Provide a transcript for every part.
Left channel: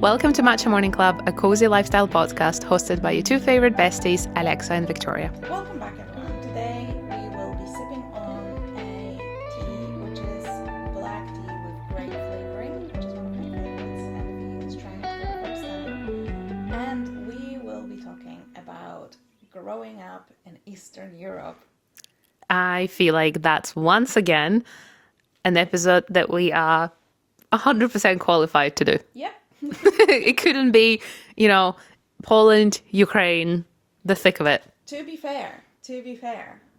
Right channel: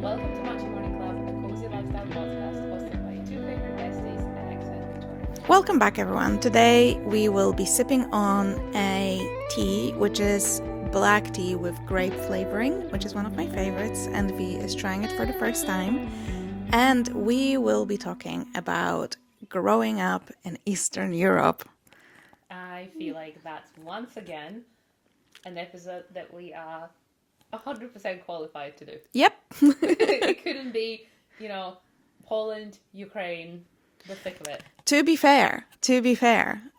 Welcome to Matcha Morning Club, a cozy lifestyle podcast hosted by your two favorite besties, Alexa and Victoria. Welcome back, everyone. Today we will be sipping on a tea, which is black tea with grape flavoring, which is one of my favorites, and V is trying it for the first time. And we will be talking about growing up in Eastern Europe. I feel like that's once again an episode that we are 100% qualified to do. Yep. It couldn't be, Poland, Ukraine, the thick of it. To be fair,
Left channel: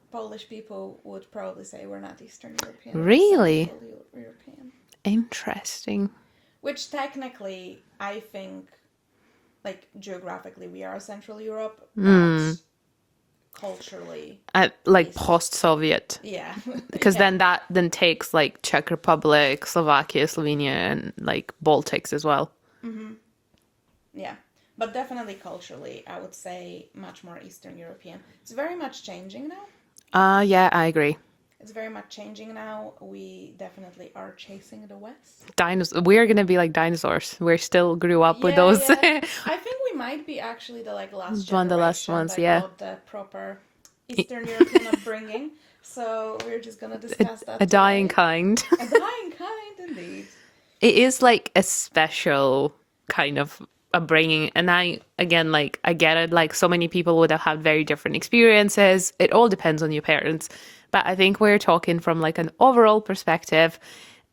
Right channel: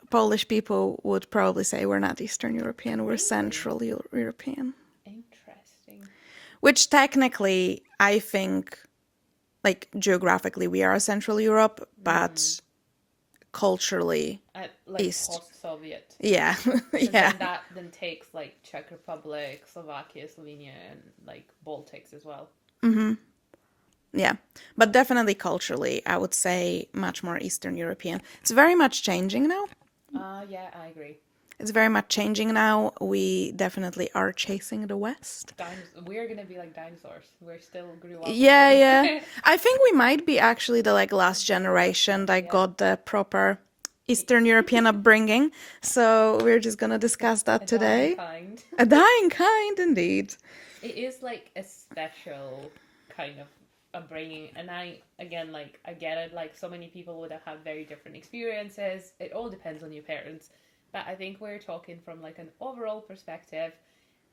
Polish people would probably say we're not Eastern European, Really? we're Central European. Interesting. Which technically, I think, like geographically, we are Central Europe, but culturally, East. Post-Soviet. Yeah. Because then that takes like Czech Republic, Slovakia, Slovenia, and like Baltics as well. Mm-hmm. Yeah. But definitely culturally, I would say much more Eastern European. It's very much changing now. Yeah, I agree. It's very much changing now. We definitely are chasing the West. We're going to be like dinosaurs. We still grew up with those. Yeah. I think we might be actually the last generation that got the proper Eastern European upbringing. So we're just going to discuss that today. A dying kind. A dying kind, indeed. It is like a special kind of upbringing. And I get it. Like so many people would have had very different experiences. It all depends on your parents. But I think we're talking from like an overall perspective,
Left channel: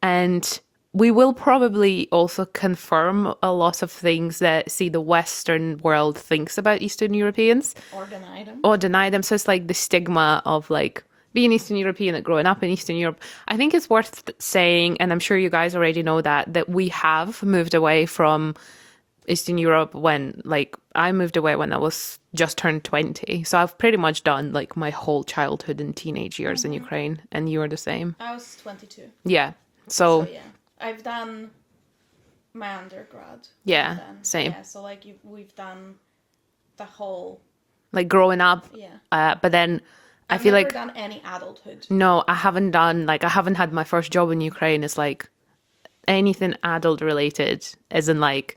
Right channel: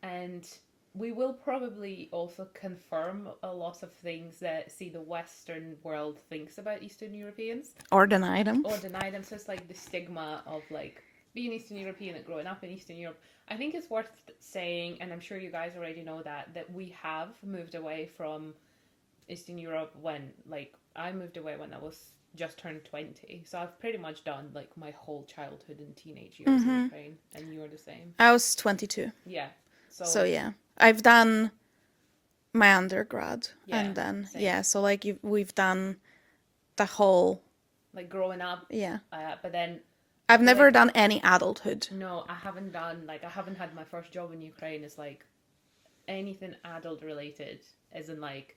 and we will probably also confirm a lot of things that the Western world thinks about Eastern Europeans. Or deny them. So it's like the stigma of like being Eastern European and growing up in Eastern Europe. I think it's worth saying, and I'm sure you guys already know that we have moved away from Eastern Europe when I moved away when I was just turned 20. So I've pretty much done like my whole childhood and teenage years in Ukraine, and you were the same. I was 22. Yeah. So yeah. I've done my undergrad. Yeah. And then, same. Yeah. So we've done the whole. Like growing up. Yeah. But then I've never done any adulthood. No, I haven't done I haven't had my first job in Ukraine. It's like anything adult related, as in like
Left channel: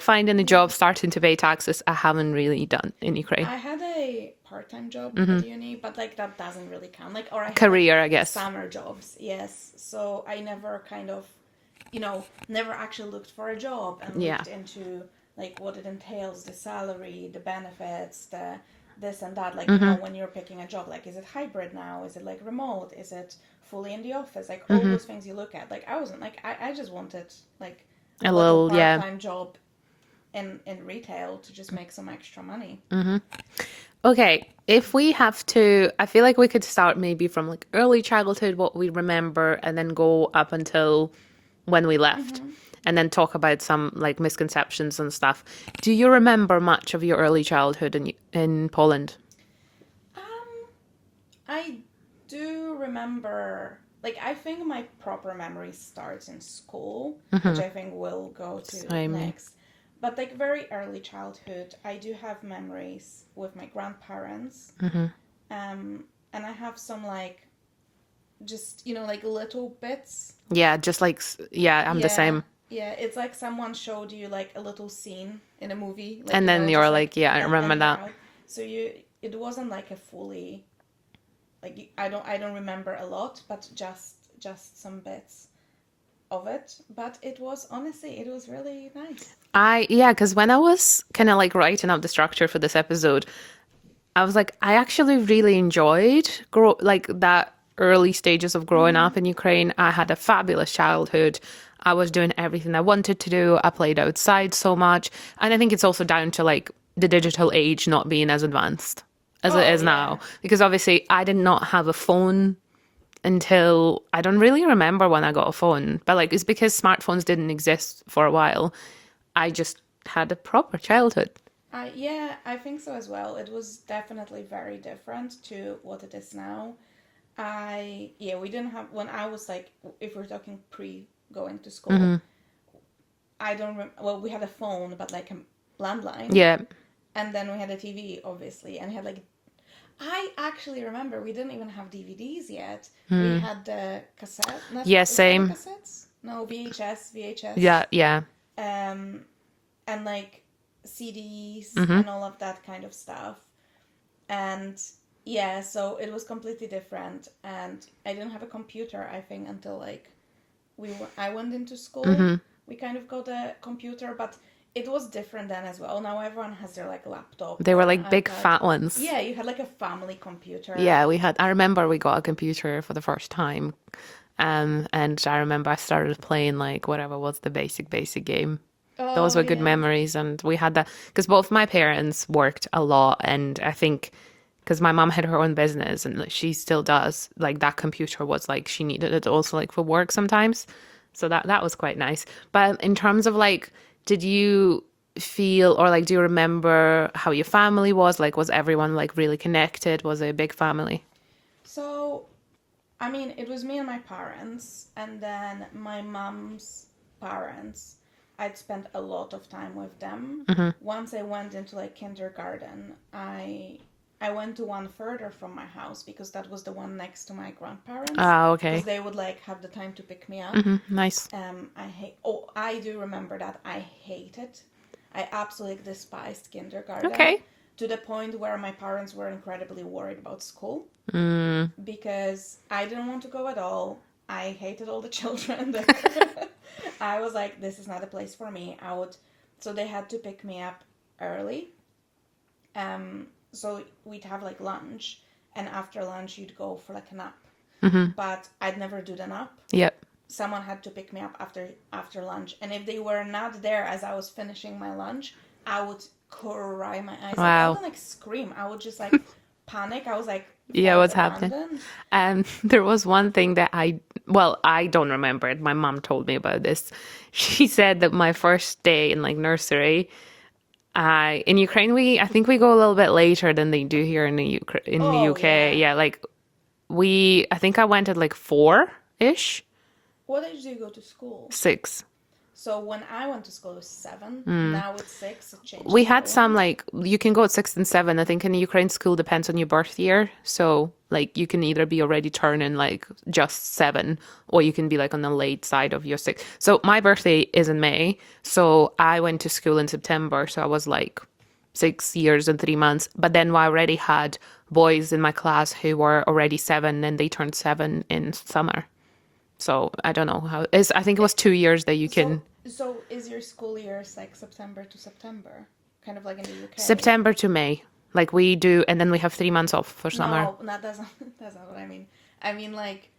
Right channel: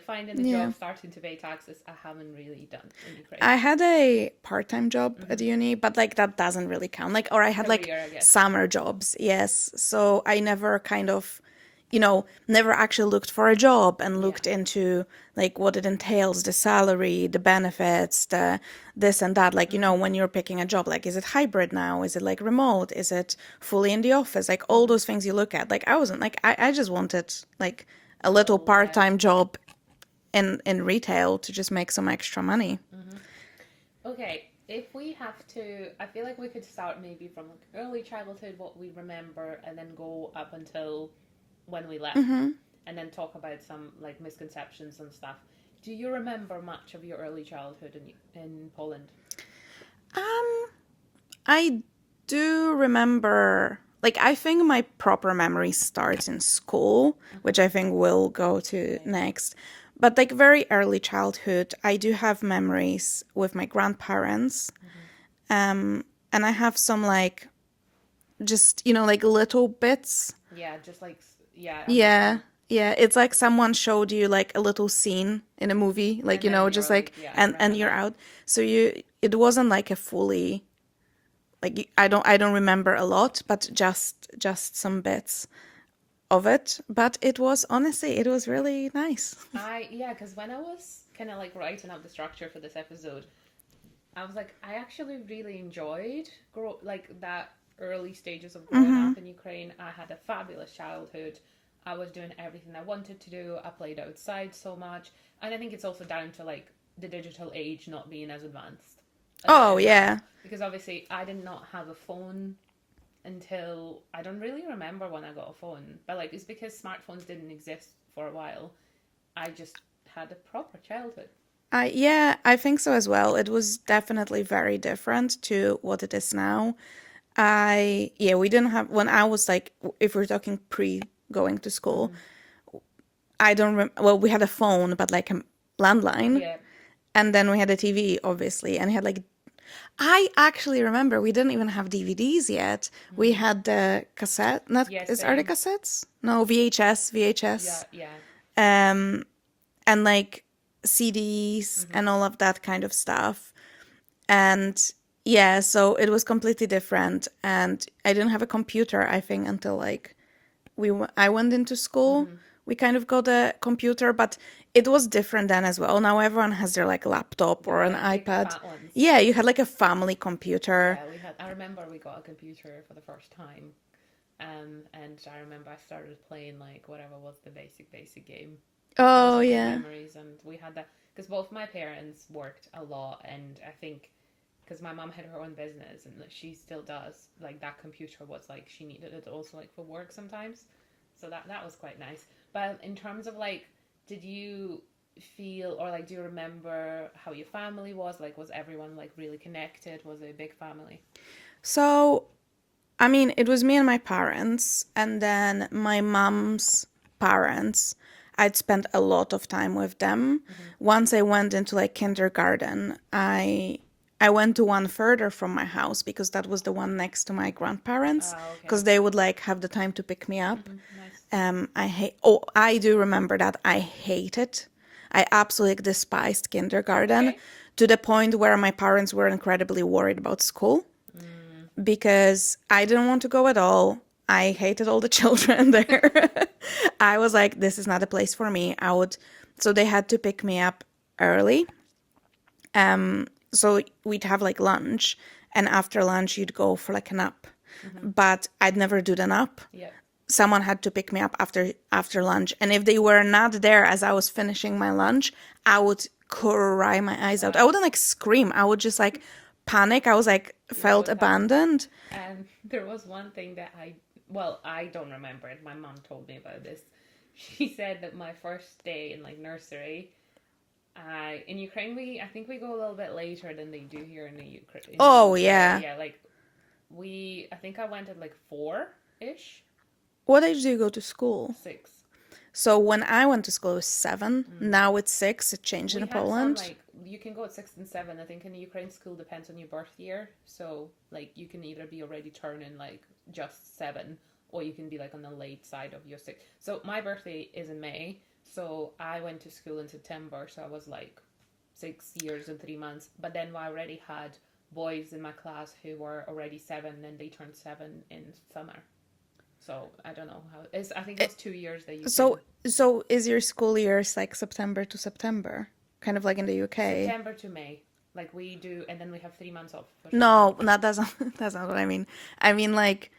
finding a job, starting to pay taxes, I haven't really done in Ukraine. I had a part-time job at uni, but that doesn't really count. Or I had career, I guess. Summer jobs, yes. So I never kind of, never actually looked for a job and looked into what it entails, the salary, the benefits, the this and that. When you're picking a job, is it hybrid now? Is it remote? Is it fully in the office? All those things you look at. I wasn't I just wanted a little part-time job in retail to just make some extra money. Mm-hmm. Okay, if we have to, I feel like we could start maybe from early childhood, what we remember, and then go up until when we left, and then talk about some misconceptions and stuff. Do you remember much of your early childhood in Poland? I do remember. I think my proper memory starts in school, which I think we'll go to next. But very early childhood, I do have memories with my grandparents. And I have some just, little bits. Yeah, just I'm the same. Yeah, it's like someone showed you a little scene in a movie. And then you're I remember that. Out. So it wasn't a fully... I don't remember a lot, but just some bits of it. But it was really nice. Because when I was kind of writing out the structure for this episode, I was I actually really enjoyed that early stages of growing up in Ukraine. I had a fabulous childhood. I was doing everything I wanted to do. I played outside so much, and I think it's also down to the digital age not being as advanced as it is now, because obviously I did not have a phone until I don't really remember when I got a phone, but it's because smartphones didn't exist for a while. I just had a proper childhood. I think so as well. It was definitely very different to what it is now. We didn't have, when I was if we're talking pre going to school, I don't we had a phone, but a landline. Yeah. And then we had a TV, obviously, and we had I actually remember we didn't even have DVDs yet. We had the cassette. Not, Yeah, are they same. cassettes? No, VHS. Yeah, yeah. Um, and like CDs and all of that kind of stuff. And yeah, so it was completely different. And I didn't have a computer, I think, until like I went into school. We kind of got a computer, but it was different then as well. Now everyone has their like laptop They or were an like big iPad. fat ones. Yeah, you had like a family computer. Yeah, we had. I remember we got a computer for the first time, and I remember I started playing like whatever was the basic game. Those Oh were good yeah. memories, and we had that because both my parents worked a lot, and I think because my mom had her own business and like, she still does. Like that computer was like she needed it also like for work sometimes, so that was quite nice. But in terms of like, did you feel or like do you remember how your family was? Like, was everyone like really connected? Was it a big family? So, I mean, it was me and my parents, and then my mom's parents. I'd spent a lot of time with them. Once I went into like kindergarten, I went to one further from my house because that was the one next to my grandparents Ah, because okay. they would like have the time to pick me up. Nice. I do remember that I hated. I absolutely despised kindergarten Okay. to the point where my parents were incredibly worried about school because I didn't want to go at all. I hated all the children there. I was like, this is not a place for me. So they had to pick me up early. So we'd have like lunch, and after lunch you'd go for like a nap. But I'd never do the nap. Yep. Someone had to pick me up after lunch, and if they were not there as I was finishing my lunch, I would cry my eyes out. I Wow. wouldn't like scream. I would just like panic. I was like Yeah, felt what's happening? abandoned. There was one thing that I don't remember it. My mom told me about this. She said that my first day in like nursery, in Ukraine, I think we go a little bit later than they do here in the Oh UK. yeah. Yeah, like I think I went at like 4-ish, What age do you go to school? 6. So when I went to school, it was 7. Now it's 6. It changed We in had some Poland. like you can go at 6 and 7. I think in the Ukraine school depends on your birth year. So like you can either be already turning like just 7 or you can be like on the late side of your 6. So my birthday is in May. So I went to school in September. So I was like 6 years and 3 months. But then I already had boys in my class who were already 7 and they turned 7 in summer. So I don't know how it's. I think it was 2 years that you So can so is your school years like September to September? Kind of like in the UK? September to May. Like we do, and then we have 3 months off for summer. No, that's not that's not what I mean. I mean like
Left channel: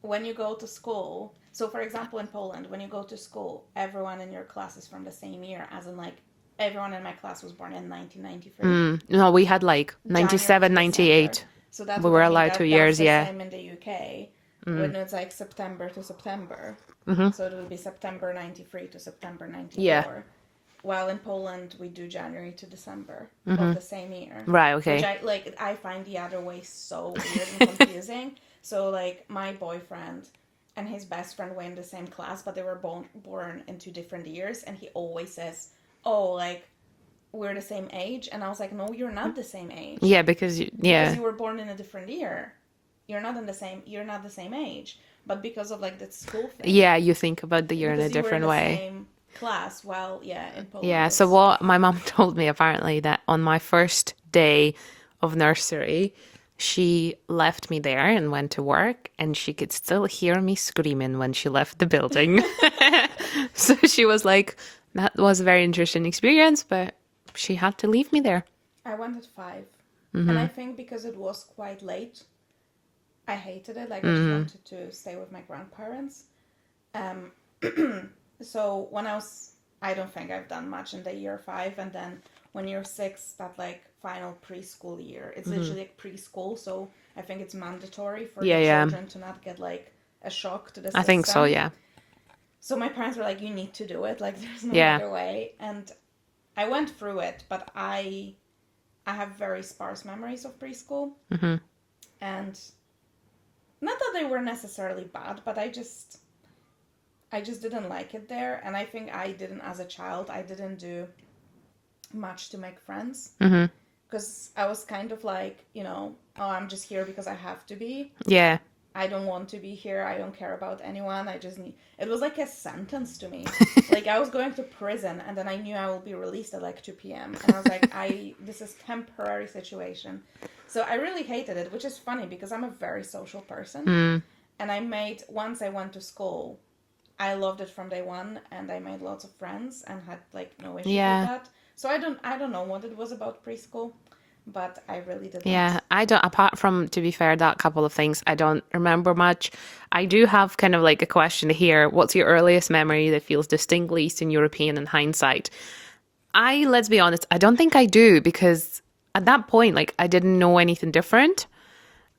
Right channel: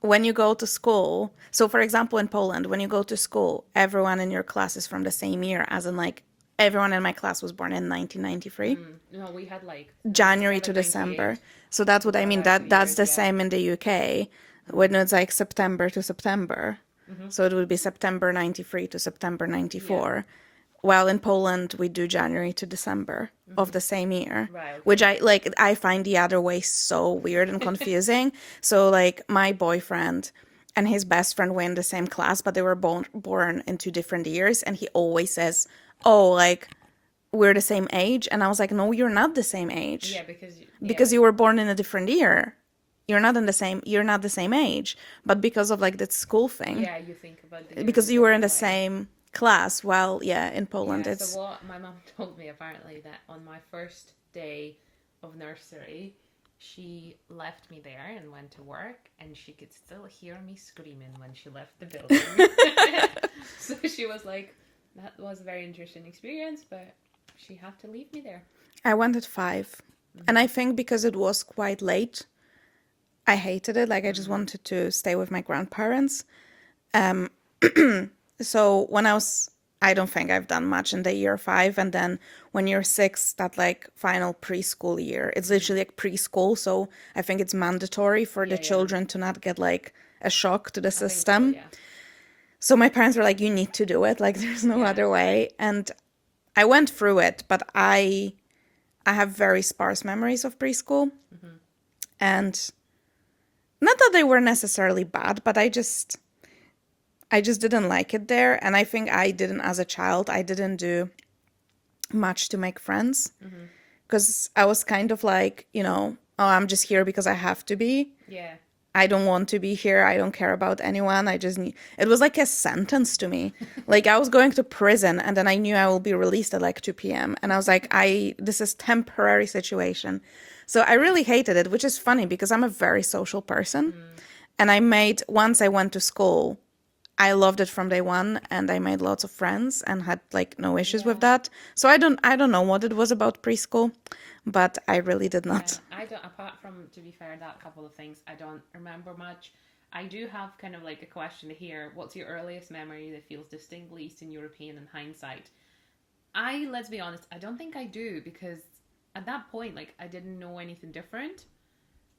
when you go to school. So for example in Poland, when you go to school, everyone in your class is from the same year, as in like everyone in my class was born in 1993. No, we had like January to 97, December. 98. So that's We what were I mean. allowed two That's years, the yeah. same in the UK when it's like September to September. So it would be September 93 to September 94. Yeah. While in Poland we do January to December of the same year. Right, okay. Which I find the other way so weird and confusing. So like my boyfriend and his best friend were in the same class, but they were born in 2 different years, and he always says, "Oh, like we're the same age," and I was like, "No, you're not the same age." Yeah, because Because you were born in a different year. You're not the same age. But because of like that school thing. yeah, you think about the year in a Because you were in different the way. same class. Well, yeah, in Poland. Yeah, so what my mom told me apparently that on my first day of nursery, she left me there and went to work, and she could still hear me screaming when she left the building. So she was like, that was a very interesting experience, but she had to leave me there. I went at 5. And I think because it was quite late, I hated it. Like I just wanted to stay with my grandparents. So when I don't think I've done much in the year 5. And then when you're 6, that like final preschool year, it's literally like preschool. So I think it's mandatory for Yeah, the yeah. children to not get like a shock to the system. I think so, yeah. So my parents were like, you need to do it. Like there's no Yeah. other way. And I went through it, but I have very sparse memories of preschool. And not that they were necessarily bad, but I just didn't like it there. And I think I didn't, as a child, I didn't do much to make friends because I was kind of like, oh, I'm just here because I have to be. Yeah. I don't want to be here. I don't care about anyone. I just need. It was like a sentence to me. Like I was going to prison, and then I knew I will be released at like 2 p.m. And I was like, this is temporary situation. So I really hated it, which is funny because I'm a very social person. And once I went to school, I loved it from day one, and I made lots of friends and had like no issues with Yeah. that. So I don't know what it was about preschool, but I really did Yeah, not. I don't, apart from, to be fair, that couple of things, I don't remember much. I do have kind of like a question here. What's your earliest memory that feels distinctly Eastern European in hindsight? Let's be honest, I don't think I do, because at that point, like, I didn't know anything different.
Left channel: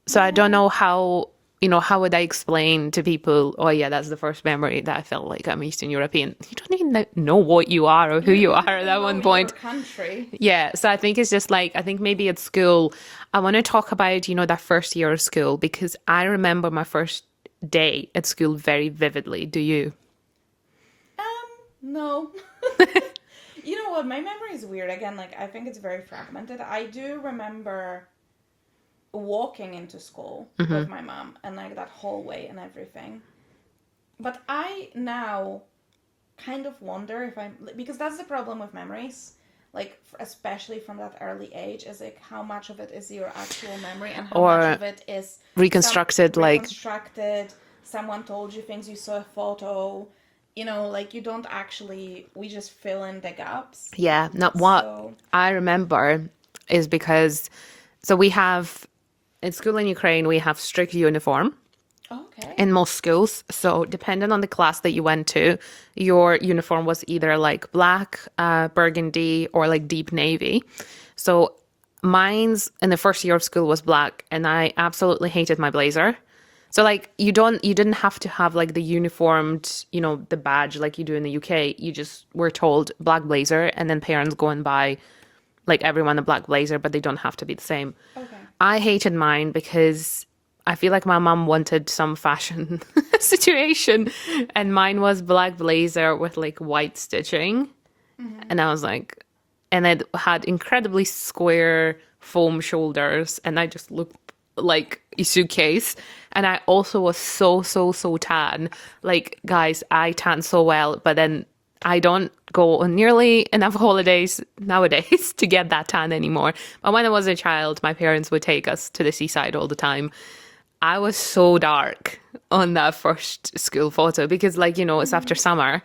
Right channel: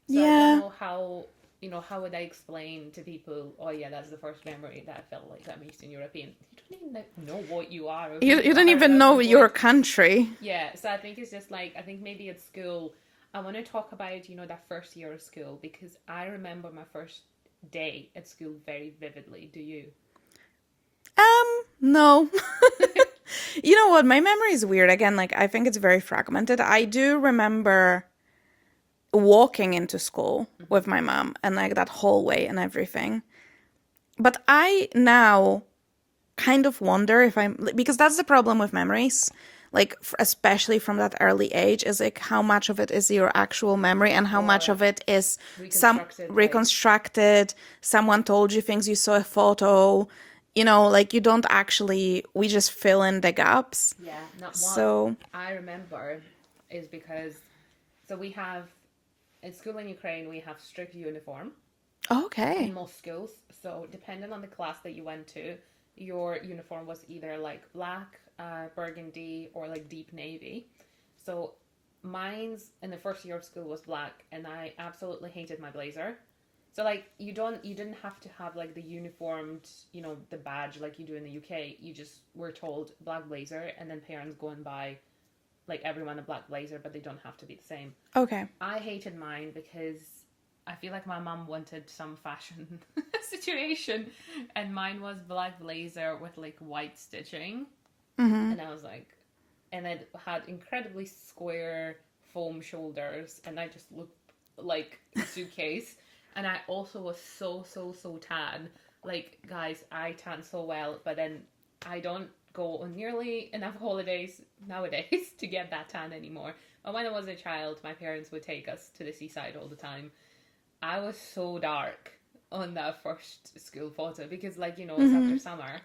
So I don't Yeah. know how would I explain to people, oh yeah, that's the first memory that I felt like I'm Eastern European. You don't even know what you are or who You you don't are at even that know one your point. country. Yeah, so I think it's just like, I think maybe at school, I want to talk about, that first year of school, because I remember my first day at school very vividly. Do you? No. You know what? My memory is weird. Again, like I think it's very fragmented. I do remember walking into school with my mom and like that hallway and everything. But I now kind of wonder if because that's the problem with memories. Like especially from that early age is like how much of it is your actual memory and how much Or of it is some reconstructed, like, reconstructed, someone told you things, you saw a photo, like you don't actually, we just fill in the gaps. yeah, not what So, I remember is because, so we have, in school in Ukraine, we have strict uniform in okay. most schools. So depending on the class that you went to, your uniform was either like black, burgundy, or like deep navy. So mine's in the first year of school was black, and I absolutely hated my blazer. So like you didn't have to have like the uniformed, the badge like you do in the UK. You just were told black blazer, and then parents go and buy like everyone a black blazer, but they don't have to be the same. Okay. I hated mine because I feel like my mom wanted some fashion situation, and mine was black blazer with like white stitching. And I was like, and it had incredibly square foam shoulders, and I just looked like a suitcase. And I also was so, so, so tan. Like, guys, I tan so well, but then I don't go on nearly enough holidays nowadays to get that tan anymore. But when I was a child, my parents would take us to the seaside all the time. I was so dark on that first school photo because, like, it's after summer.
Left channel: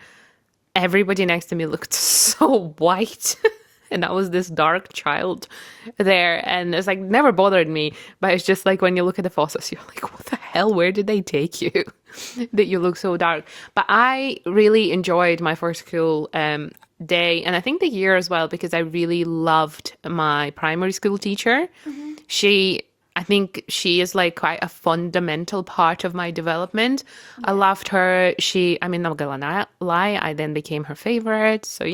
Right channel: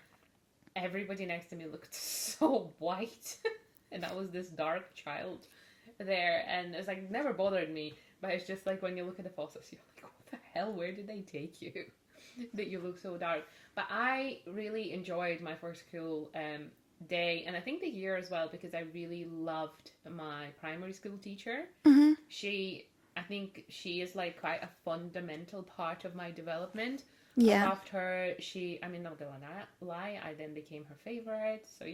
Everybody next to me looked so white. And I was this dark child there. And it's like never bothered me. But it's just like when you look at the photos, you're like, what the hell? Where did they take you? That you look so dark. But I really enjoyed my first school day. And I think the year as well, because I really loved my primary school teacher. I think she is like quite a fundamental part of my development. I Yeah. loved her. I'm not gonna lie, I then became her favorite. So,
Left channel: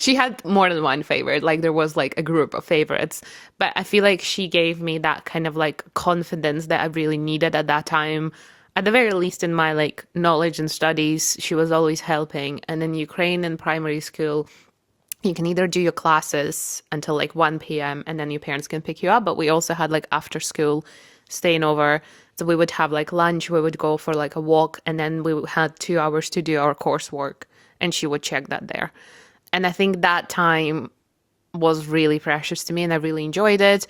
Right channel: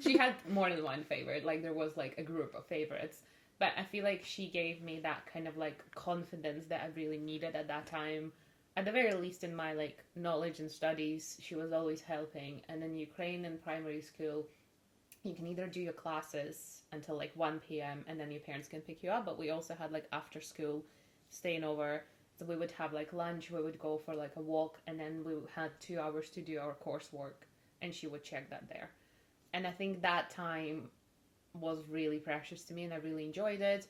she had more than one favorite. Like there was like a group of favorites. But I feel like she gave me that kind of like confidence that I really needed at that time. At the very least in my like knowledge and studies, she was always helping. And in Ukraine in primary school, you can either do your classes until like 1 p.m. and then your parents can pick you up. But we also had like after school staying over. So we would have like lunch, we would go for like a walk, and then we had 2 hours to do our coursework, and she would check that there. And I think that time was really precious to me, and I really enjoyed it.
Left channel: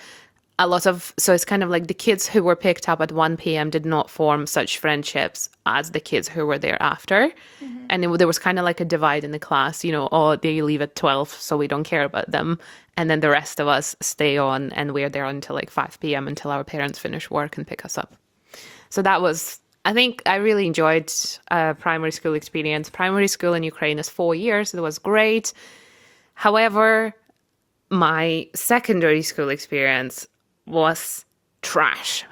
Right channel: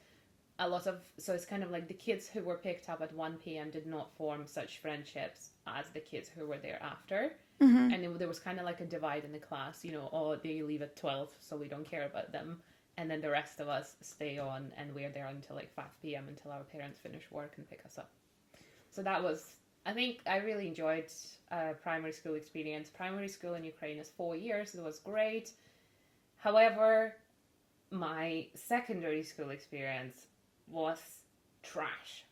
So it's kind of like the kids who were picked up at 1 p.m. did not form such friendships as the kids who were there after. And there was kind of like a divide in the class, oh, they leave at 12, so we don't care about them. And then the rest of us stay on, and we're there until like 5 p.m. until our parents finish work and pick us up. So I think I really enjoyed primary school experience. Primary school in Ukraine is 4 years. It was great. However, my secondary school experience was trash.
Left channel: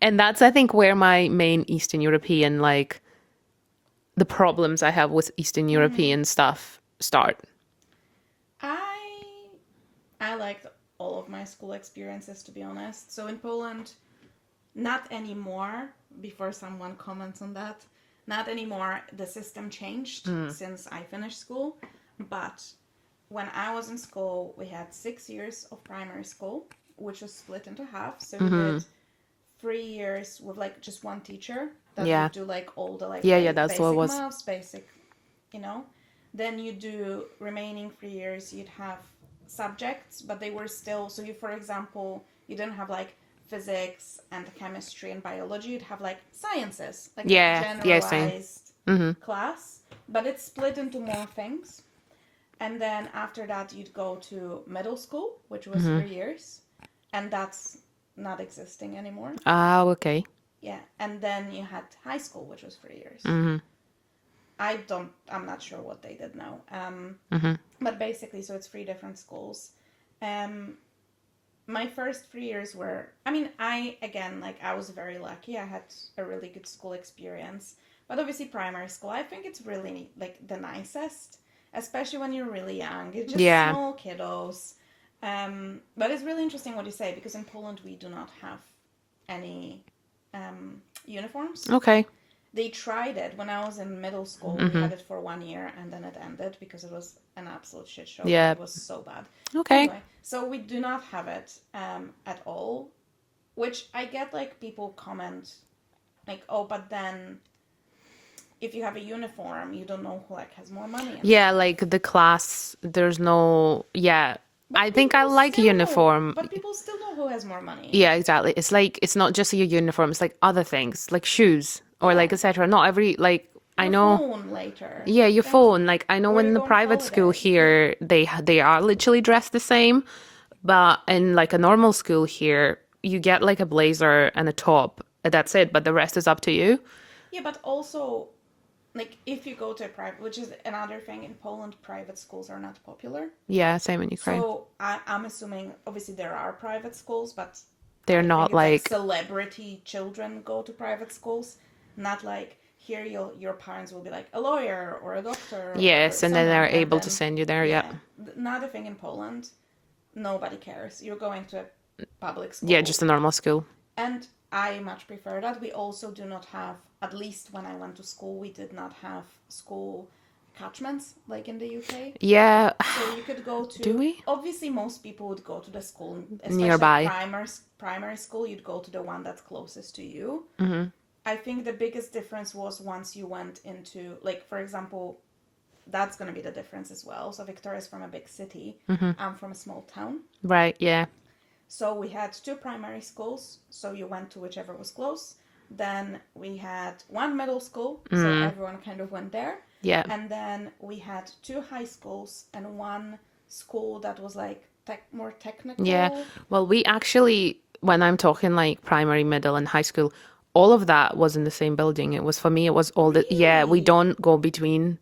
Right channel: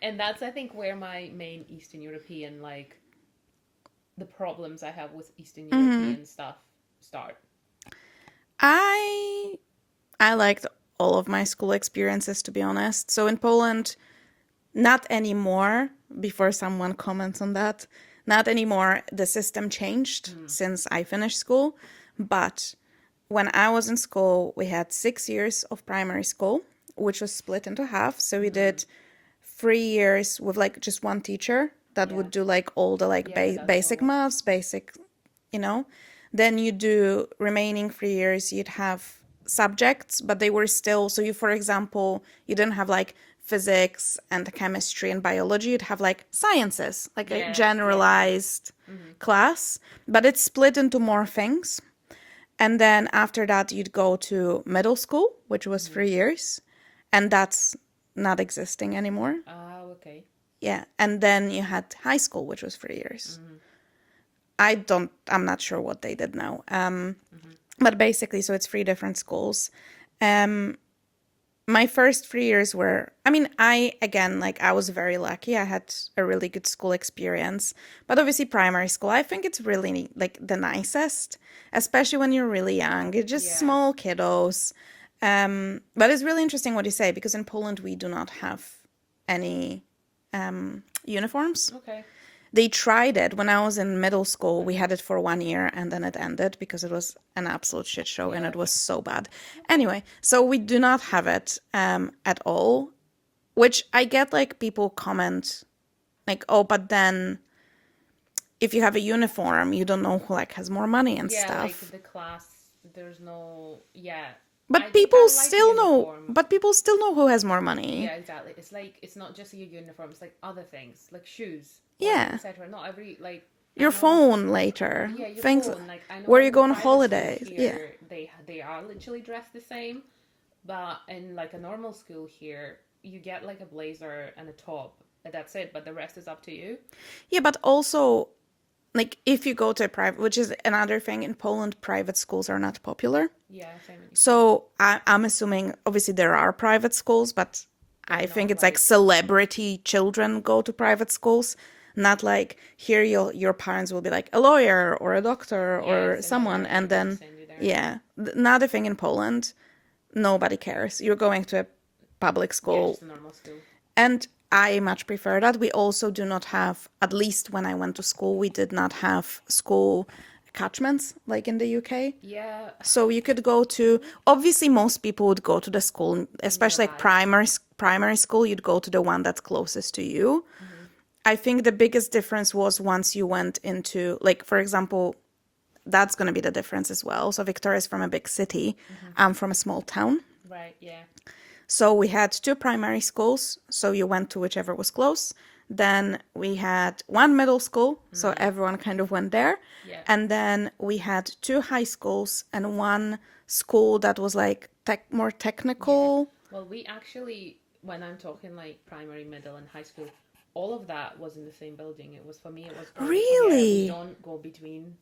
And that's, I think, where my main Eastern European, like, the problems I have with Eastern European stuff start. I liked all of my school experiences, to be honest. So in Poland, not anymore, before someone comments on that, not anymore. The system changed since I finished school. But when I was in school, we had 6 years of primary school, which was split into half. So we did 3 years with like just one teacher that Yeah. would do like all the like Yeah, that's what it basic was. maths, basic, you know. Then you do remaining 3 years, you'd have subjects, but they were still, so you, for example, you didn't have like physics and chemistry and biology, you'd have like sciences, like a Yeah, same. generalized class, but it's split into more things. And then after that, you'd go to middle school, which was 3 years, and that's not existing anymore. Ah, okay. Yeah. And then you had high school, which was 3 years. I'm not sure what they did now. But basically, so it's 3 different schools. My first 3 years were, I mean, I was very lucky. I had a really good school experience. But obviously, primary school, I think it's really like the nicest, especially when you're really young. It's just Yeah. small kiddos. But it's really interesting what you say, because in Poland, we do not have any uniforms. Okay. They tried it when I was in middle school. We had it for 1 year and then it ended because it was an absolute shit show Yeah. and it was so bad. Okay. Anyway, so we do not have it at all, which I get like people comment like, oh, but then if you have a uniform, you don't know who like has more money and Yeah, stuff. like the class, there's no, yeah. But I think I people like still uniform. know, but people still know who has more money. Yeah, exactly. It's like, it's not just your uniform, it's like other things, like shoes or like Yeah. etc. Not every, like, Your I know. phone later. Yeah, your Things- phone. Like I know where in you the go on private school holiday. here, they are literally dressed the same, but in like a normal school here, you get like a blazer and a top. That's it, but the rest is up to you. Yeah, but also, like, if you go to a private, which is another thing in Poland, private schools are not popular. Yeah, same in Ukraine. So I'm assuming, obviously, there are private schools, but They're I not think it's like like- celebrity children go to private schools. Not like here, your parents will be like a lawyer or a doctor. Yes, or and then someone, they're and able to then- send you there. Yeah. Another thing in Poland, nobody cares. You're going to a public school. Yeah, just a normal school. And I much prefer that. We also do not have, at least when I went to school, we did not have school catchments like in the UK. Yeah. So you could go to, obviously most people would go to the school, especially Nearby. primary school, you'd go to the one that's closest to you. I think the biggest difference was once you went into, like, for example, that's going to be the difference as well. So Victoria's from a big city. I'm from a small town. Right. Yeah. So we had 2 primary schools. So you went to whichever was close. Then we had 1 middle school. So everyone kind of went there. Yeah. And then we had 2 high schools and 1 school that was like more technical. Yeah. Well, we actually, when I'm talking like primary, middle, and high school, all of that was in the same building. It was, for me, it was all the, yeah, we Really? don't go between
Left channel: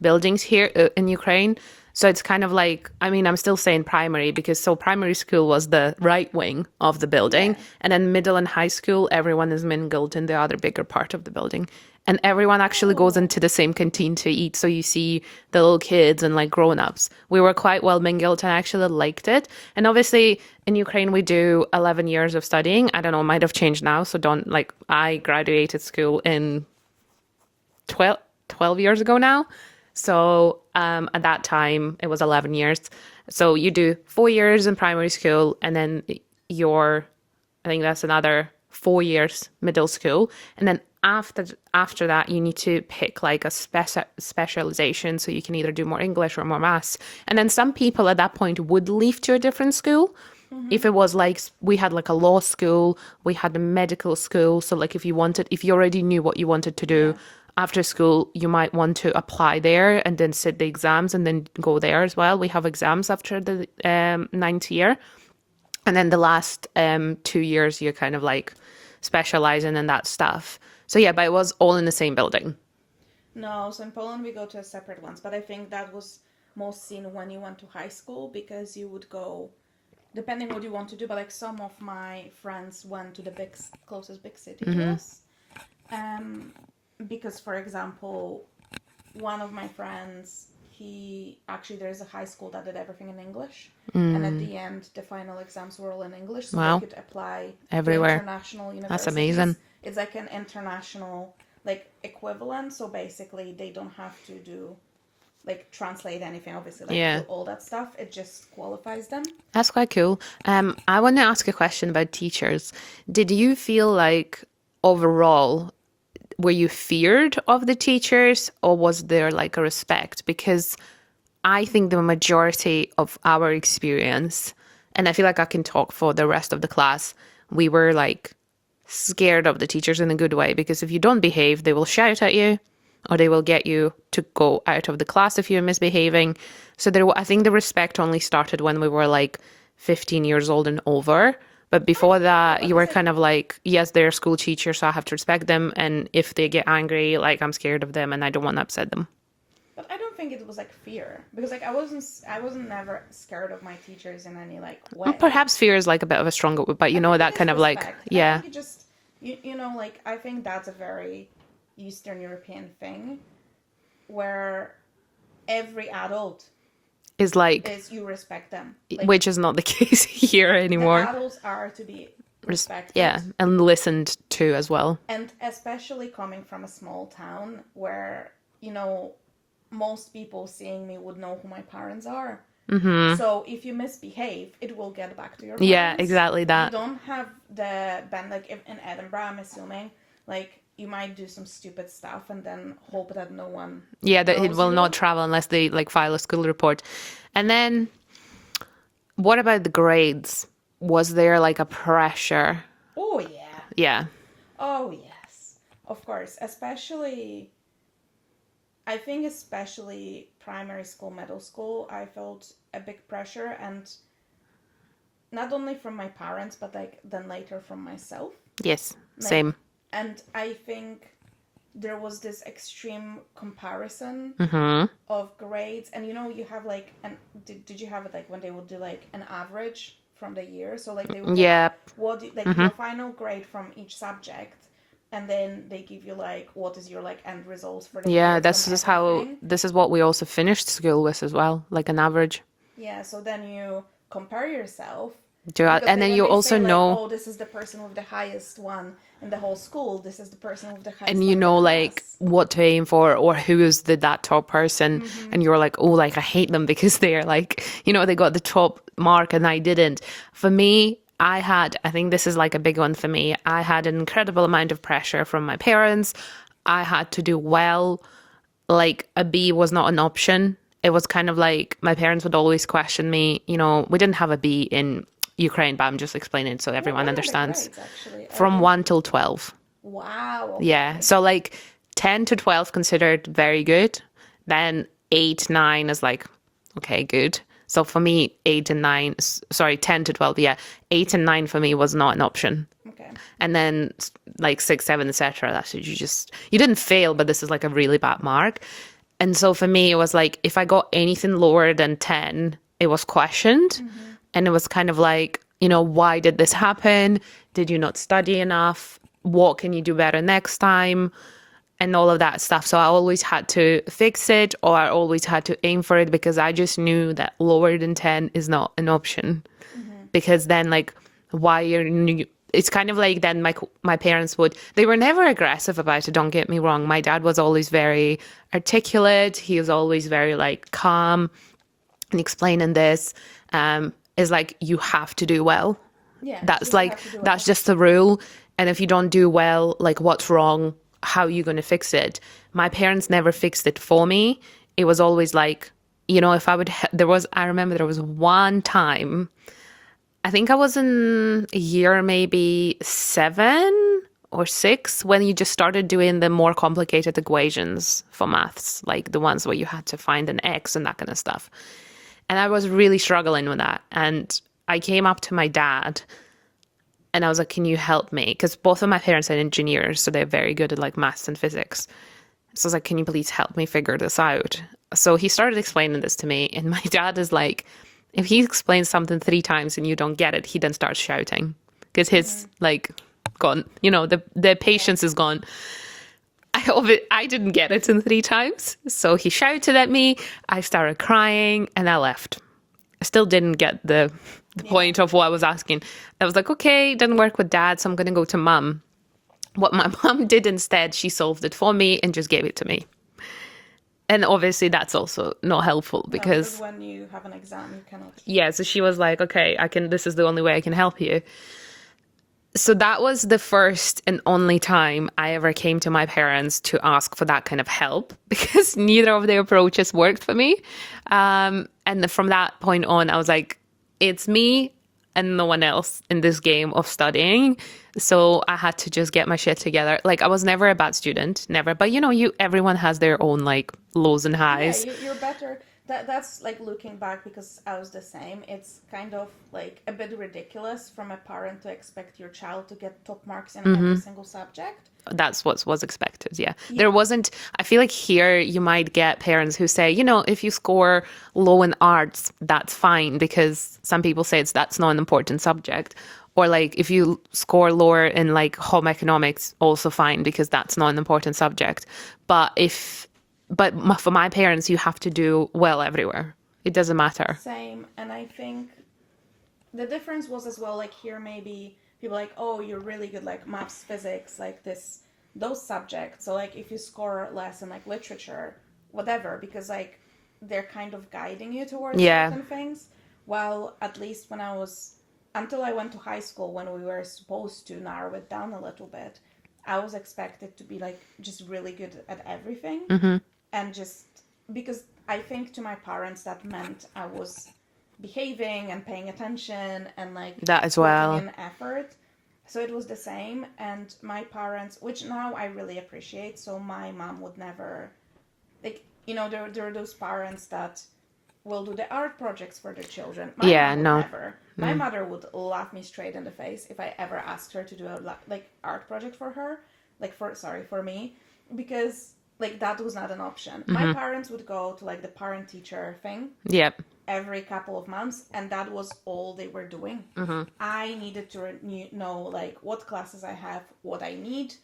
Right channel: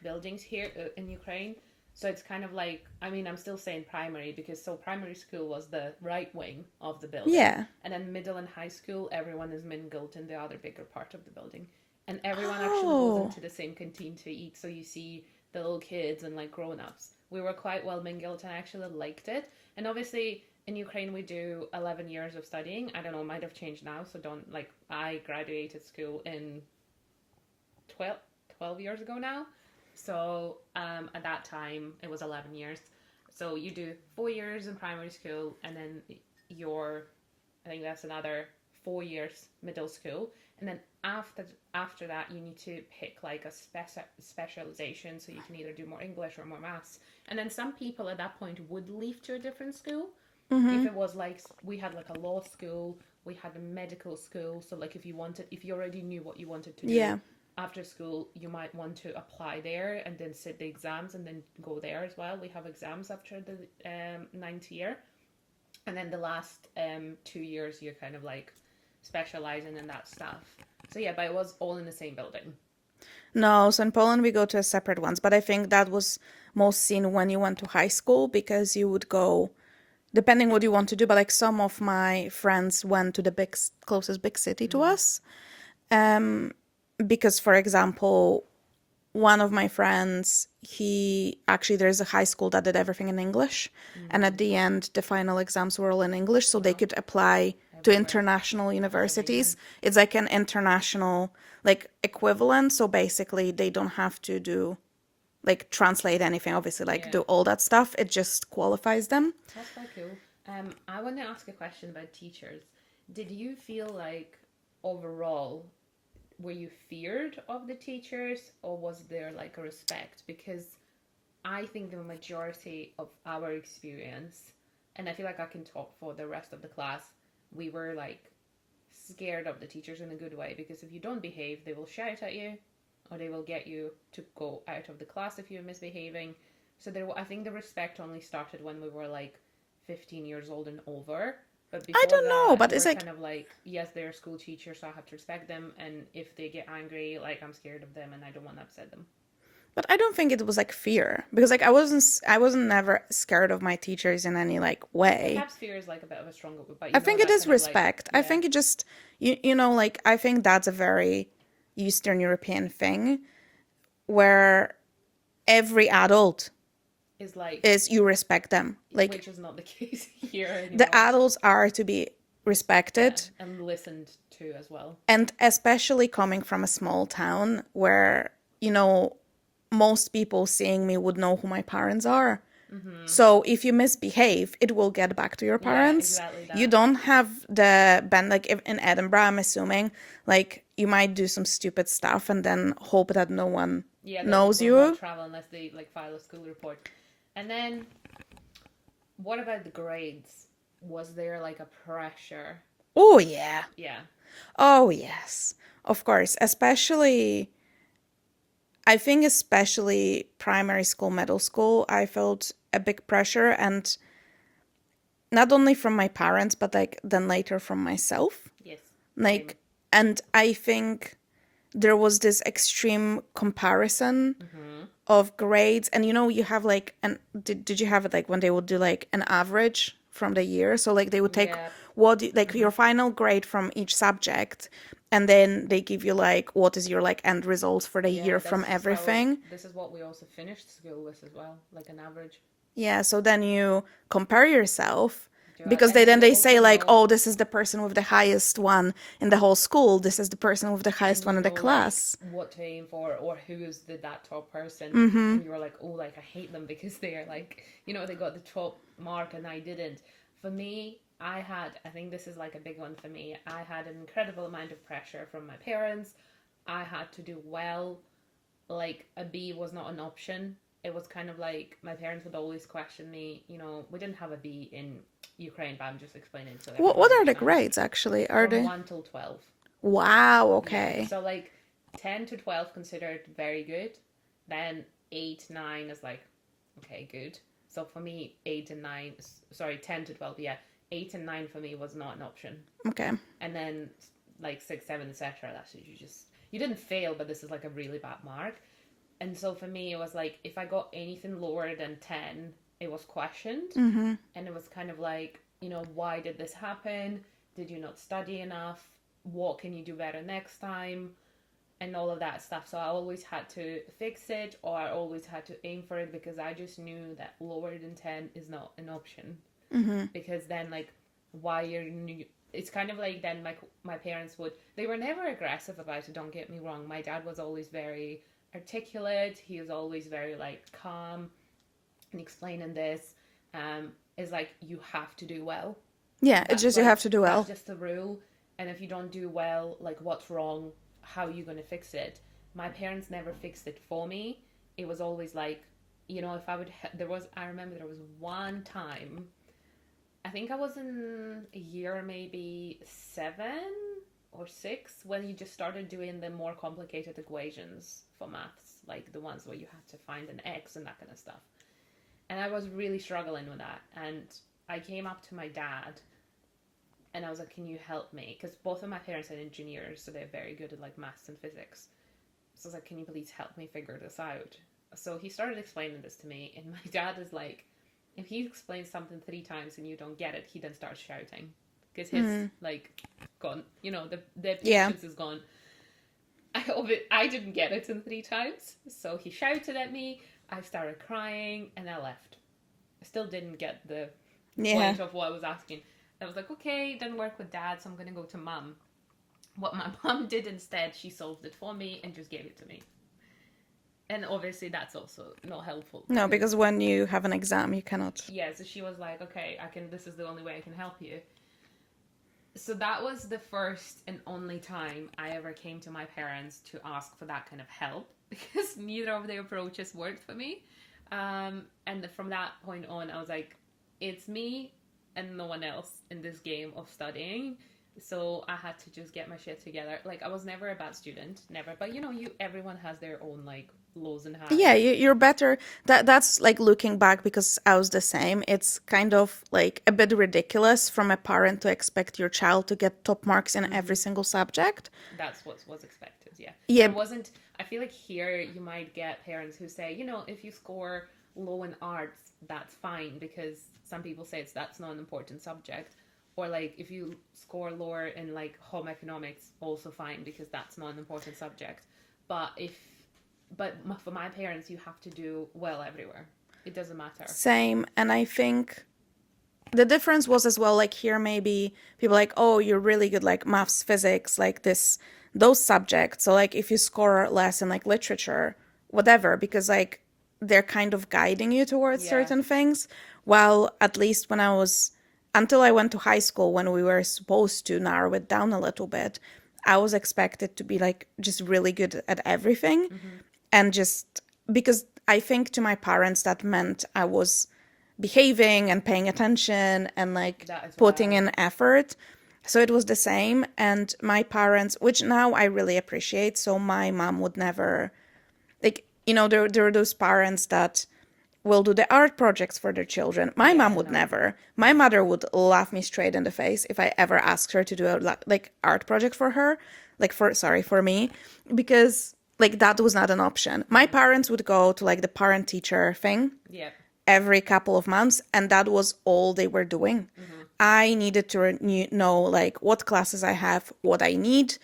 buildings here in Ukraine. So it's kind of like, I mean, I'm still saying primary because so primary school was the right wing of the building. Yeah. And then middle and high school, everyone is mingled in the other bigger part of the building. And everyone actually goes Oh. into the same canteen to eat. So you see the little kids and like grown-ups. We were quite well mingled and I actually liked it. And obviously in Ukraine, we do 11 years of studying. I don't know, it might have changed now. So don't like, I graduated school in 12 years ago now. So at that time, it was 11 years. So you do 4 years in primary school and then I think that's another 4 years middle school. And then after that, you need to pick like a specialization. So you can either do more English or more maths. And then some people at that point would leave to a different school. If it was like, we had like a law school, we had a medical school. So like if you already knew what you wanted to do, Yeah. after school, you might want to apply there and then sit the exams and then go there as well. We have exams after the 9th year. And then the last 2 years, you're kind of like specializing in that stuff. So yeah, but it was all in the same building. No, so in Poland we go to a separate ones, but I think that was most seen when you went to high school because you would go, depending what you want to do, but like some of my friends went to the closest big city to us. Because, for example, one of my friends, there's a high school that did everything in English. And at the end, the final exams were all in English. So Wow. they could apply Everywhere. to international universities. amazing. It's like an international like equivalent. So basically, they don't have to do like translate anything, obviously, like Yeah. do all that stuff. It just qualifies them. That's quite cool. I want to ask a question about teachers. Did you feel like overall, were you feared of the teachers, or was there like a respect? Because I think the majority of our experience, and I feel like I can talk for the rest of the class, we were like scared of the teachers in a good way, because if you don't behave, they will shout at you, or they will get you to go out of the class if you're misbehaving. So I think the respect only started when we were like 15 years old and over. But before don't know, that, but you it's were like, kind of like, yes, they're school teachers, so I have to respect them. And if they get angry, like I'm scared of them and I don't want to upset them. but I don't think it was like fear, because like I wasn't never scared of my teachers in any like way. Perhaps fear is like a bit of a stronger word, but I think that it is kind of like, respect. I yeah, think it just you know, like I think that's a very Eastern European thing where every adult is like, is you respect them. Like which is not the case here the anymore. adults are to be respected. Yeah, and listened to as well. And especially coming from a small town where, you know, most people seeing me would know who my parents are. Mm-hmm. So if you misbehave, it will get back to your parents. Yeah, exactly that. You don't have the band, like in Edinburgh, I'm assuming, like you might do some stupid stuff and then hope that no one Yeah, that it knows will you. not travel unless they like file a school report. And then what about the grades? Was there like a pressure? Oh, yeah. Yeah. Oh, yes. Of course. Especially, I think especially primary school, middle school, I felt a big pressure, and not only from my parents, but like then later from myself. Yes. Like, Same. and I think there was this extreme comparison of grades. And you know, you have like, and did you have it like when they would do like an average from the year? So like they would take Yeah. your final grade from each subject, and then they give you like what is your like end results for the Yeah, year this from is everything. this is what we also finished school with as well, like an average. Yeah, so then you compare yourself, Do you- because and they, then then you they say also like, know- oh, this is the person with the highest one in the whole school. This is the person with the highest And one you in know the like class. what to aim for, or who is that top person, and you're like, oh, like I hate them because they're like, you know, they got the top mark and I didn't. For me, I think this is like a big one for me. I had an incredible amount of pressure from my parents. I had to do well. Like a B was not an option. It was kind of like my parents would always question me. You know, we didn't have a B in Ukraine, but I'm just explaining so everyone What are the understands. grades actually? Are From they... 1 till 12. Wow. Okay. Yeah. So like 10 to 12 considered very good. Then 8, 9 is like, okay, good. So for me, 8 and 9, sorry, 10 to 12, yeah. 8 and 9 for me was not an option. Okay. And then like 6, 7, etc. That's you didn't fail, but this is like a really bad mark. And so for me, it was like, if I got anything lower than 10, it was questioned. And it was kind of like, you know, why did this happen? Did you not study enough? What can you do better next time? And all of that stuff. So I always had to fix it, or I always had to aim for it, because I just knew that lower than 10 is not an option. Because then like, it's kind of like then my parents they were never aggressive about it, don't get me wrong. My dad was always very articulate. He was always very like calm and explaining this. Is like, you have to do well. Yeah. That's Just like, you have to do well. that's just the rule. And if you don't do well, like what's wrong? How are you going to fix it? My parents never fixed it for me. It was always like, you know, if I would, I remember there was one time, I think I was in a year, maybe 7 or 6, when you just started doing the more complicated equations for maths, like the ones where you had to find an X and that kind of stuff. And I was really struggling with that. And I came up to my dad and I was like, can you help me? Because both of my parents are engineers, so they're very good at like maths and physics. So I was like, can you please help me figure this out? So he started explaining this to me. And my dad is like, if he explains something 3 times and you don't get it, he then starts shouting. Because his like gone, you know, the patience is gone. I didn't get it in 3 times. So he shouted at me. I started crying and I left. I still didn't get the point of what I was asking. I was like, okay, it didn't work with dad, so I'm going to go to mum. What my mum did instead, she solved it for me and just gave it to me. And obviously that's also not helpful No, because because, when you have an exam, you cannot. yeah, so she was like, okay, this is the only way I can help you. So that was the first and only time I ever came to my parents to ask for that kind of help because neither of their approaches worked for me. And from that point on, I was like, it's me and no one else in this game of studying. So I had to just get my shit together. Like I was never a bad student, never. But everyone has their own like lows and Yeah, highs. you're better. That's like looking back because I was the same. It's kind of like a bit ridiculous from a parent to expect your child to get top marks in every single subject. That's what was expected. Yeah. Yeah, There wasn't, I feel like here you might get parents who say, if you score low in arts, that's fine because some people say that's not an important subject. Or like if you score lower in like home economics, also fine because that's not an important subject. But for my parents, you have to do well everywhere. It doesn't matter. same. And I think the difference was as well, like here maybe people like, oh, you're really good like maths, physics, like those subjects. So like if you score less in like literature, whatever, because like they're kind of guiding you towards Yeah. certain things. While at least until I went to high school, when we were supposed to narrow it down a little bit, I was expected to be like just really good at everything. And just because I think to my parents that meant I was behaving and paying attention and like That as putting well. in effort. So it was the same. And my parents, which now I really appreciate, so my mom would never, like, there are those parents that will do the art projects for their children. My Yeah, mom would no. never. My mother would laugh me straight in the face if I ever asked her to do a like art project for her, for me, because like that was not an option. My parents would go to like the parent teacher thing Yep. every couple of months, and that was all they were doing. I needed to know like what classes I have, what I need,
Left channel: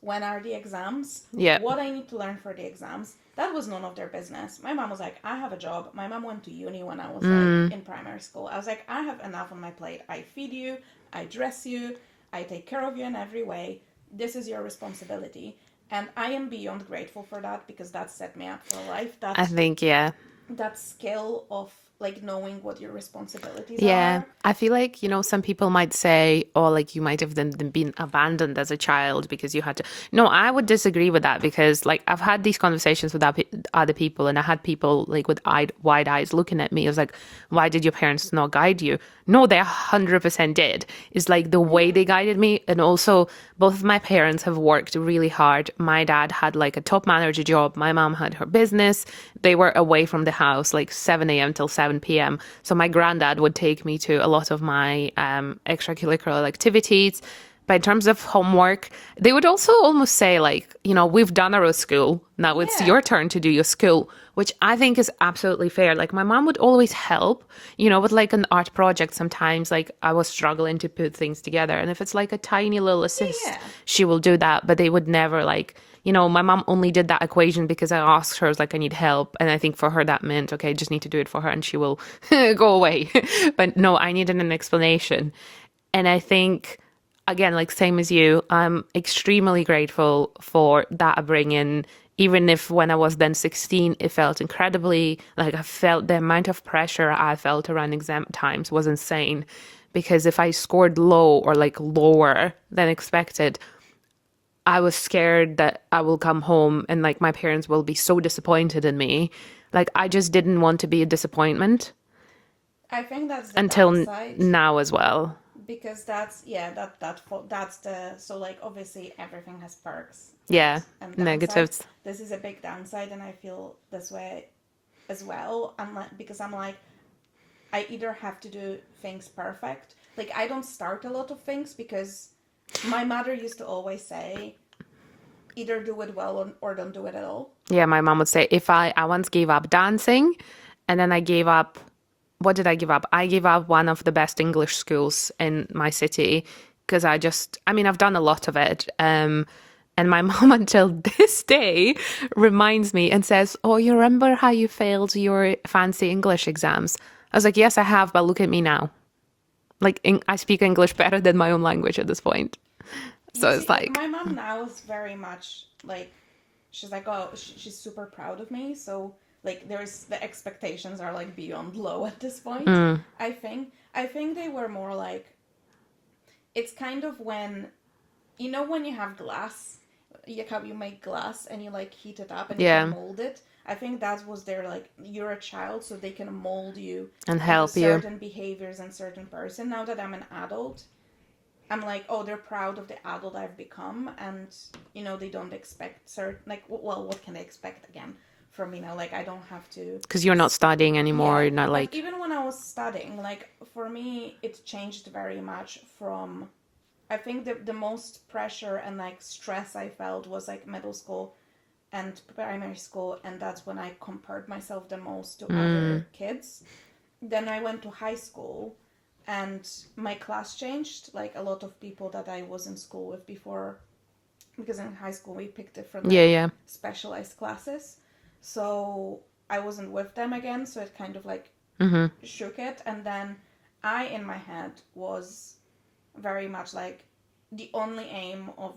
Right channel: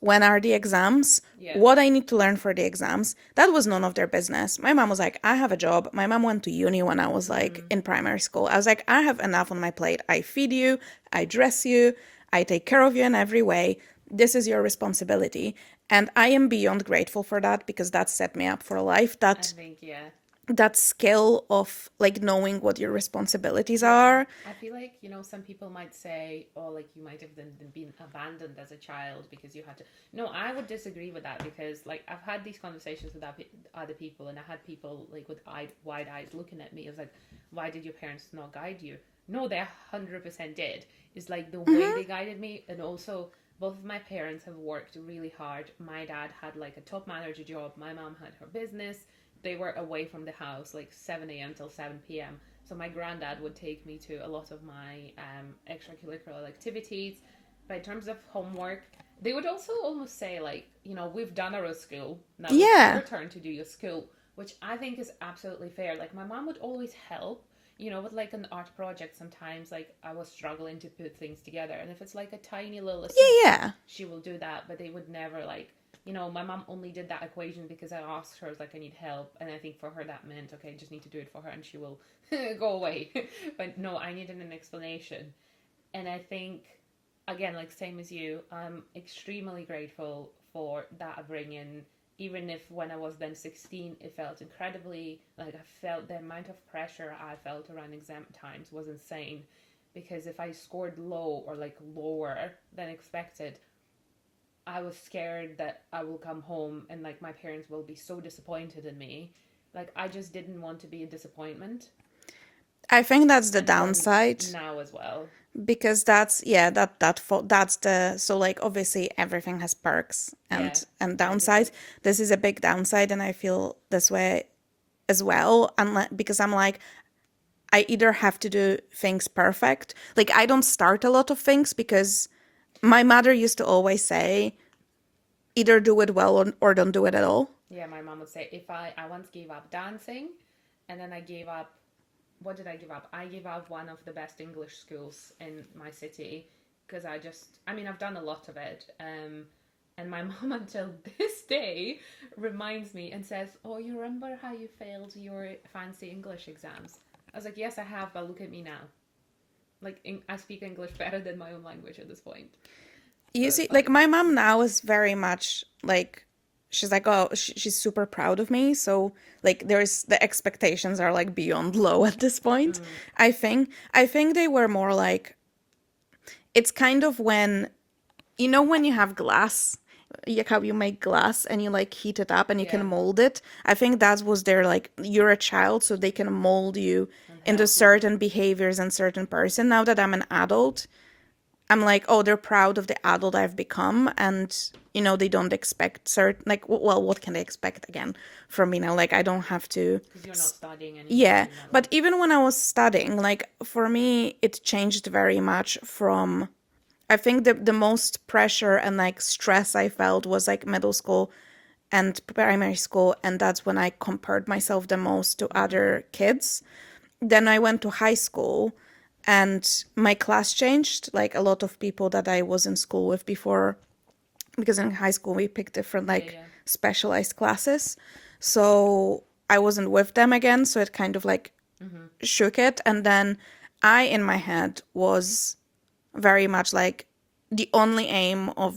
when are the exams, Yep. what I need to learn for the exams. That was none of their business. My mom was like, I have a job. My mom went to uni when I was like in primary school. I was like, I have enough on my plate. I feed you, I dress you, I take care of you in every way. This is your responsibility. And I am beyond grateful for that because that set me up for life. I think, yeah. That skill of like knowing what your responsibilities Yeah, are. I feel like, some people might say, oh, like you might have then been abandoned as a child because you had to. No, I would disagree with that because like I've had these conversations with other people and I had people like with wide eyes looking at me. I was like, why did your parents not guide you? No, they 100% did. It's like the way they guided me. And also both of my parents have worked really hard. My dad had like a top manager job. My mom had her business. They were away from the house like 7 a.m. till 7 p.m. So my granddad would take me to a lot of my extracurricular activities. But in terms of homework, they would also almost say like, we've done our school. Now it's Yeah. your turn to do your school, which I think is absolutely fair. Like my mom would always help, with like an art project sometimes, like I was struggling to put things together. And if it's like a tiny little assist, Yeah. she will do that. But they would never like, my mom only did that equation because I asked her, like, I need help. And I think for her that meant, okay, I just need to do it for her and she will go away. But no, I needed an explanation. And I think, again, like same as you, I'm extremely grateful for that upbringing. Even if when I was then 16, it felt incredibly, like I felt the amount of pressure I felt around exam times was insane. Because if I scored low or like lower than expected, I was scared that I will come home and like my parents will be so disappointed in me. Like I just didn't want to be a disappointment I think that's the until downside now as well. because that's the so like obviously everything has perks Yeah, and downsides. negatives. This is a big downside, and I feel this way as well. Because I'm like, I either have to do things perfect. Like I don't start a lot of things because my mother used to always say, either do it well or don't do it at all. Yeah, my mom would say if I once gave up dancing and then I gave up, what did I give up? I gave up one of the best English schools in my city because I've done a lot of it. And my mom until this day reminds me and says, oh, you remember how you failed your fancy English exams? I was like, yes, I have, but look at me now. Like I speak English better than my own language at this point. So You see, it's like like, my mom now is very much like she's like, oh, she's super proud of me. So like there's the expectations are like beyond low at this point. I think they were more like, it's kind of when, you know, when you have glass, like how you make glass and you like heat it up and you can Yeah. mold it. I think that was their like, you're a child, so they can mold you And into help you. certain behaviors and certain person. Now that I'm an adult, I'm like, oh, they're proud of the adult I've become, and you know, they don't expect certain, like, well, what can they expect again from me now? Like, I don't have to. Because you're not studying anymore. Yeah, You're not but like, even when I was studying, like for me, it changed very much from. I think the most pressure and like stress I felt was like middle school and primary school, and that's when I compared myself the most to other kids. Then I went to high school, and my class changed. Like a lot of people that I was in school with before, because in high school we picked different yeah, like yeah. specialized classes. So I wasn't with them again, so it kind of like shook it. And then I, in my head, was very much like, the only aim of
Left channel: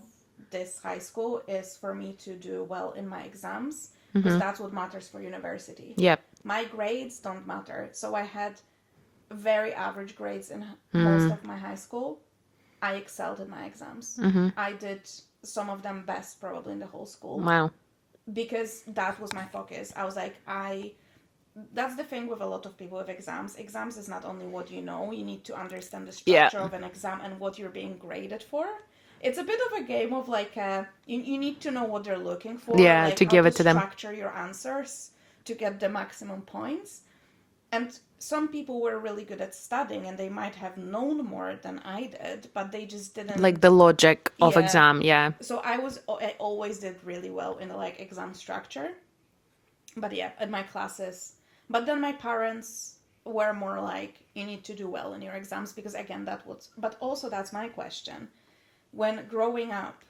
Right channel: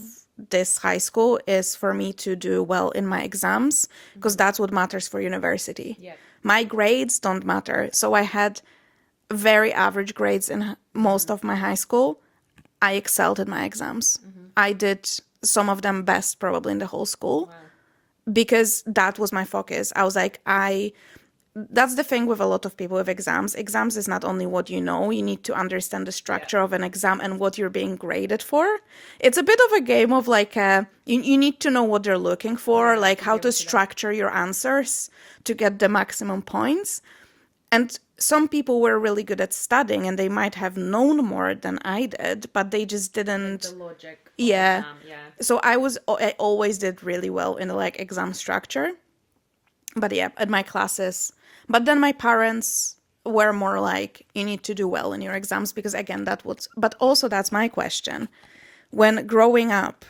this high school is for me to do well in my exams, because that's what matters for university. Yep. My grades don't matter. So I had very average grades in most of my high school. I excelled in my exams. I did some of them best probably in the whole school, Wow. because that was my focus. I was like, that's the thing with a lot of people with exams. Exams is not only what you know, you need to understand the structure of an exam and what you're being graded for. It's a bit of a game of like, you need to know what they're looking for, Yeah, like to how give to it to them. structure your answers to get the maximum points. And some people were really good at studying and they might have known more than I did, but they just didn't. Like the logic of Yeah. exam. Yeah. So I always did really well in like exam structure. But yeah, at my classes. But then my parents were more like, you need to do well in your exams, because again, but also that's my question. When growing up,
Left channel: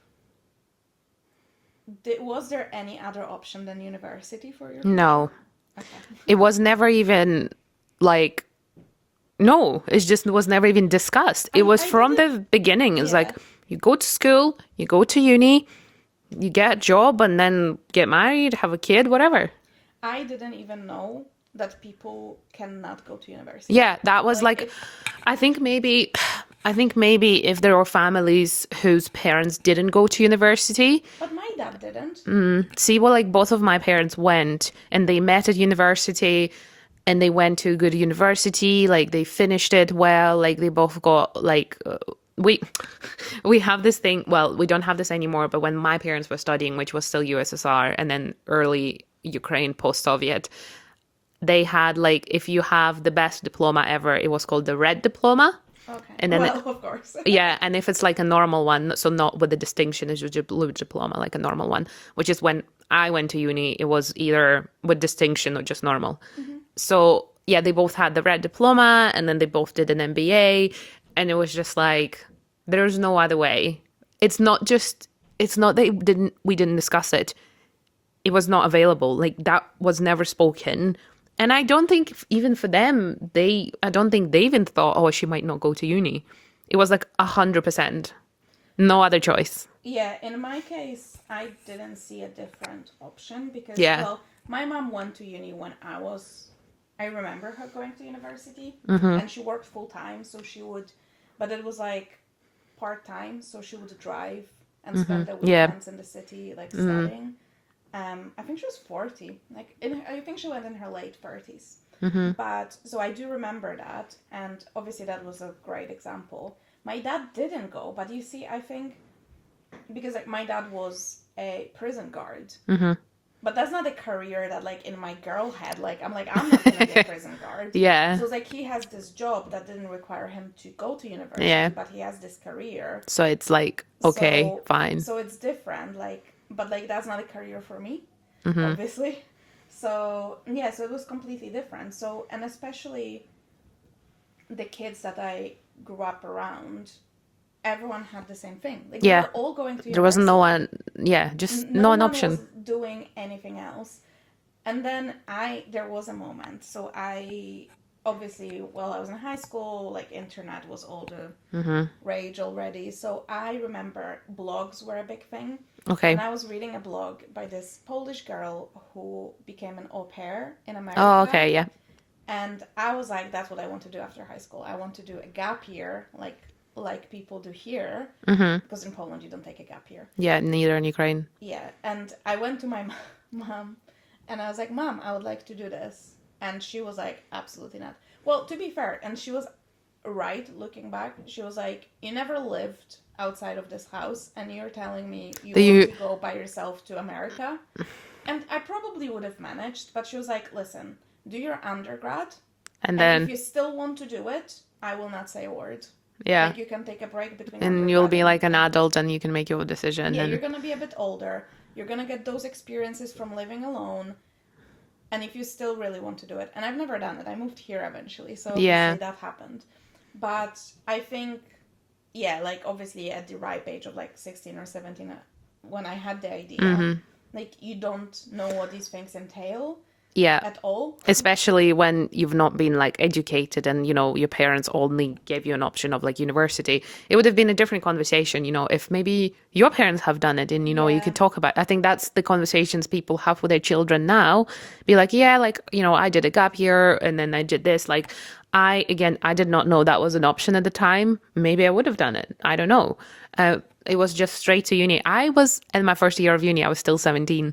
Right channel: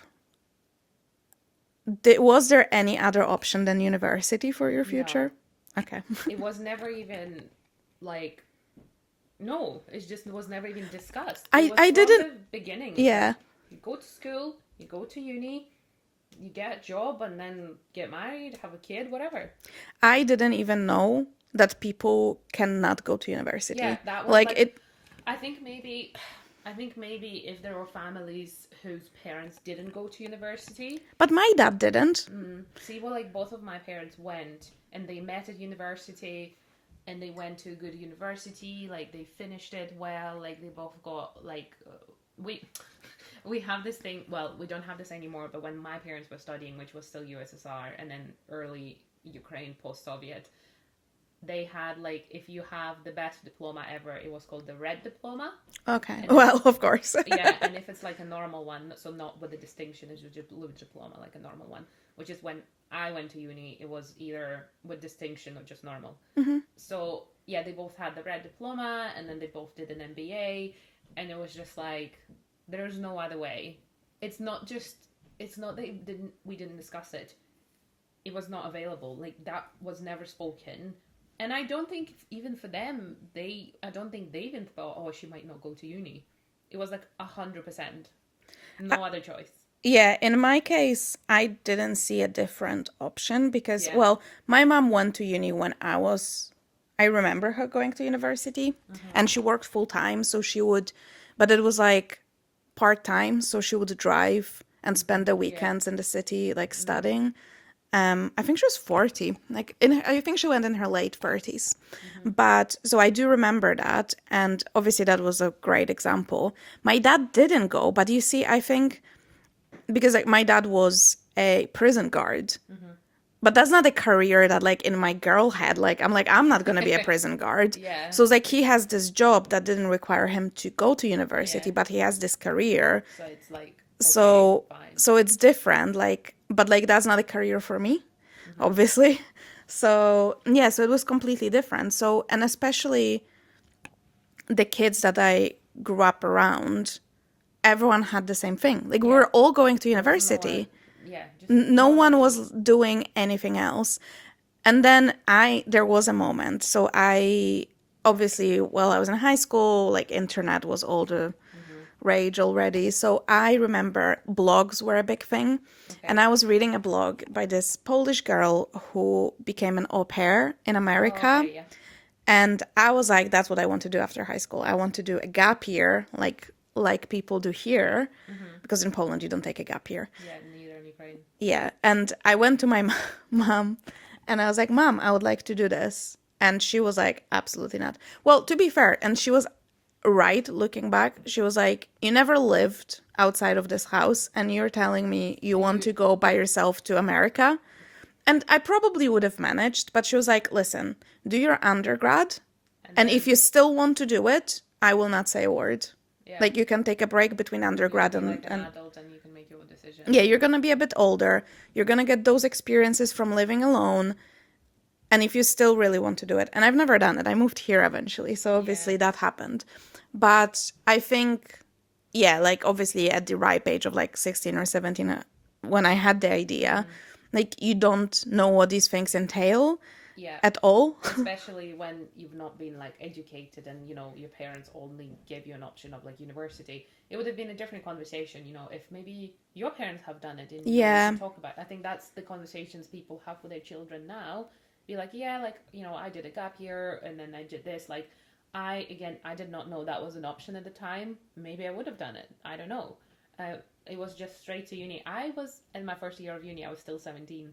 was there any other option than university for your future? No. Okay. It was never even like, no, it just was never even discussed. It was I from didn't- the beginning. It's Yeah. like, you go to school, you go to uni, you get a job, and then get married, have a kid, whatever. I didn't even know that people cannot go to university. Yeah, that was like it, I think maybe if there were families whose parents didn't go to university. but my dad didn't. See, well, like both of my parents went and they met at university and they went to a good university, like they finished it well, like they both got like we have this thing, well, we don't have this anymore, but when my parents were studying, which was still USSR and then early Ukraine post-Soviet, they had like, if you have the best diploma ever, it was called the red diploma. Okay. And then well, of course. Yeah, and if it's like a normal one, so not with the distinction, it's just a blue diploma, like a normal one, which is when I went to uni, it was either with distinction or just normal. So yeah, they both had the red diploma and then they both did an MBA, and it was just like, there's no other way. It's not that we didn't discuss it. It was not available. Like that was never spoken. And I don't think even for them, I don't think they even thought, oh, she might not go to uni. It was like 100%. No other choice. Yeah, in my case, I didn't see a different option because, Yeah. well, my mom went to uni when I remember her going to university, and she worked full time, so she would, but it was like part time, so she would drive and spend the weekends in the city, like studying. I think she was 40, like I think she went in her late 30s. But so I do remember that, and obviously that was a great example. My dad didn't go, but you see, I think because like my dad was a prison guard, but that's not a career that like in my girl head, like I'm not gonna be a prison guard. Yeah. So it's like he has this job that didn't require him to go to university, Yeah. but he has this career. So it's like, okay, So, fine. So it's different, like, but like that's not a career for me, obviously. So yeah, so it was completely different. So, and especially the kids that I grew up around, everyone had the same thing. Like we Yeah. were all going to There was university. no one, yeah, just No an one option. was doing anything else. And then there was a moment. So obviously, while I was in high school, like internet was all the rage already. So I remember blogs were a big thing. Okay. And I was reading a blog by this Polish girl who became an au pair in Oh, America. okay, yeah. And I was like, that's what I want to do after high school. I want to do a gap year, like people do here, because in Poland you don't take a gap year. Yeah, neither in Ukraine. Yeah, and I went to my mom, and I was like, Mom, I would like to do this. And she was like, absolutely not. Well, to be fair, and she was right looking back. She was like, you never lived outside of this house, and you're telling me you want to go by yourself to America. And I probably would have managed, but she was like, listen, do your undergrad, And and then, if you still want to do it, I will not say a word. yeah. Like, you can take a break between And undergrad you'll be and, like an adult and you can make your decision. yeah, and- you're going to be a bit older. You're going to get those experiences from living alone. And if you still really want to do it, and I've never done it, I moved here eventually, so obviously that happened. But I think, yeah, like obviously at the ripe age of like 16 or 17, when I had the idea, like you don't know what these things entail Yeah. at all. Especially when you've not been like educated and, you know, your parents only gave you an option of like university. It would have been a different conversation, you know, if maybe your parents have done it and, you know, you Yeah. could talk about. I think that's the conversations people have with their children now. Be like, yeah, like, you know, I did a gap year and then I did this. Like, I did not know that was an option at the time. Maybe I would have done it. I don't know. It was just straight to uni. I was in my first year of uni. I was still 17.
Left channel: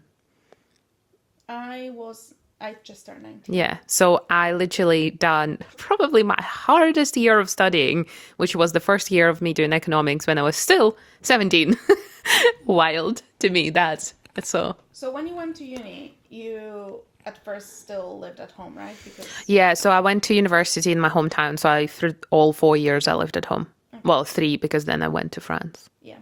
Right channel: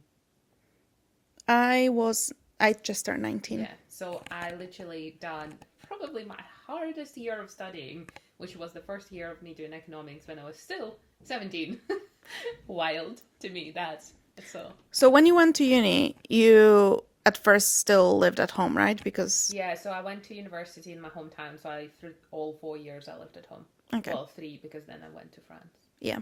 I just turned 19. Yeah. So I literally done probably my hardest year of studying, which was the first year of me doing economics when I was still 17. Wild to me, that's so. So when you went to uni, you at first still lived at home, right? Because Yeah. So I went to university in my hometown. So through all 4 years, I lived at home. Well, 3 because then I went to France. yeah.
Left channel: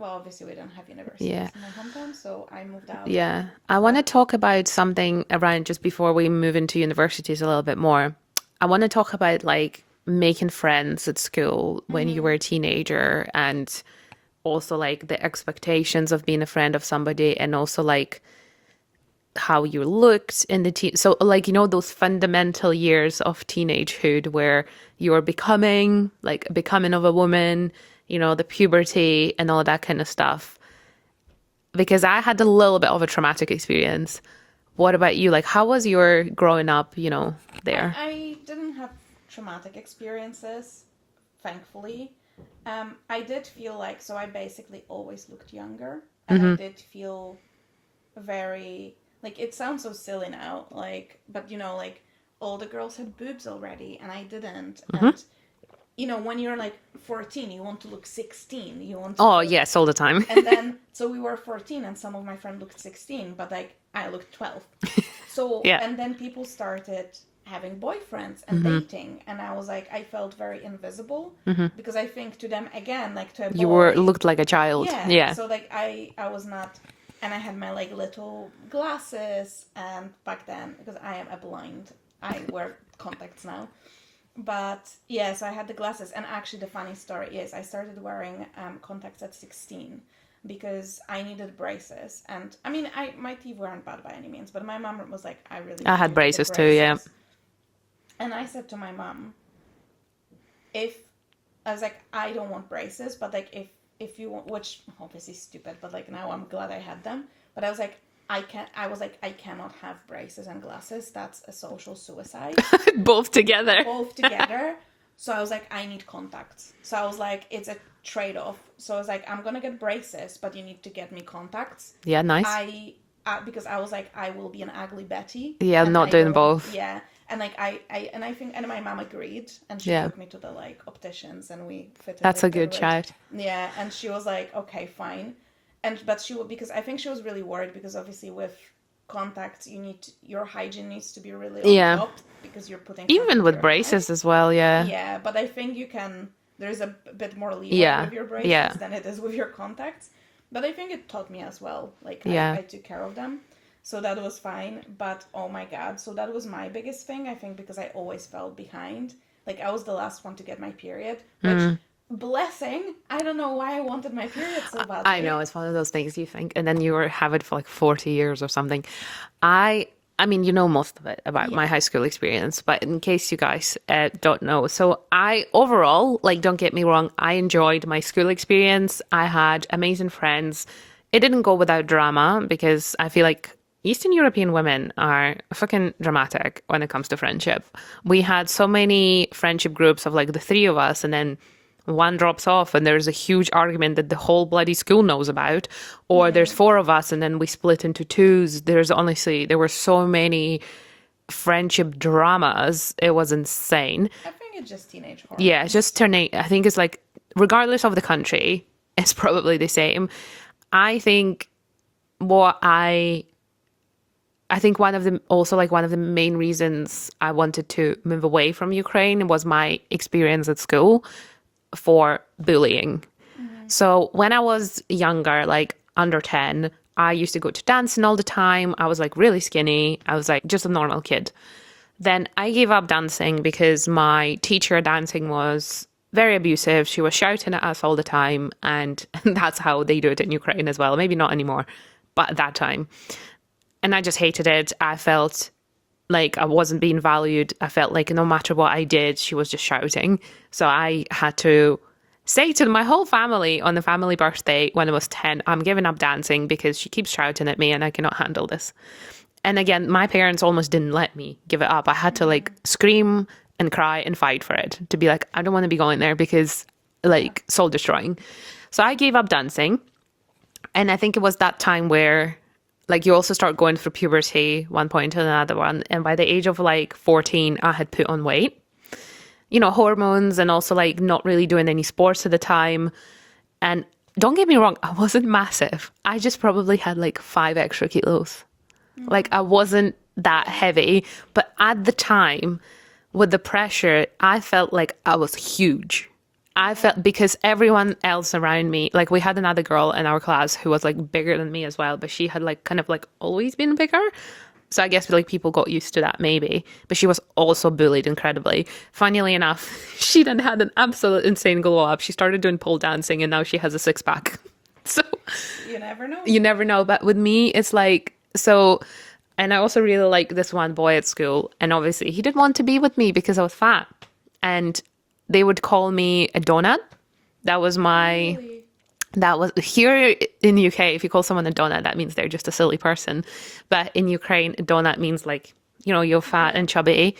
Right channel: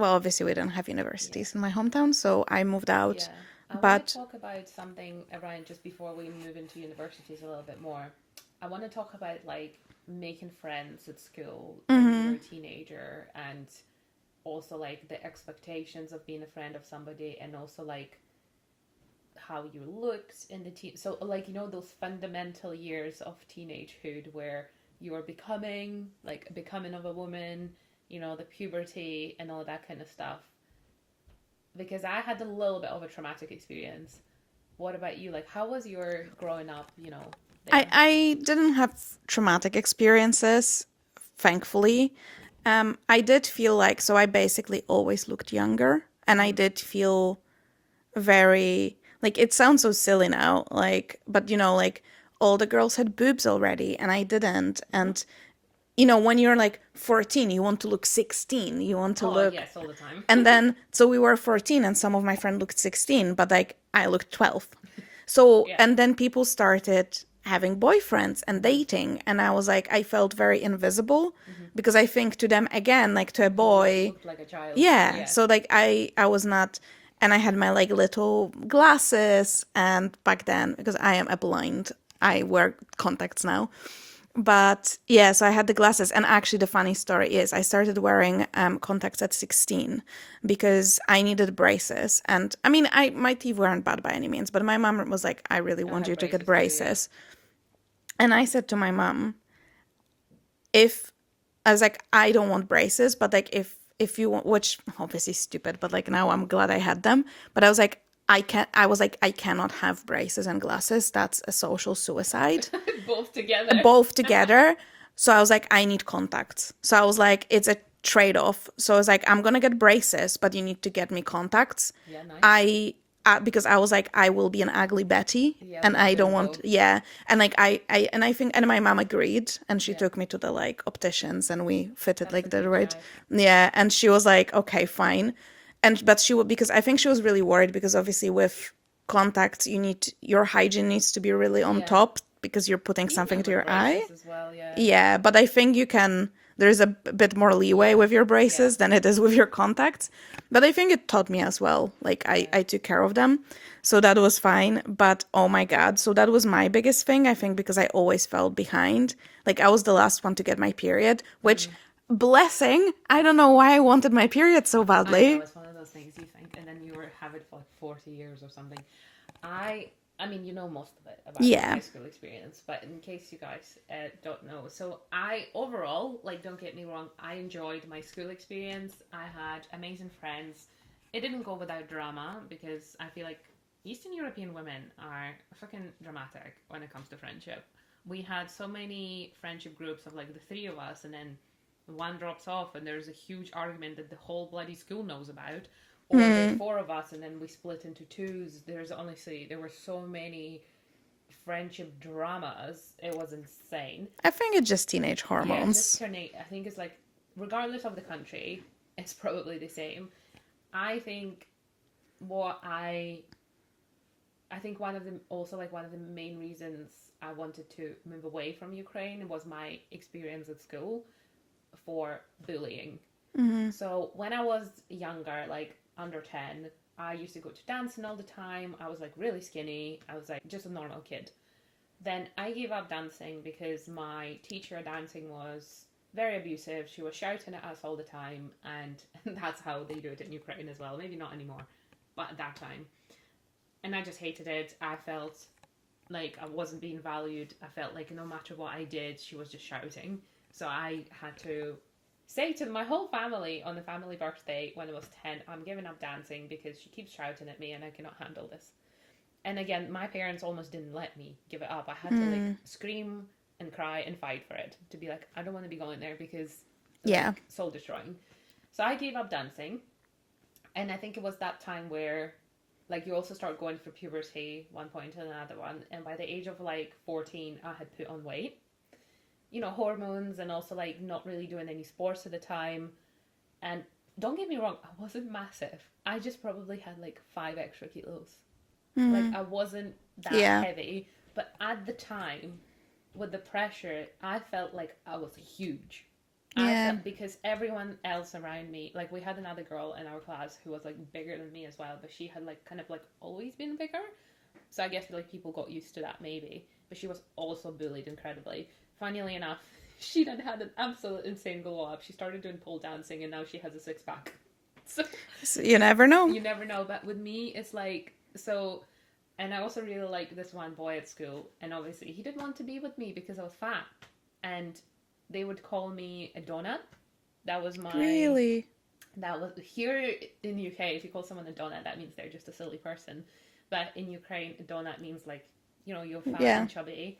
Well, obviously we don't have universities Yeah. in my hometown, so I moved out. Yeah. I want to talk about something around just before we move into universities a little bit more. I want to talk about like making friends at school when you were a teenager and also like the expectations of being a friend of somebody and also like how you looked in the teen. So like, you know, those fundamental years of teenagehood where you're becoming of a woman, you know, the puberty and all that kind of stuff. Because I had a little bit of a traumatic experience. What about you? Like, how was your growing up, you know, there? I didn't have traumatic experiences, thankfully. I did feel like, so I basically always looked younger, and I did feel very, like, it sounds so silly now, like, but you know, like all the girls had boobs already and I didn't. And you know, when you're like 14, you want to look 16. You want to look... yes, all the time. And then, so we were 14 and some of my friends looked 16, but like I looked 12. So, Yeah. and then people started having boyfriends and dating. And I was like, I felt very invisible because I think to them, again, like to a boy. You looked like a child. Yeah. Yeah. So like I was not, and I had my like little glasses, and back then, because I am a blind, I wear contacts now. But yeah, so I had the glasses. And actually the funny story is I started wearing contacts at 16 because I needed braces. And I mean, my teeth weren't bad by any means, but my mom was like, I really want had you braces to get too, braces. yeah. And I said to my mom, I was like, I don't want braces, but like if you want, which obviously stupid, but like now I'm glad I had them. But I was like, I cannot have braces and glasses. That's a social suicide. Both together. Both together. So I was like, I need contacts. So I was like, it's a trade-off. So I was like, I'm gonna get braces, but you need to get me contacts. Yeah, nice. Because I was like, I will be an ugly Betty. Yeah, and not I doing don't want, both. yeah, and like I think, and my mom agreed, and she Yeah. took me to the like opticians, and we fitted. That's like a the good right. chat. Yeah, and she was like, okay, fine, but she would, because I think she was really worried because obviously with contacts your hygiene needs to be really on Yeah. top because you're putting something Even to with your braces eye. as well, yeah. Yeah, but I think there's a bit more leeway Yeah, with your braces yeah. than it is with your contacts. But I think it taught me as well. Like Yeah. I took care of them. So that was fine. But oh my God. So that was my biggest thing, I think, because I always felt behind. Like I was the last one to get my period, which blessing. I don't know why I wanted my period so badly. I know, it's one of those things you think, and then have it for like 40 years or something. I I mean, you know most of it about my Yeah. high school experience, but in case you guys don't know. So I overall, like, don't get me wrong, I enjoyed my school experience. I had amazing friends. It didn't go without drama because I feel like Eastern European women are fucking dramatic when it comes to friendship. We had so many friendship groups of like the three of us, and then one drops off and there's a huge argument that the whole bloody school knows about, or there's four of us and then we split into twos. There's honestly, there were so many friendship dramas. It was insane. I think it's just teenage hormones. Yeah, just turning, I think it's like, regardless of the country, it's probably the same. I think what I think one of the also like one of the main reasons I wanted to move away from Ukraine was my experience at school for bullying. So when I was younger, like under 10, I used to go to dancing all the time. I was like really skinny. I was like just a normal kid. Then I gave up dancing because my teacher dancing was very abusive. She was shouting at us all the time. And that's how they do it in Ukraine as well. Maybe not anymore, but at that time. And I just hated it. I felt like I wasn't being valued. I felt like no matter what I did, she was just shouting. So I had to say to my whole family on the family birthday when I was 10, I'm giving up dancing because she keeps shouting at me and I cannot handle this. And again, my parents almost didn't let me give it up. I had to like scream and cry and fight for it, to be like, I don't want to be going there because like soul destroying. So I gave up dancing. And I think it was that time where like you also start going through puberty, one point to another one. And by the age of like 14, I had put on weight, you know, hormones, and also like not really doing any sports at the time. And don't get me wrong, I wasn't massive. I just probably had like 5 extra kilos. Like I wasn't that heavy. But at the time, with the pressure, I felt like I was huge. I felt, because everyone else around me, like we had another girl in our class who was like bigger than me as well, but she had like kind of like always been bigger. So I guess like people got used to that maybe, but she was also bullied incredibly. Funnily enough, she then had an absolute insane glow up. She started doing pole dancing and now she has a 6-pack. So you never know. you never know. But with me, it's like, so, and I also really like this one boy at school. And obviously he didn't want to be with me because I was fat. And they would call me a donut. That was my, Really? that was here in the UK. If you call someone a donut, that means they're just a silly person. But in Ukraine, a donut means like, you know, you're fat and chubby.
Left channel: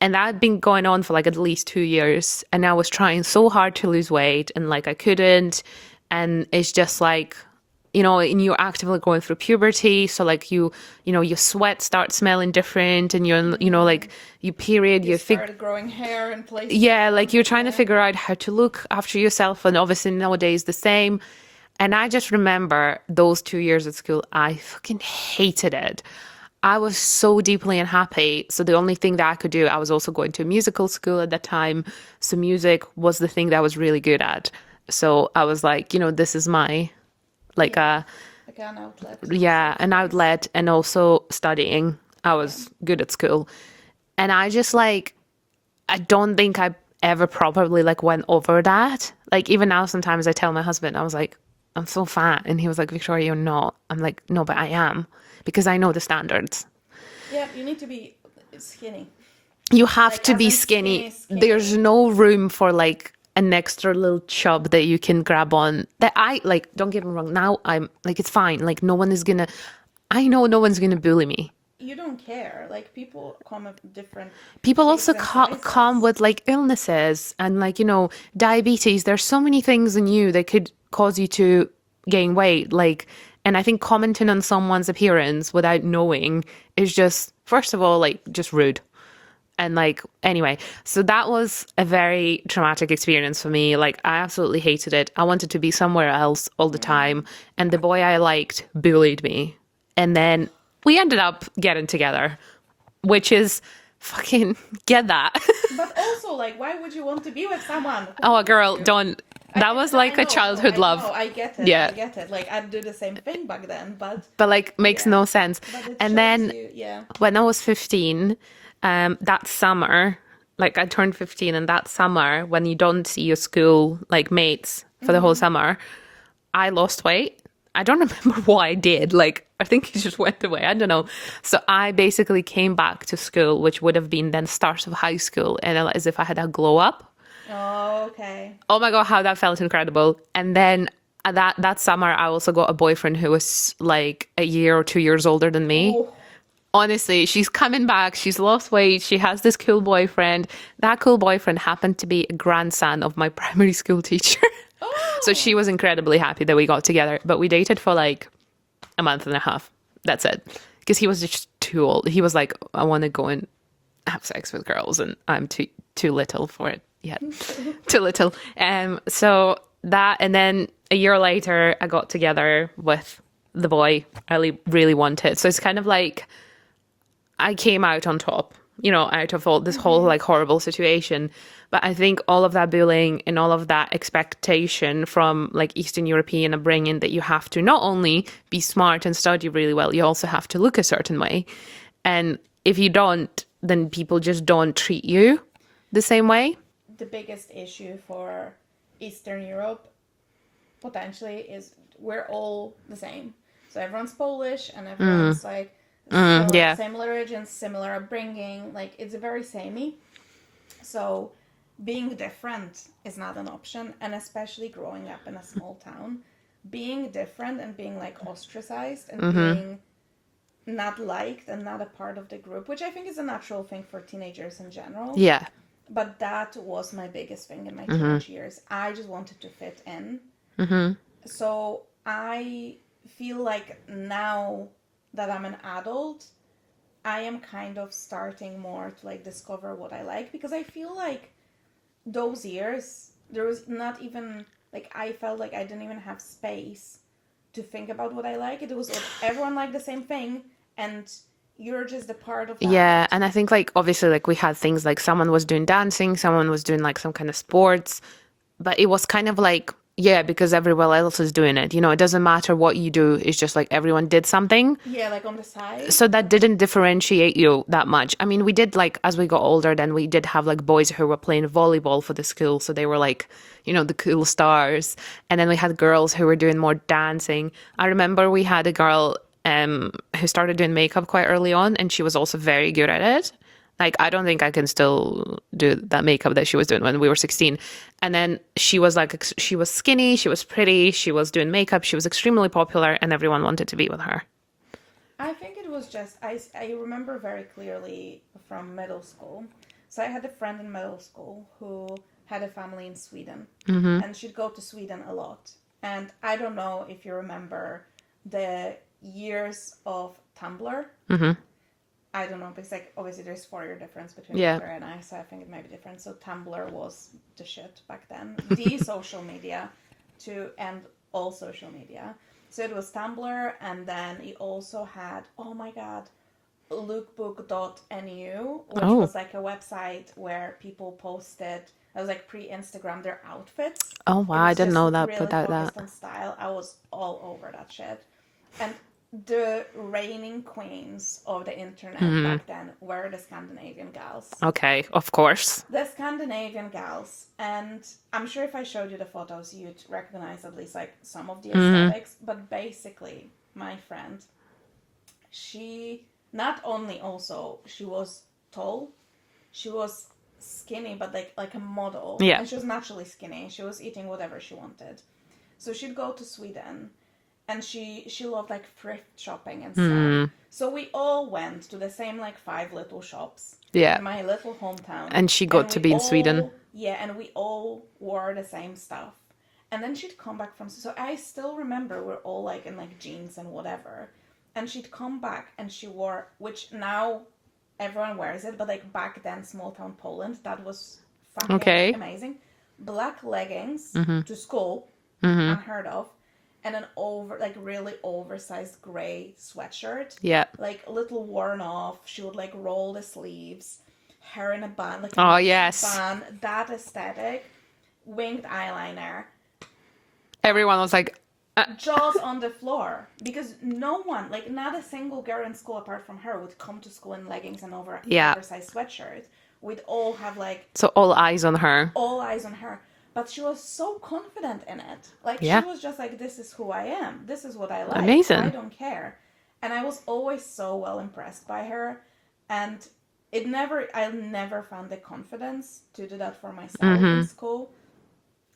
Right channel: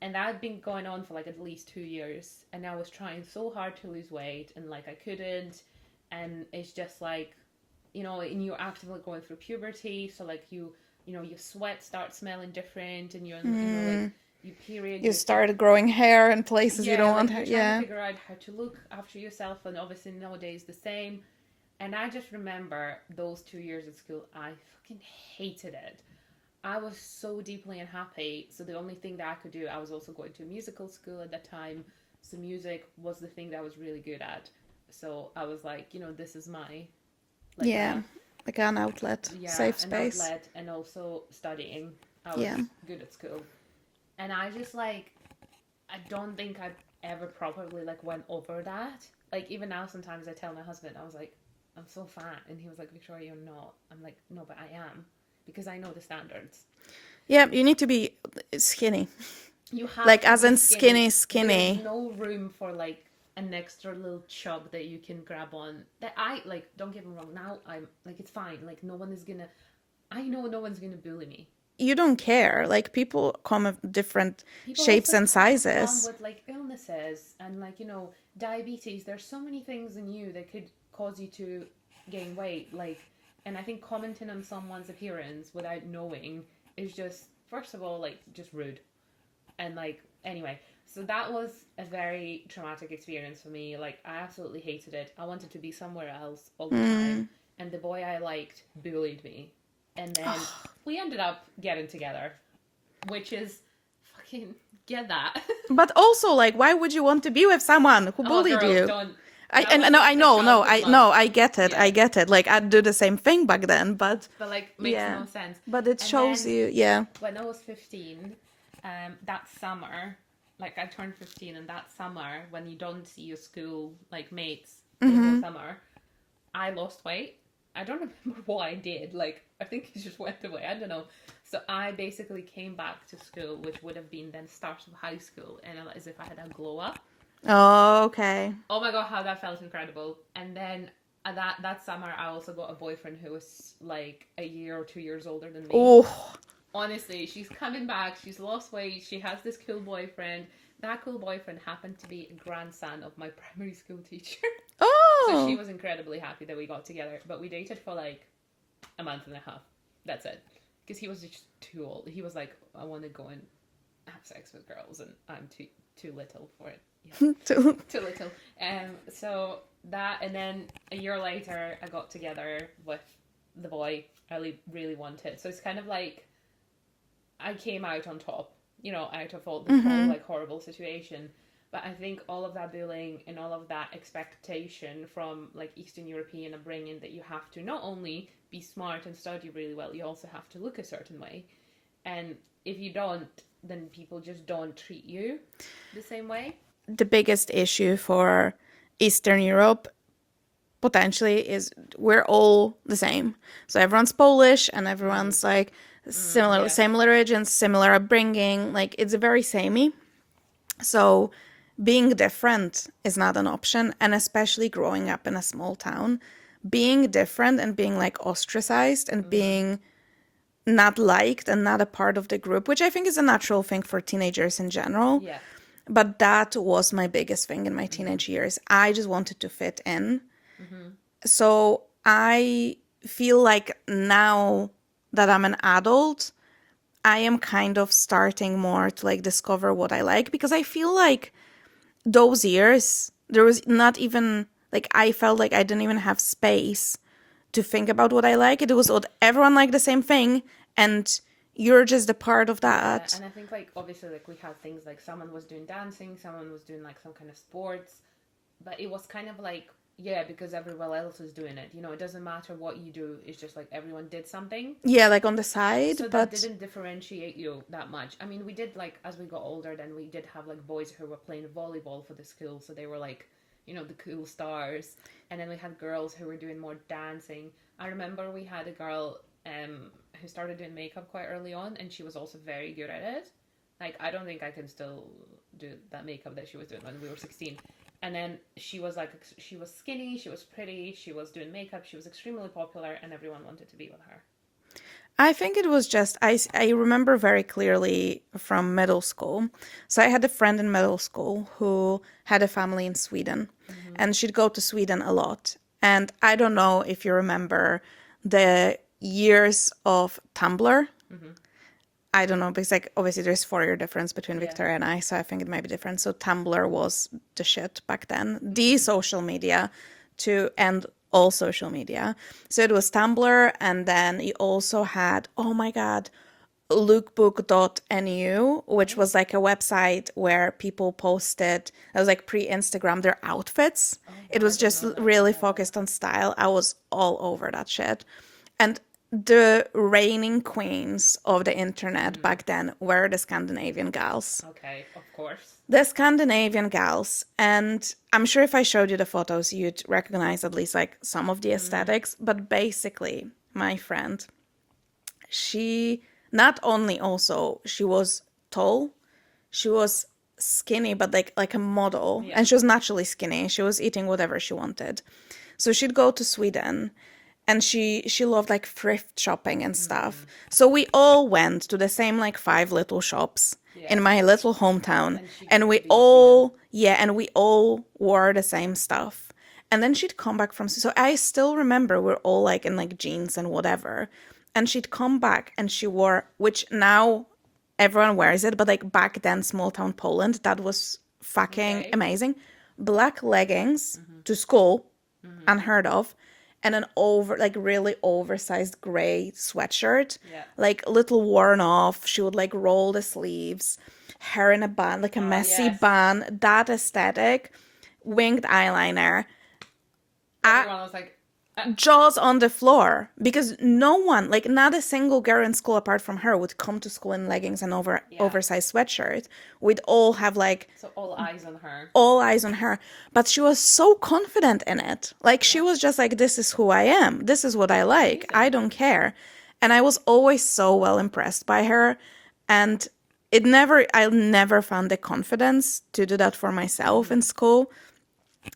And that had been going on for like at least 2 years. And I was trying so hard to lose weight and like I couldn't. And it's just like, you know, and you're actively going through puberty. So like you know, your sweat starts smelling different and you're, you know, like you period. You started growing hair in places. Yeah, like you're trying to figure out how to look after yourself. And obviously nowadays the same. And I just remember those 2 years at school, I fucking hated it. I was so deeply unhappy. So the only thing that I could do, I was also going to a musical school at that time. So music was the thing that I was really good at. So I was like, you know, this is my, like an outlet. Yeah, safe an space. outlet, and also studying. I was good at school. And I just like, I don't think I ever properly like went over that. Like even now, sometimes I tell my husband, I was like, I'm so fat. And he was like, Victoria, you're not. I'm like, no, but I am. Because I know the standards. Yeah, you need to be skinny. You have Like, to as be in skinny. skinny. There's no room for like an extra little chub that you can grab on. That I like, don't get me wrong. Now I'm like, it's fine. Like no one is gonna, I know no one's gonna bully me. You don't care. Like people come of different People shapes also and sizes. come with like illnesses and like, you know, diabetes. There's so many things in you that could cause you to gain weight. Like, and I think commenting on someone's appearance without knowing is just, first of all, like just rude. And like, anyway, so that was a very traumatic experience for me. Like, I absolutely hated it. I wanted to be somewhere else all the time. And the boy I liked bullied me. And then we ended up getting together, which is fucking get that. But also, like, why would you want to be with someone who Oh, bullied girl, you? don't. That was like a childhood love. No, I get it. Yeah. I get it. Like, I'd do the same thing back then, but like, makes no sense. But it and shows then you, when I was 15, that summer, like I turned 15, and that summer when you don't see your school like mates for the whole summer, I lost weight. I don't remember what I did. Like, I think he just went away. I don't know. So I basically came back to school, which would have been then start of high school, and as if I had a glow up. Oh, okay. Oh my God, how that felt incredible. And then that summer, I also got a boyfriend who was like a year or 2 years older than me. Oh, Honestly, she's coming back. She's lost weight. She has this cool boyfriend. That cool boyfriend happened to be a grandson of my primary school teacher. So she oh. was incredibly happy that we got together. But we dated for like a month and a half. That's it. Because he was just too old. He was like, I want to go and have sex with girls, and I'm too little for it yet. Too little. So that, and then a year later, I got together with the boy I really wanted. So it's kind of like I came out on top, out of all this whole like horrible situation. But I think all of that bullying and all of that expectation from like Eastern European upbringing that you have to not only be smart and study really well, you also have to look a certain way. And if you don't, then people just don't treat you the same way. The biggest issue for Eastern Europe potentially is we're all the same. So everyone's Polish and everyone's like similar, yeah. similar origins, similar upbringing. Like it's very samey. So being different is not an option. And especially growing up in a small town, being different and being like ostracized and being not liked and not a part of the group, which I think is a natural thing for teenagers in general. Yeah. But that was my biggest thing in my teenage years. I just wanted to fit in. So I feel like now that I'm an adult, I am kind of starting more to like discover what I like, because I feel like those years, there was not even like, I felt like I didn't even have space to think about what I like. It was everyone liked the same thing, and you're just a part of that. Yeah, and I think like obviously like we had things like someone was doing dancing, someone was doing like some kind of sports, but it was kind of like, yeah, because everyone else is doing it. It doesn't matter what you do. It's just like everyone did something. Yeah, like on the side. So that didn't differentiate you that much. I mean, we did like, as we got older, then we did have like boys who were playing volleyball for the school. So they were like, the cool stars. And then we had girls who were doing more dancing. I remember we had a girl who started doing makeup quite early on, and she was also very good at it. Like, I don't think I can still do that makeup that she was doing when we were 16. And then she was like, she was skinny, she was pretty, she was doing makeup, she was extremely popular, and everyone wanted to be with her. I think it was just, I remember very clearly from middle school. So I had a friend in middle school who had a family in Sweden, and she'd go to Sweden a lot. And I don't know if you remember the years of Tumblr. I don't know, because like obviously there's 4 year difference between Victoria and I, so I think it might be different. So Tumblr was the shit back then, the social media to end all social media. So it was Tumblr, and then you also had, oh my god, lookbook.nu, which was like a website where people posted, it was like pre-Instagram, their outfits. Oh wow, it was I didn't just know that. really focused on style. I was all over that shit. And the reigning queens of the internet back then were the Scandinavian gals. Okay, of course. The Scandinavian gals. And I'm sure if I showed you the photos, you'd recognize at least like some of the aesthetics. But basically, my friend, she not only also, she was tall, she was skinny, but like a model. Yeah. And she was naturally skinny. She was eating whatever she wanted. So she'd go to Sweden. And she loved like thrift shopping and stuff. So we all went to the same like 5 little shops in my little hometown. And she got to be in Sweden. Yeah, and we all wore the same stuff. And then she'd come back from, so I still remember we're all like in like jeans and whatever. And she'd come back and she wore, which now everyone wears it, but like back then, small town Poland, that was fucking amazing. Black leggings to school, unheard of. And an really oversized gray sweatshirt. Yeah. Like a little worn off. She would like roll the sleeves. Hair in a bun, like a messy bun. That aesthetic. Winged eyeliner. Everyone was like, jaws on the floor, because no one, like not a single girl in school apart from her, would come to school in leggings and Yeah. oversized sweatshirt. We'd all have like So all eyes on her. all eyes on her. But she was so confident in it. Like she Yeah. was just like, this is who I am. This is what I like. Amazing. I don't care. And I was always so well impressed by her. And I never found the confidence to do that for myself in school.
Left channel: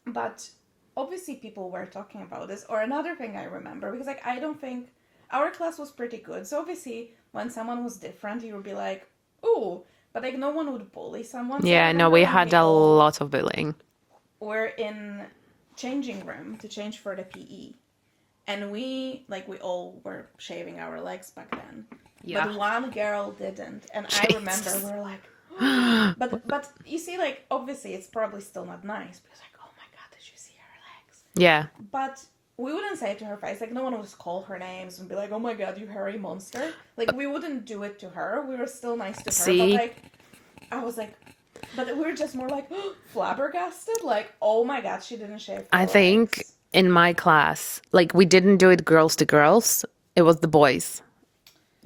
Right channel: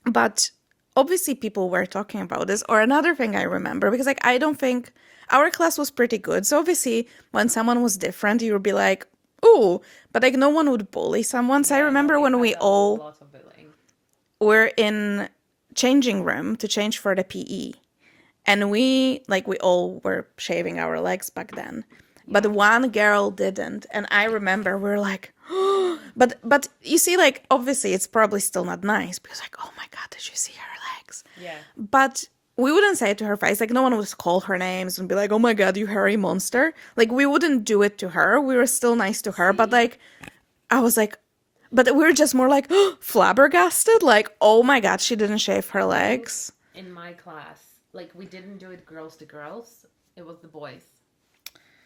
But obviously people were talking about this. Or another thing I remember, because like I don't think our class was pretty good. So obviously when someone was different, you would be like, ooh, but like no one would bully someone. So I Yeah, no, remember we when had we a all lot of bullying. were in changing room to change for the PE. And we all were shaving our legs back then. Yeah. But one girl didn't. And I remember we were like, but you see, like, obviously it's probably still not nice because like, oh my God, did you see her legs? Yeah. But we wouldn't say it to her face. Like, no one would call her names and be like, oh my God, you hairy monster. Like, we wouldn't do it to her. We were still nice to her. But See? like, I was like, but we were just more like flabbergasted. Like, oh my God, she didn't shave her I think legs. in my class, like we didn't do it girls to girls. It was the boys.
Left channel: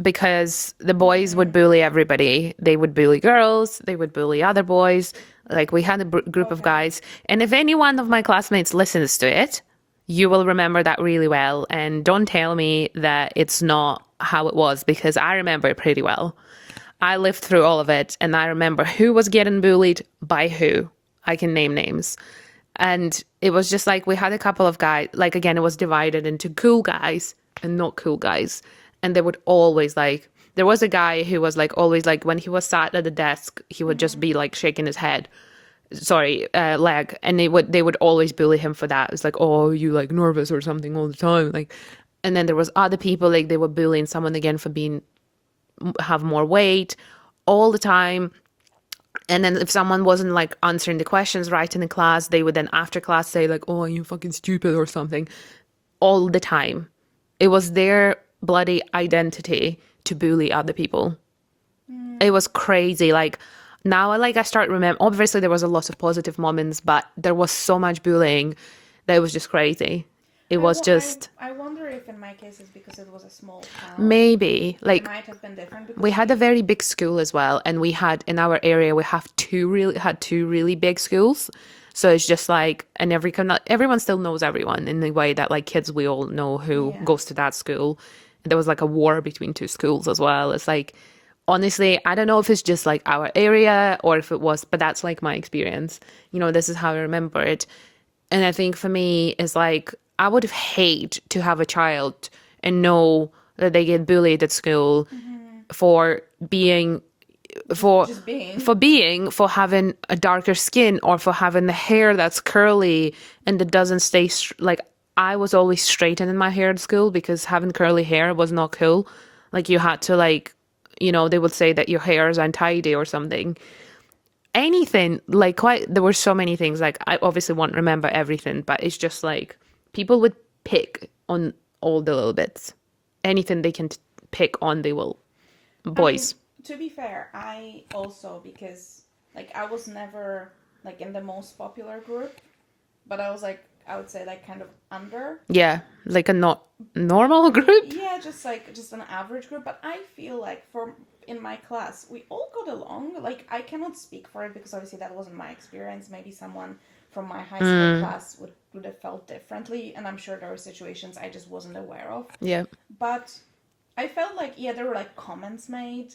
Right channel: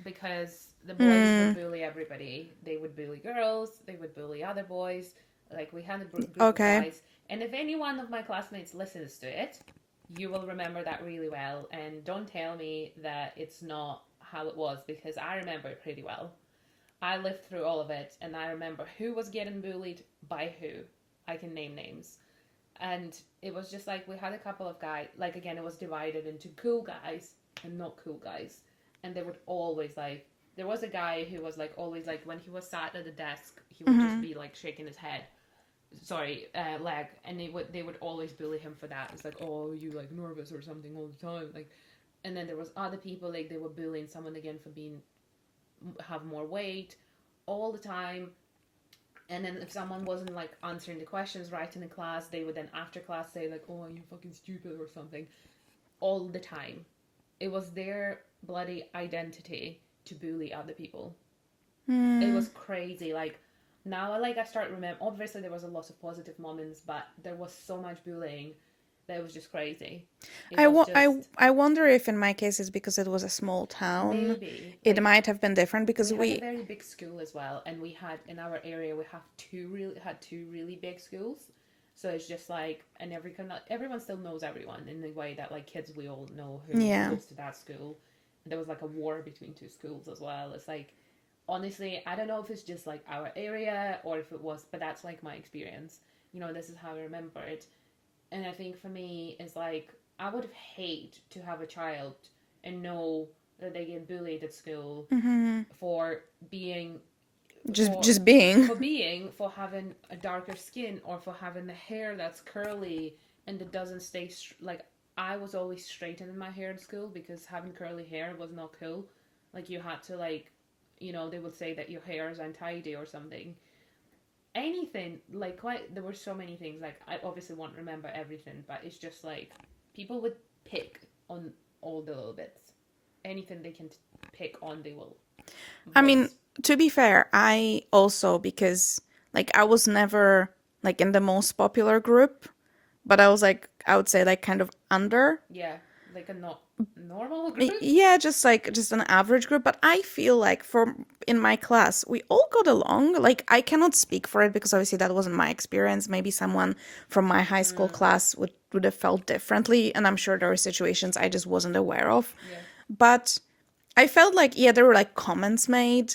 Because the boys would bully everybody. They would bully girls. They would bully other boys. Like we had a group of Okay. guys. And if any one of my classmates listens to it, you will remember that really well. And don't tell me that it's not how it was, because I remember it pretty well. I lived through all of it, and I remember who was getting bullied by who. I can name names. And it was just like we had a couple of guys, like again, it was divided into cool guys and not cool guys. And they would always like, there was a guy who was like always like when he was sat at the desk, he would just be like shaking his head, leg. And they would always bully him for that. It's like, oh, you like nervous or something all the time. Like, and then there was other people, like they were bullying someone again for have more weight all the time. And then if someone wasn't like answering the questions right in the class, they would then after class say like, oh, you fucking stupid or something all the time. It was their bloody identity to bully other people. It was crazy. Like now I start remember, obviously there was a lot of positive moments, but there was so much bullying that it was just crazy. It was just I wonder if in my case it's because it was a small town. maybe It like might have been different because we had a very big school as well, and we had in our area we have two really big schools. So it's just like, and everyone still knows everyone in the way that like kids, we all know who Yeah. goes to that school. There was like a war between two schools as well. It's like, honestly, I don't know if it's just like our area or if it was, but that's like my experience. You know, this is how I remember it. And I think for me, it's like, I would hate to have a child and know that they get bullied at school for being just being. for having a darker skin or for having the hair that's curly and that doesn't stay like I was always straightening my hair at school because having curly hair was not cool. Like you had to like, you know, they would say that your hair is untidy or something. Anything like there were so many things. Like I obviously won't remember everything, but it's just like people would pick on all the little bits. Anything they can pick on, they will. Boys. I mean, to be fair, I also, because like I was never like in the most popular group, but I was like, I would say like kind of under. Yeah, like a not normal group. Yeah, just an average group. But I feel like in my class, we all got along. Like I cannot speak for it because obviously that wasn't my experience. Maybe someone from my high school class would have felt differently. And I'm sure there were situations I just wasn't aware of. Yeah. But I felt like, yeah, there were like comments made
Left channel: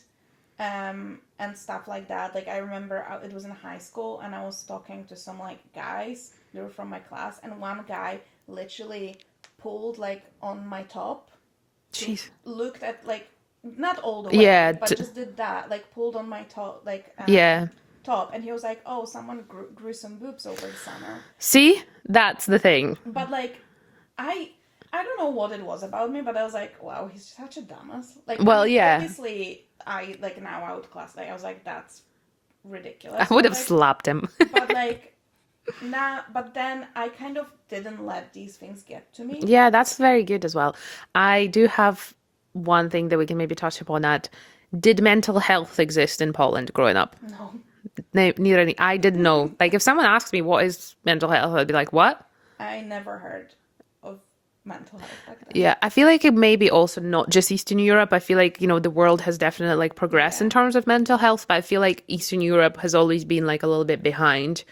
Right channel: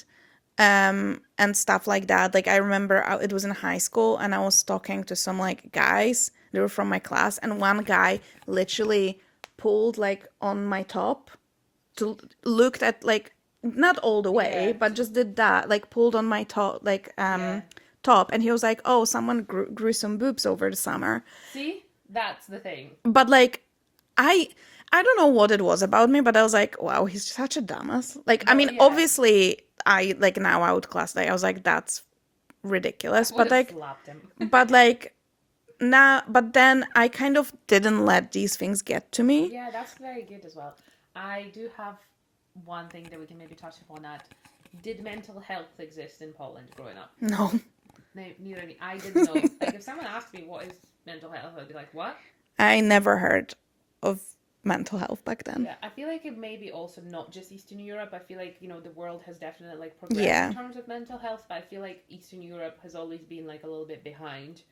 and stuff like that. Like I remember it was in high school and I was talking to some like guys. They were from my class, and one guy literally pulled like on my top, Jeez. looked at like not all the way, Yeah, but just did that, like pulled on my top, like Yeah. top, and he was like, "Oh, someone grew some boobs over the summer." See, that's the thing. But like, I don't know what it was about me, but I was like, "Wow, he's such a dumbass." Like, I Well, mean, yeah. obviously, I like now outclassed. Like, I was like, "That's ridiculous." I would But have like, slapped him. but like. Nah, but then I kind of didn't let these things get to me. Yeah, that's very good as well. I do have one thing that we can maybe touch upon that. Did mental health exist in Poland growing up? No. Neither any. I didn't know. Like if someone asked me what is mental health, I'd be like, what? I never heard of mental health back then. Yeah, I feel like it may be also not just Eastern Europe. I feel like, the world has definitely like progressed in Yeah. terms of mental health, but I feel like Eastern Europe has always been like a little bit behind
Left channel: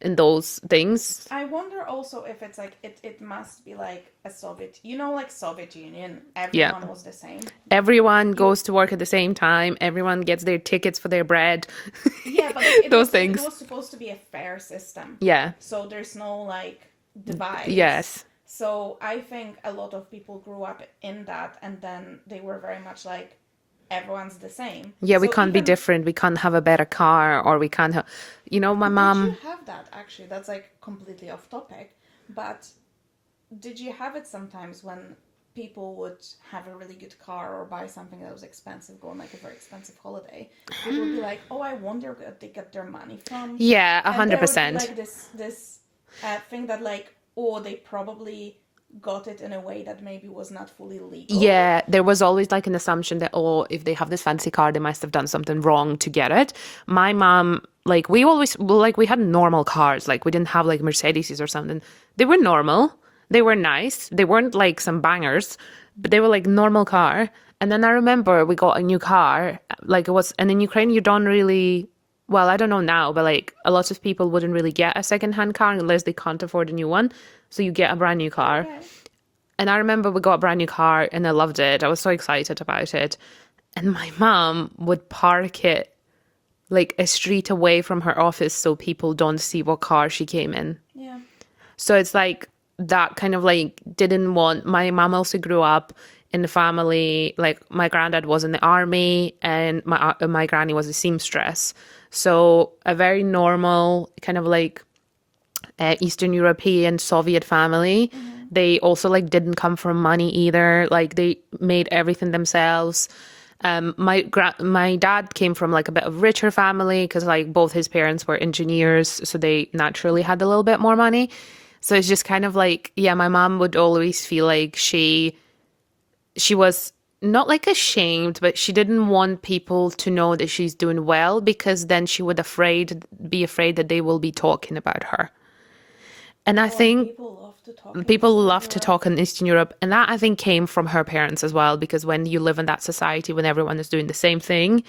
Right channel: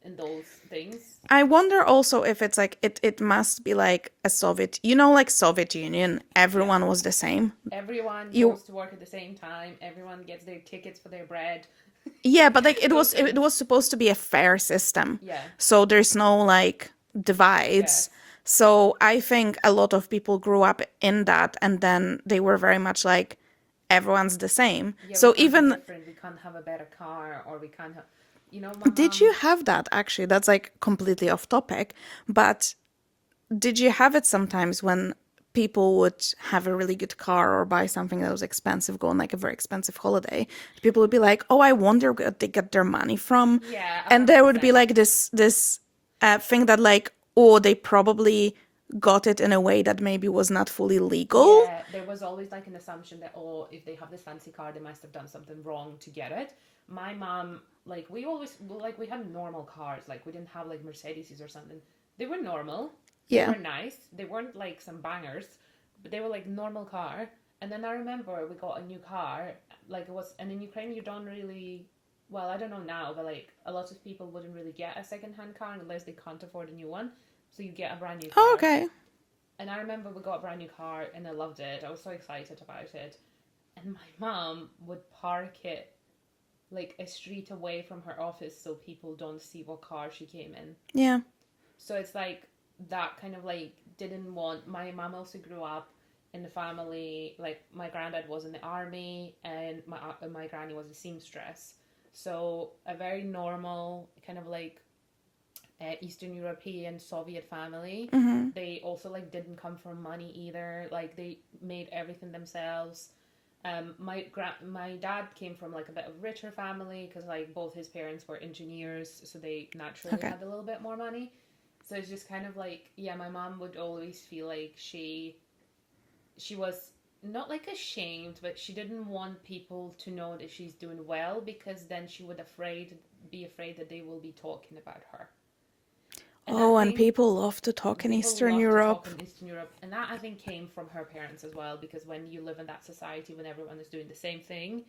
in those things. I wonder also if it's like it must be like a Soviet, like Soviet Union, Yeah. everyone was the same. Everyone goes to work at the same time. Everyone gets their tickets for their bread. Yeah, but like it Those it things. was supposed to be a fair system. Yeah. So there's no like divides. Yes. So I think a lot of people grew up in that, and then they were very much like everyone's the same. Yeah, So we can't even be different. We can't have a better car, or we can't have, my did you mom. have that actually? That's like completely off topic, but did you have it sometimes when people would have a really good car or buy something that was expensive, go on like a very expensive holiday? People would be like, "Oh, I wonder where they get their money from." Yeah, and there would be 100%. like this thing that like, oh, they probably got it in a way that maybe was not fully legal. Yeah, there was always like an assumption that, oh, if they have this fancy car, they must have done something wrong to get it. My mom, like, we had normal cars. Like, we didn't have like Mercedeses or something. They were normal. They Yeah. were nice. They weren't like some bangers, but they were like normal car. And then I remember we got a new car. Like, and in Ukraine, you don't really, well, I don't know now, but like a lot of people wouldn't really get a secondhand car unless they can't afford a new one. So you get a brand new car. Oh, okay. And I remember we got a brand new car and I loved it. I was so excited about it. And my mom would park it like a street away from her office so people don't see what car she came in. Yeah. So it's like that kind of like didn't want. My mom also grew up in the family, like my granddad was in the army and my granny was a seamstress. So a very normal kind of like Eastern European Soviet family. They also like didn't come from money either. Like they made everything themselves. My dad came from like a bit of richer family because like both his parents were engineers, so they naturally had a little bit more money. So it's just kind of like, yeah, my mom would always feel like she was not like ashamed, but she didn't want people to know that she's doing well because then she would be afraid that they will be talking about her. And I think and people love to talk in people Eastern love to Europe. talk in Eastern Europe. And that I think came from her parents as well, because when you live in that society, when everyone is doing the same thing,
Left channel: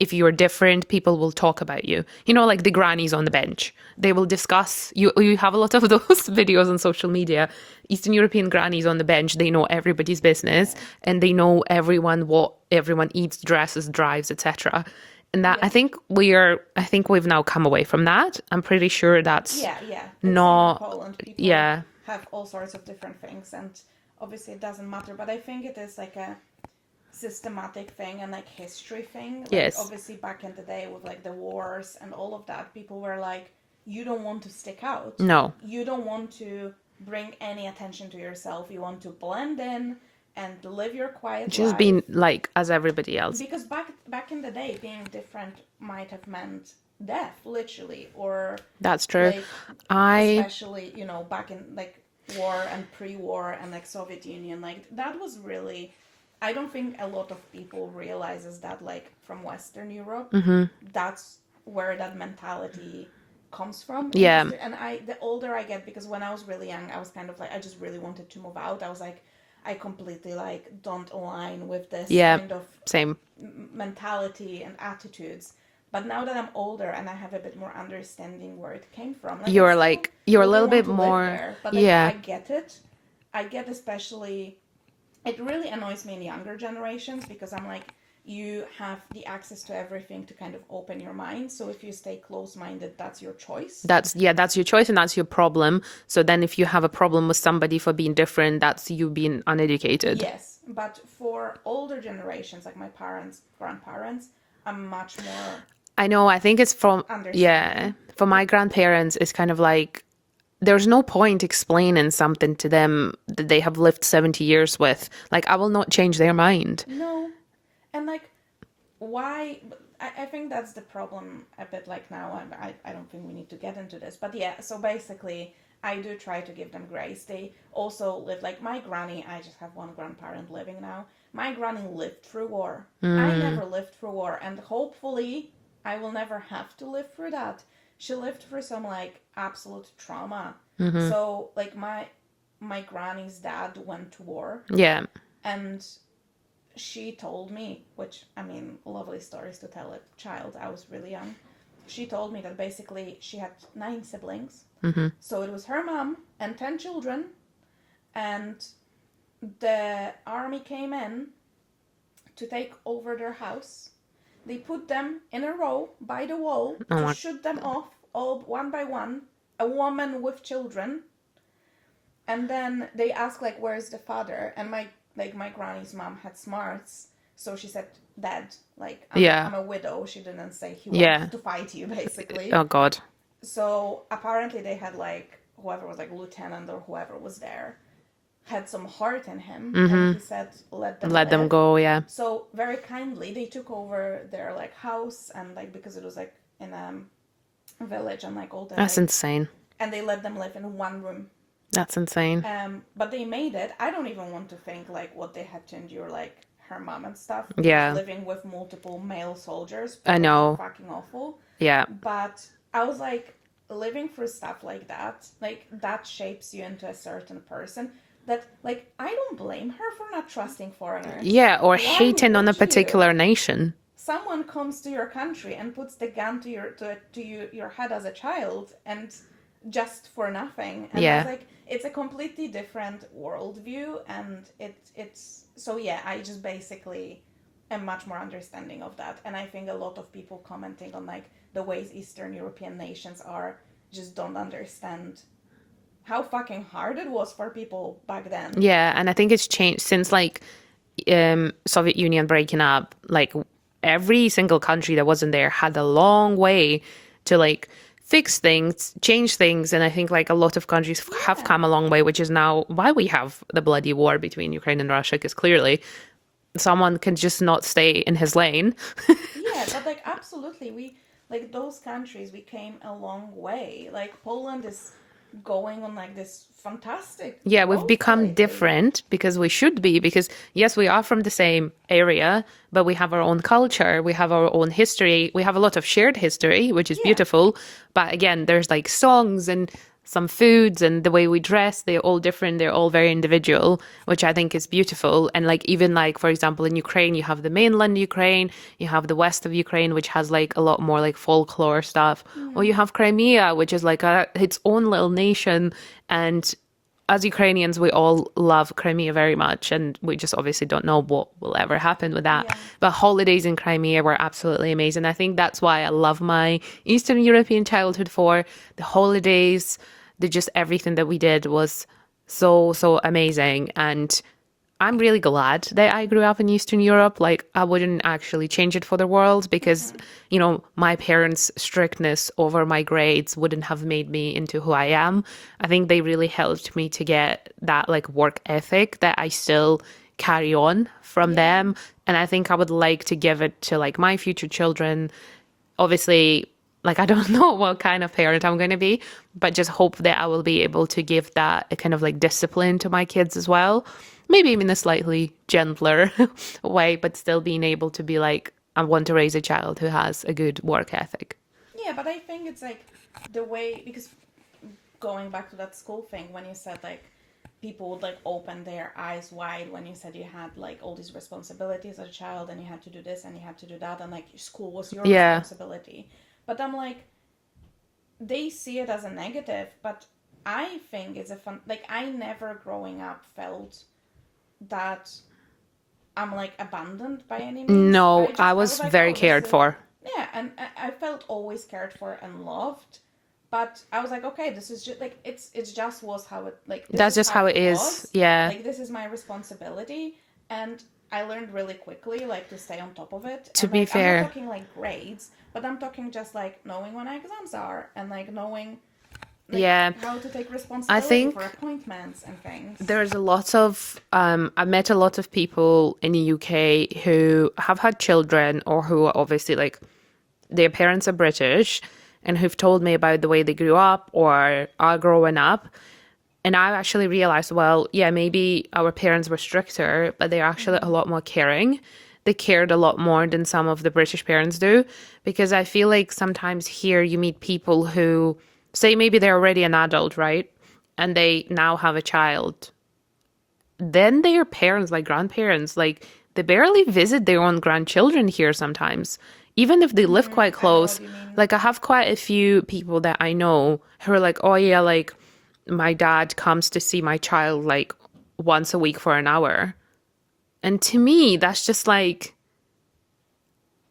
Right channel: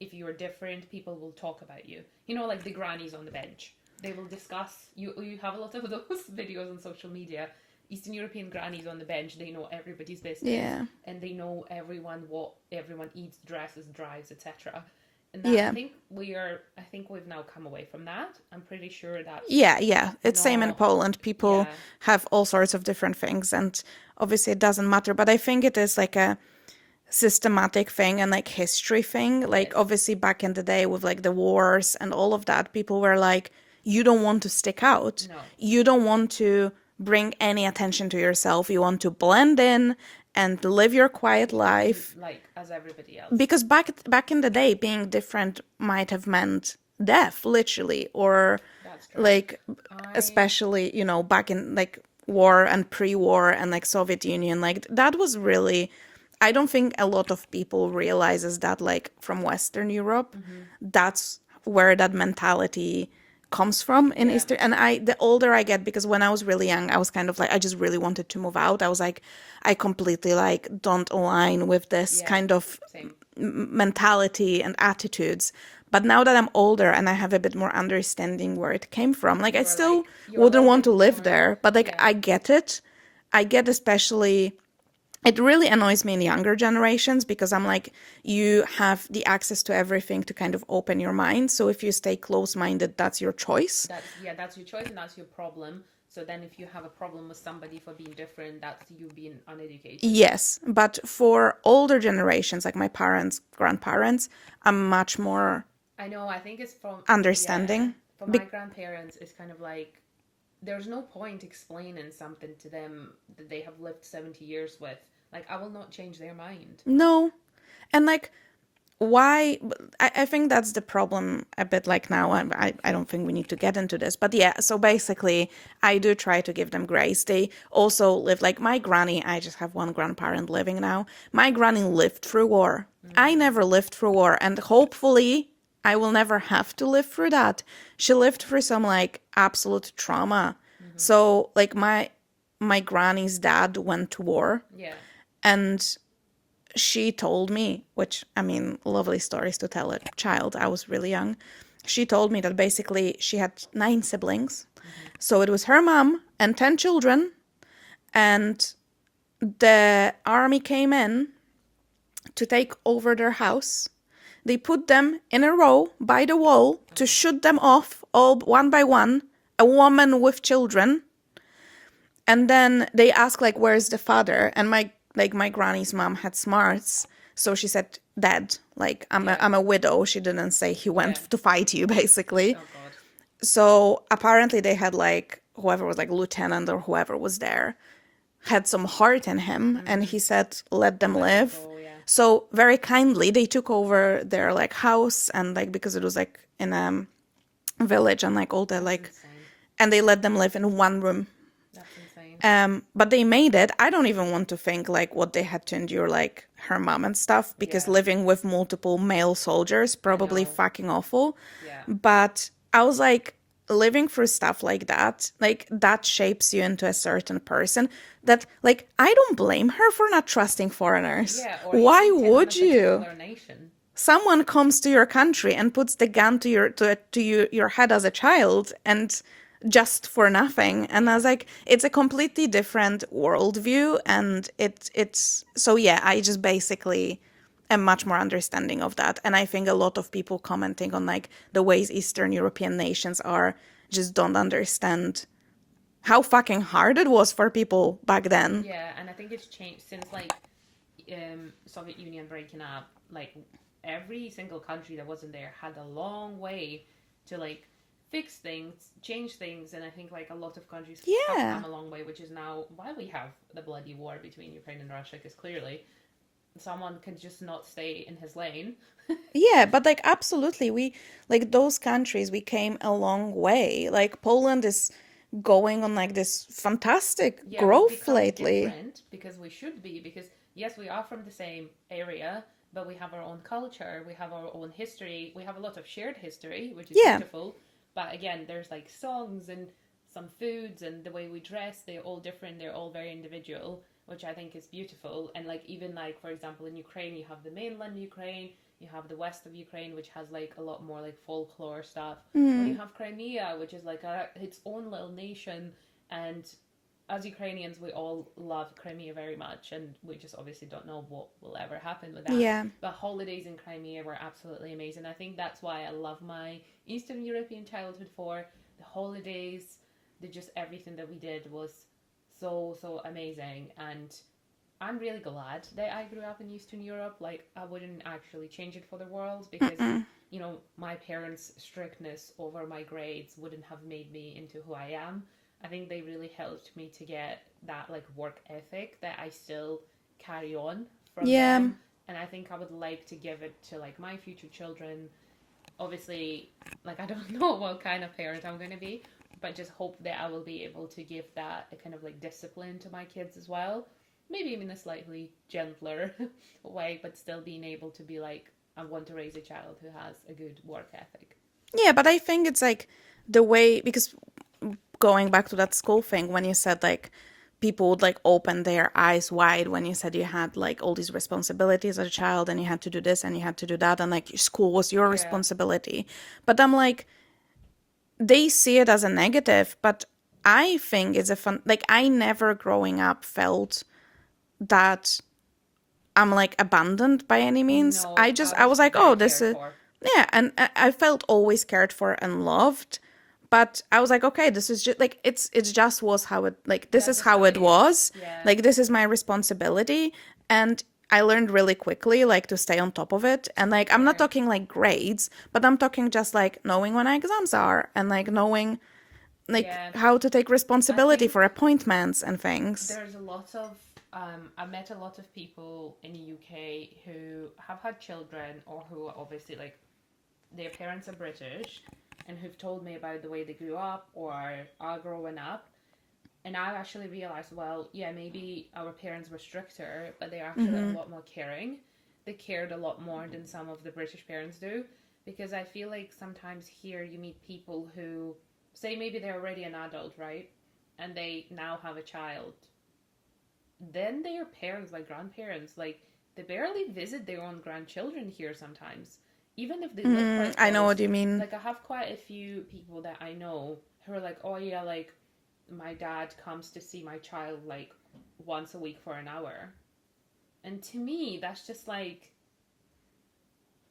if you're different, people will talk about you. Like the grannies on the bench. They will discuss, you have a lot of those videos on social media. Eastern European grannies on the bench, they know everybody's business and they know what everyone eats, dresses, drives, etc. And that I think we've now come away from that. I'm pretty sure that's Yeah. It's same in Poland. People have all sorts of different things, and obviously it doesn't matter. But I think it is like a systematic thing and like history thing. Like Yes. obviously back in the day with like the wars and all of that, people were like, you don't want to stick out. No. You don't want to bring any attention to yourself. You want to blend in and live your quiet just life. being like as everybody else. Because back in the day, being different might have meant death, literally, or That's true. like especially back in like war and pre-war and like Soviet Union, like that was really. I don't think a lot of people realizes that like from Western Europe, that's where that mentality comes from. Yeah. And the older I get, because when I was really young, I was kind of like I just really wanted to move out. I was like, I completely like don't align with this kind of same mentality and attitudes. But now that I'm older and I have a bit more understanding where it came from, like You're I still like you're a wouldn't little want bit to live more there. But like I get it. I get especially. It really annoys me in younger generations because I'm like, you have the access to everything to kind of open your mind. So if you stay close-minded, that's your choice. That's your choice and that's your problem. So then if you have a problem with somebody for being different, that's you being uneducated. Yes, but for older generations, like my parents, grandparents, I'm much more I know, I think it's from understanding. Yeah, for my grandparents, it's kind of like there's no point explaining something to them that they have lived 70 years with. Like, I will not change their mind. No. And like, why? I think that's the problem a bit like now. I don't think we need to get into this. But yeah, so basically, I do try to give them grace. They also live, like my granny, I just have one grandparent living now. My granny lived through war. I never lived through war. And hopefully, I will never have to live through that. She lived through some like absolute trauma. So like my my granny's dad went to war, Yeah. and she told me, which, I mean, lovely stories to tell a child. I was really young. She told me that basically she had 9 siblings. So it was her mom and 10 children, and the army came in to take over their house. They put them in a row by the wall to shoot them off, all one by one, a woman with children. And then they asked, like, where's the father? And my granny's mom had smarts, so she said, dead. Like, I'm a widow. She didn't say he went to fight you, basically. Oh, God. So apparently they had, like, whoever was, like, lieutenant or whoever was there had some heart in him, and he said, let them live. Let them go, yeah. So very kindly they took over their, like, house, and, like, because it was, like, in a village, and, like, all the That's like insane. and they let them live in one room. That's insane. But they made it. I don't even want to think, like, what they had to endure, like, her mom and stuff, because living with multiple male soldiers, probably fucking awful. Yeah. But I was like, living through stuff like that shapes you into a certain person that, like, I don't blame her for not trusting foreigners. Yeah, or Why hating on a would you? particular nation. Someone comes to your country and puts the gun to your head as a child, and just for nothing. And I was like, it's a completely different worldview, and it's so yeah, I just basically am much more understanding of that. And I think a lot of people commenting on, like, the ways Eastern European nations are just don't understand how fucking hard it was for people back then. Yeah, and I think it's changed since, like, Soviet Union breaking up. Like, every single country that wasn't there had a long way to, like, fix things, change things, and I think, like, a lot of countries have come a long way, which is now why we have the bloody war between Ukraine and Russia, because clearly someone can just not stay in his lane. Yeah, but, like, absolutely, we, like, those countries, we came a long way. Like, Poland is going on, like, this fantastic Yeah, growth we've become lately. different because we should be, because yes, we are from the same area, but we have our own culture, we have our own history, we have a lot of shared history, which is beautiful. But again, there's, like, songs and some foods and the way we dress, they're all different, they're all very individual, which I think is beautiful. And, like, even, like, for example, in Ukraine, you have the mainland Ukraine, you have the west of Ukraine, which has, like, a lot more, like, folklore stuff, or you have Crimea, which is, like, its own little nation. And as Ukrainians, we all love Crimea very much, and we just obviously don't know what will ever happen with that. Yeah. But holidays in Crimea were absolutely amazing. I think that's why I love my Eastern European childhood, for the holidays, just everything that we did was so amazing. And I'm really glad that I grew up in Eastern Europe. Like, I wouldn't actually change it for the world, because, you know, my parents' strictness over my grades wouldn't have made me into who I am. I think they really helped me to get that, like, work ethic that I still carry on from them. And I think I would like to give it to, like, my future children. Obviously, like, I don't know what kind of parent I'm going to be, but just hope that I will be able to give that a kind of, like, discipline to my kids as well. Maybe even a slightly gentler way, but still being able to be like, I want to raise a child who has a good work ethic. Yeah, but I think it's, like, the way, because going back to that school thing, when you said, like, people would, like, open their eyes wide when you said you had, like, all these responsibilities as a child, and you had to do this and you had to do that, and, like, school was your responsibility. But I'm like, they see it as a negative, but I think it's a fun, like, I never growing up felt that I'm, like, abandoned by any means. No, I was like, very oh, cared for. Yeah, and I felt always cared for and loved. But I was like, okay, this is just, like, it's just was how it, like, this is how it was. Yeah. Like, this is my responsibility. And I learned really quickly, like, to stay on top of it. And, like, I'm not talking, like, grades, but I'm talking just, like, knowing when exams are, and, like, knowing, like, how to take responsibility for appointments and things. There's a lot of, I met a lot of people in the UK who have had children, or who are obviously, like, their parents are British, and who've told me about the way they grew up or are growing up. And I actually realized, well, yeah, maybe our parents were stricter, but they're actually a lot more caring. They cared a lot more than some of the British parents do. Because I feel like sometimes here you meet people who say maybe they're already an adult, right? and they now have a child, then their parents, like grandparents, like they barely visit their own grandchildren here sometimes, even if they live quite I know close. what you mean. Like I have quite a few people that I know who are like, oh yeah, like my dad comes to see my child like once a week for an hour. And to me, that's just like,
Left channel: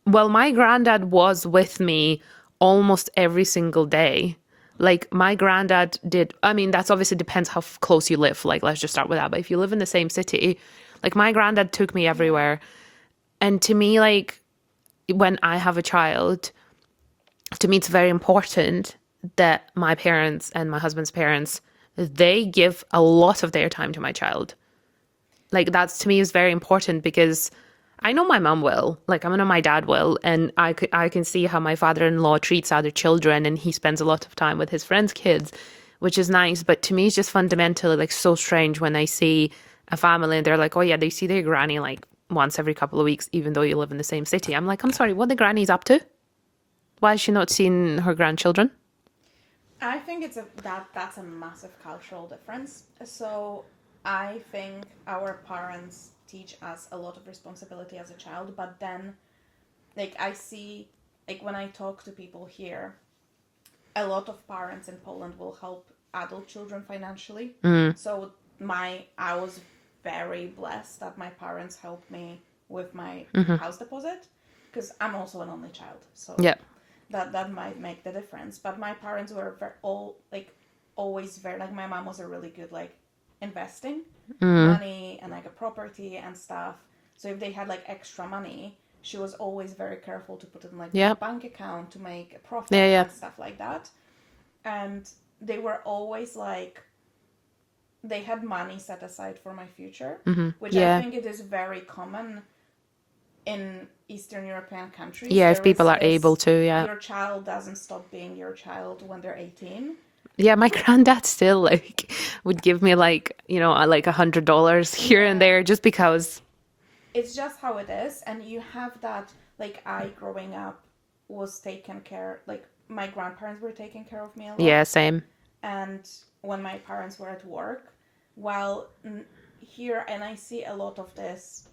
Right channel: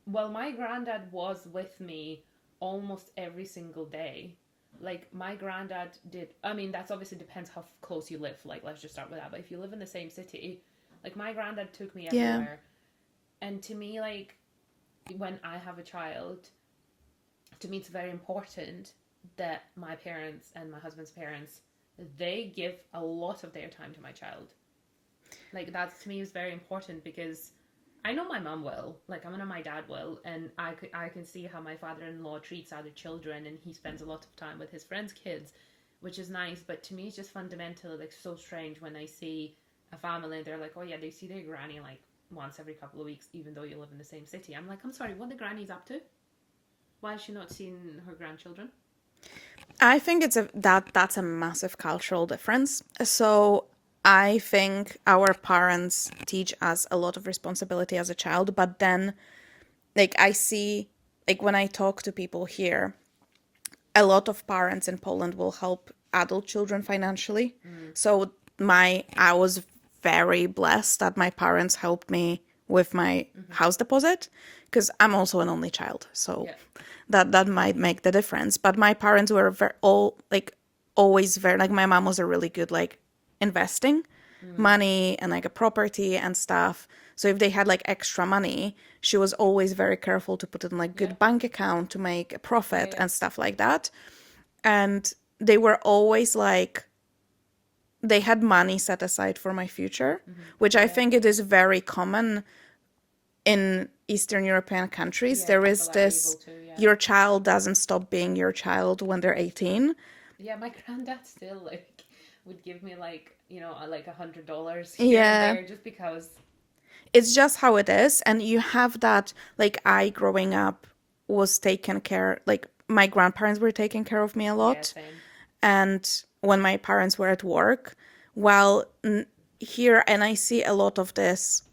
well, my granddad was with me almost every single day. Like my granddad did, I mean, that's obviously depends how close you live. Like, let's just start with that. But if you live in the same city, like my granddad took me Yeah. everywhere. And to me, like when I have a child, to me, it's very important that my parents and my husband's parents, they give a lot of their time to my child. Like that's to me is very important because I know my mom will, like I know my dad will, and I can see how my father-in-law treats other children, and he spends a lot of time with his friends' kids, which is nice. But to me, it's just fundamentally like so strange when I see a family and they're like, oh yeah, they see their granny like once every couple of weeks, even though you live in the same city. I'm like, I'm sorry, what the granny's up to? Why is she not seeing her grandchildren? I think that's a massive cultural difference. So I think our parents teach us a lot of responsibility as a child, but then like I see like when I talk to people here, a lot of parents in Poland will help adult children financially. So I was very blessed that my parents helped me with my house deposit because I'm also an only child. So Yeah. that might make the difference. But my parents were always very like my mom was a really good like investing money and like a property and stuff. So if they had like extra money, she was always very careful to put it in like Yeah. good bank account to make a profit Yeah. and stuff like that. And they were always like they had money set aside for my future, which I Yeah. think it is very common in Eastern European countries. Yeah, if There is people are this, able to, yeah. your child doesn't stop being your child when they're 18. Yeah, my granddad still like would give me like, you know, like $100 here and Yeah. there just because. It's just how it is. And you have that, like I growing up was taken care, like my grandparents were taking care of me a lot. Yeah, same. And when my parents were at work, well, here, and I see a lot of this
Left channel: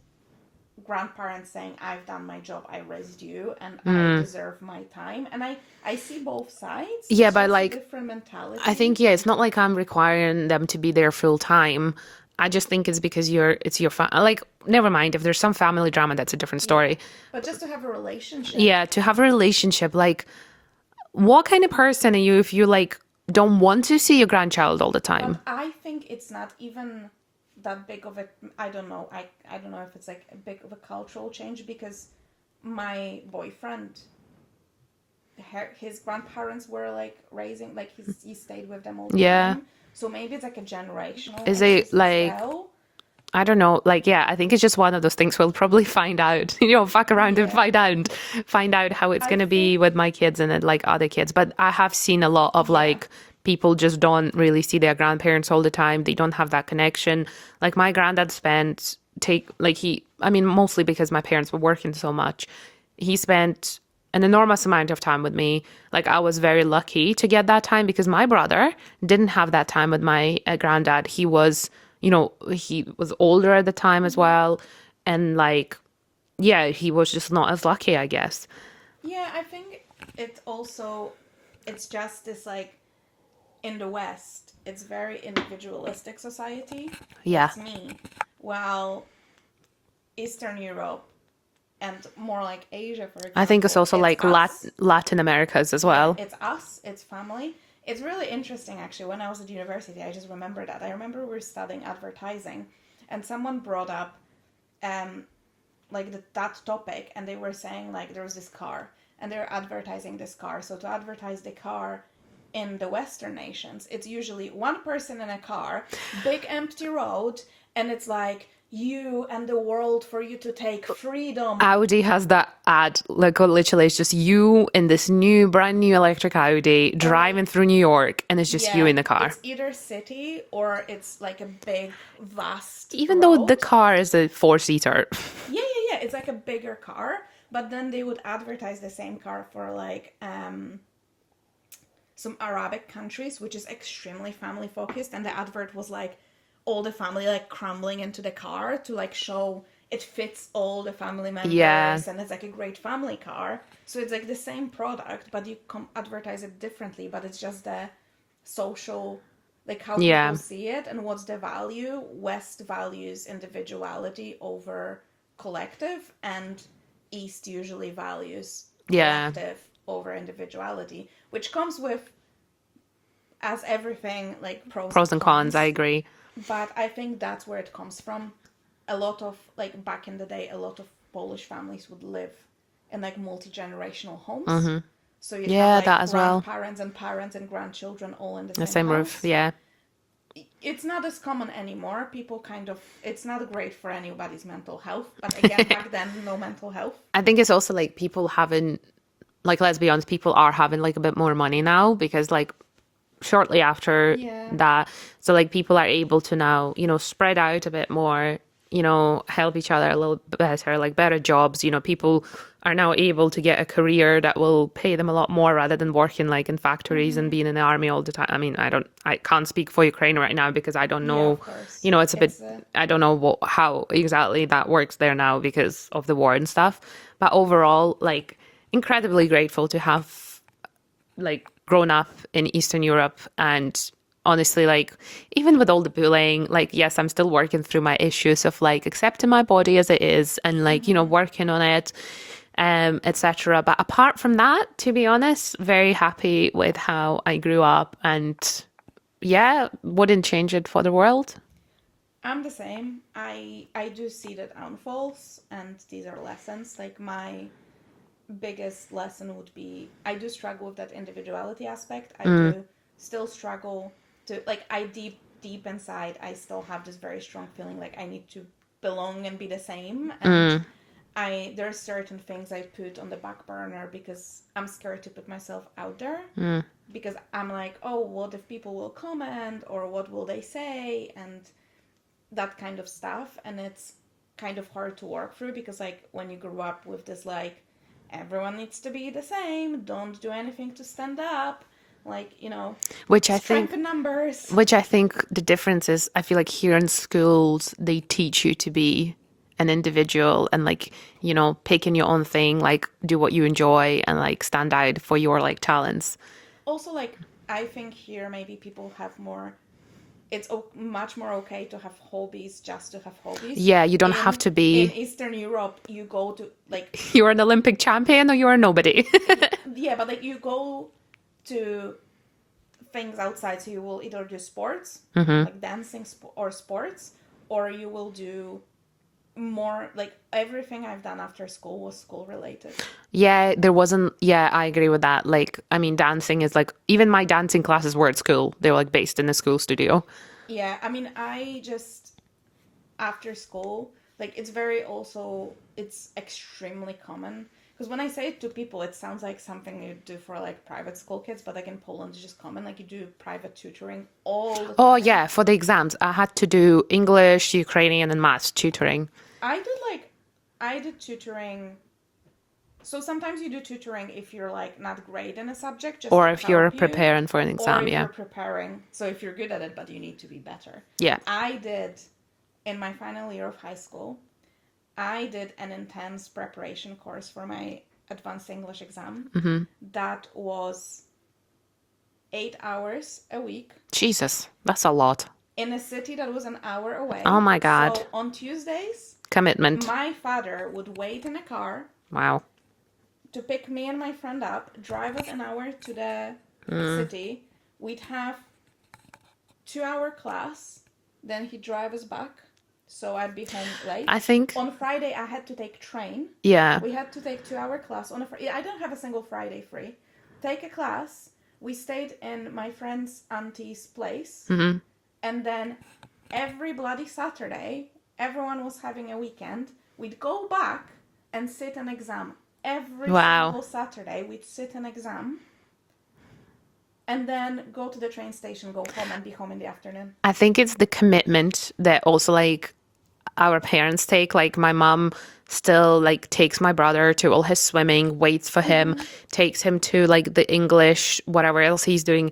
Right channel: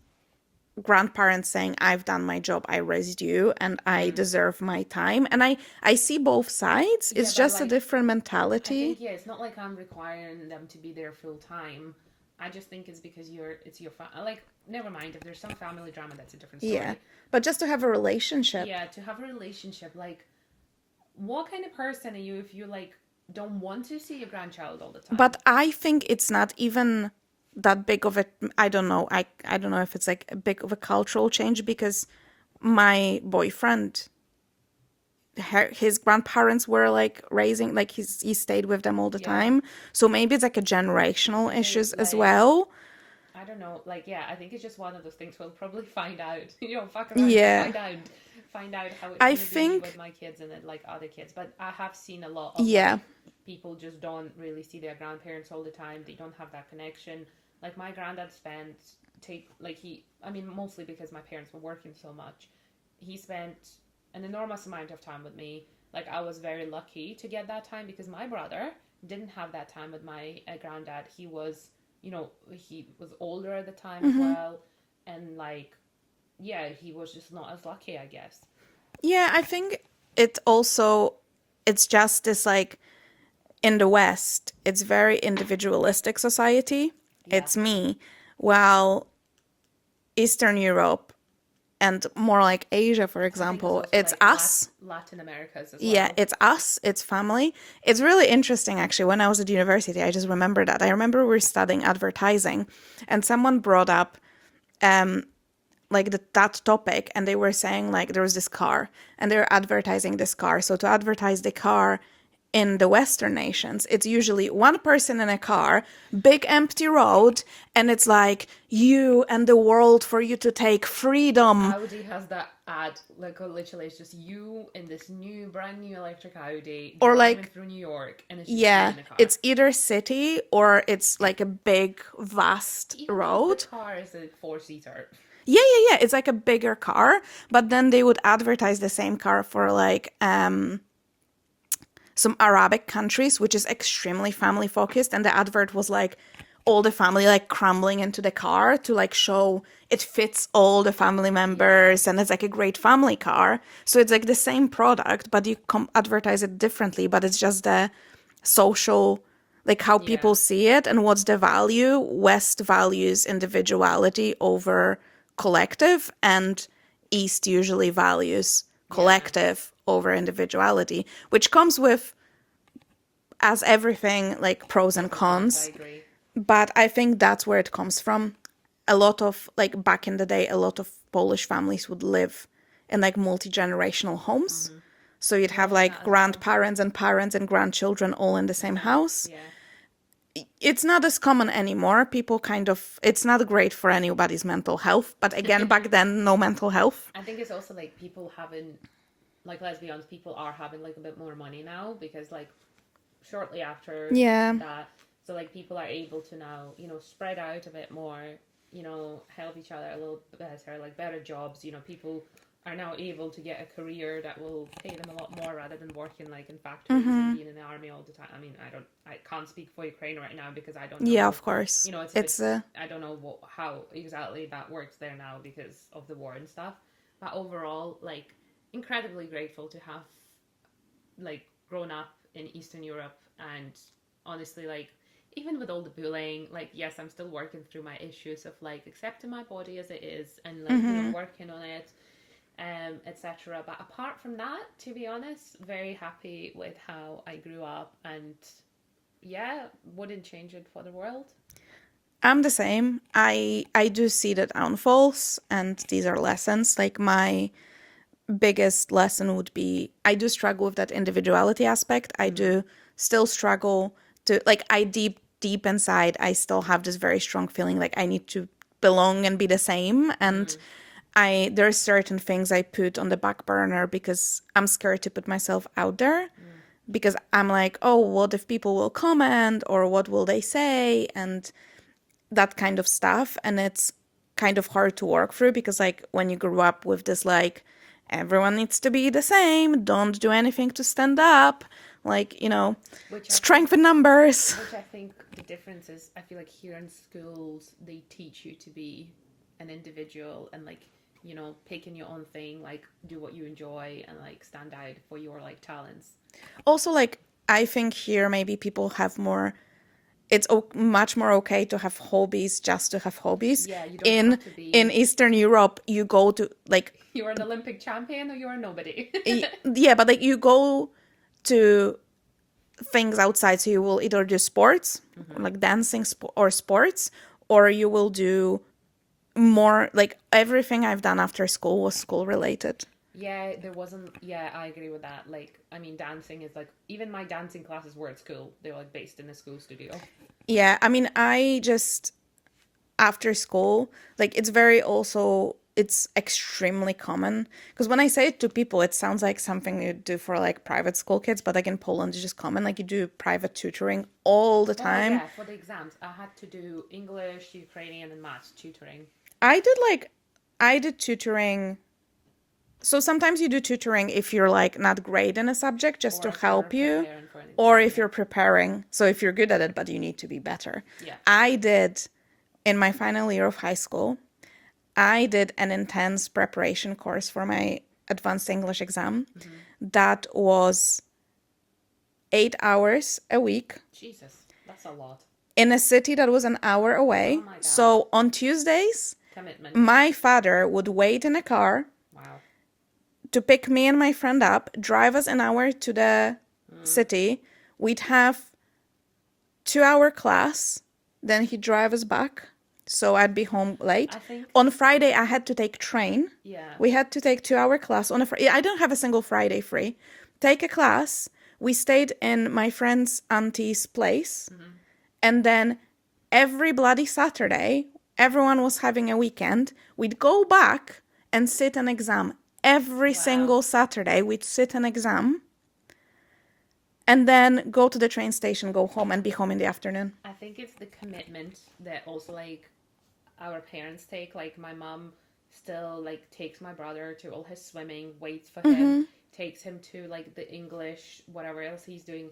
grandparents saying, I've done my job, I raised you, and I deserve my time. And I see both sides. Yeah, It's but just like, a different mentality. I think, yeah, it's not like I'm requiring them to be there full time. I just think it's because it's your like, never mind. If there's some family drama, that's a different story. Yeah. But just to have a relationship. Yeah, to have a relationship, like, what kind of person are you if you like don't want to see your grandchild all the time? But I think it's not even that big of a, I don't know. I don't know if it's like a big of a cultural change because my boyfriend, his grandparents were like raising, like he stayed with them all the time. So maybe it's like a generational issues as well. I don't know. Like, yeah, I think it's just one of those things we'll probably find out, you know, fuck around and find out how it's going to be with my kids and then, like other kids. But I have seen a lot of like people just don't really see their grandparents all the time. They don't have that connection. Like my granddad mostly because my parents were working so much, he spent an enormous amount of time with me. Like I was very lucky to get that time because my brother didn't have that time with my granddad. He was, you know, he was older at the time as well. And like, yeah, he was just not as lucky, I guess. Yeah, I think it's just this like, in the West, it's very individualistic society. Yeah. It's me. While Eastern Europe and more like Asia, for example. I think it's also like Latin Americas as well. Yeah, it's us, it's family. It's really interesting, actually. When I was at university, I just remember that. I remember we were studying advertising, and someone brought up like that topic, and they were saying like there was this car, and they were advertising this car. So to advertise the car in the Western nations, it's usually one person in a car, big empty road, and it's like you and the world for you to take freedom. Audi has that ad, like literally it's just you in this brand new electric Audi driving through New York, and it's just you in the car. It's either city or it's like a big, vast Even road. though the car is a 4-seater. Yeah. It's like a bigger car, but then they would advertise the same car for like some Arabic countries, which is extremely family focused. And the advert was like all the family like crumbling into the car to like show it fits all the family members and it's like a great family car. So it's like the same product, but you advertise it differently, but it's just the social, like how people see it and what's the value. West values individuality over collective, and East usually values collective over individuality, which comes with, as everything, like pros and cons. I agree. But I think that's where it comes from. A lot of, like, back in the day, a lot of Polish families would live in, like, multi-generational homes. So you'd have, like, grandparents and parents and grandchildren all in the same house. Roof, It's not as common anymore. People kind of, it's not great for anybody's mental health. But again, back then, no mental health. I think it's also, like, people having, like, let's be honest, people are having, like, a bit more money now because, like, shortly after that, so like people are able to now, you know, spread out a bit more, you know, help each other a little bit better, like better jobs. You know, people are now able to get a career that will pay them a lot more rather than working like in factories and being in the army all the time. I mean, I can't speak for Ukraine right now because I don't know. Yeah, of course. You know, it's a bit, I don't know how exactly that works there now because of the war and stuff. But overall, like, incredibly grateful to have, like, grown up in Eastern Europe. And honestly, like, even with all the bullying, like, yes, I'm still working through my issues of like accepting my body as it is and like, you know, working on it, etc. But apart from that, to be honest, very happy with how I grew up and wouldn't change it for the world. I'm the same. I do see the downfalls, and these are lessons. Like, my biggest lesson would be, I do struggle with that individuality aspect. I do still struggle to, like, I deep inside, I still have this very strong feeling like I need to belong and be the same. And there are certain things I put on the back burner because I'm scared to put myself out there. Because I'm like, oh, what if people will comment, or what will they say, and that kind of stuff. And it's kind of hard to work through because, like, when you grew up with this, like, everyone needs to be the same, don't do anything to stand up, like, you know, strength in numbers. Which I think the difference is, I feel like here in schools, they teach you to be an individual and, like, you know, picking your own thing, like, do what you enjoy and, like, stand out for your, like, talents. Also, like, I think here maybe people have more, it's much more okay to have hobbies just to have hobbies. Yeah, you don't have to be... In Eastern Europe, you go to, like... You're an Olympic champion or you're a nobody. Yeah, but, like, you go to things outside, so you will either do sports, like dancing or sports, or you will do more, like, everything I've done after school was school related. Yeah, there wasn't... Yeah, I agree with that. Like, I mean, dancing is like... Even my dancing classes were at school. They were, like, based in a school studio. Yeah, I mean, I just... After school, like, it's very also... It's extremely common. Because when I say it to people, it sounds like something you do for, like, private school kids. But, like, in Poland, it's just common. Like, you do private tutoring all the time. Oh, yeah, for the exams. I had to do English, Ukrainian, and maths tutoring. I did tutoring... So sometimes you do tutoring if you're, like, not great in a subject, just to help you. Or if you're preparing for an exam, or if you're preparing. So if you're good at it, but you need to be better. Yeah. I did, in my final year of high school, I did an intense preparation course for my advanced English exam. That was 8 hours a week. Jesus, that's a lot. In a city that was an hour away. Oh, my God. So on Tuesdays... Commitment. My father would wait in a car... Wow. To pick me and my friend up, drive us an hour to the city. We'd have 2-hour class. Then he'd drive us back. So I'd be home late. I think... On Friday, I had to take train. Yeah. We had to take 2-hour class. On a Friday. I don't have a single Friday free. Take a class. We stayed in my friend's auntie's place. And then every bloody Saturday, everyone was having a weekend. We'd go back and sit an exam. Every single Saturday, we'd sit an exam and then go to the train station, go home, and be home in the afternoon. I think it's the commitment that also, like, our parents take. Like, my mom still like takes my brother to all his swimming, waits for him, takes him to like the English, whatever else he's doing.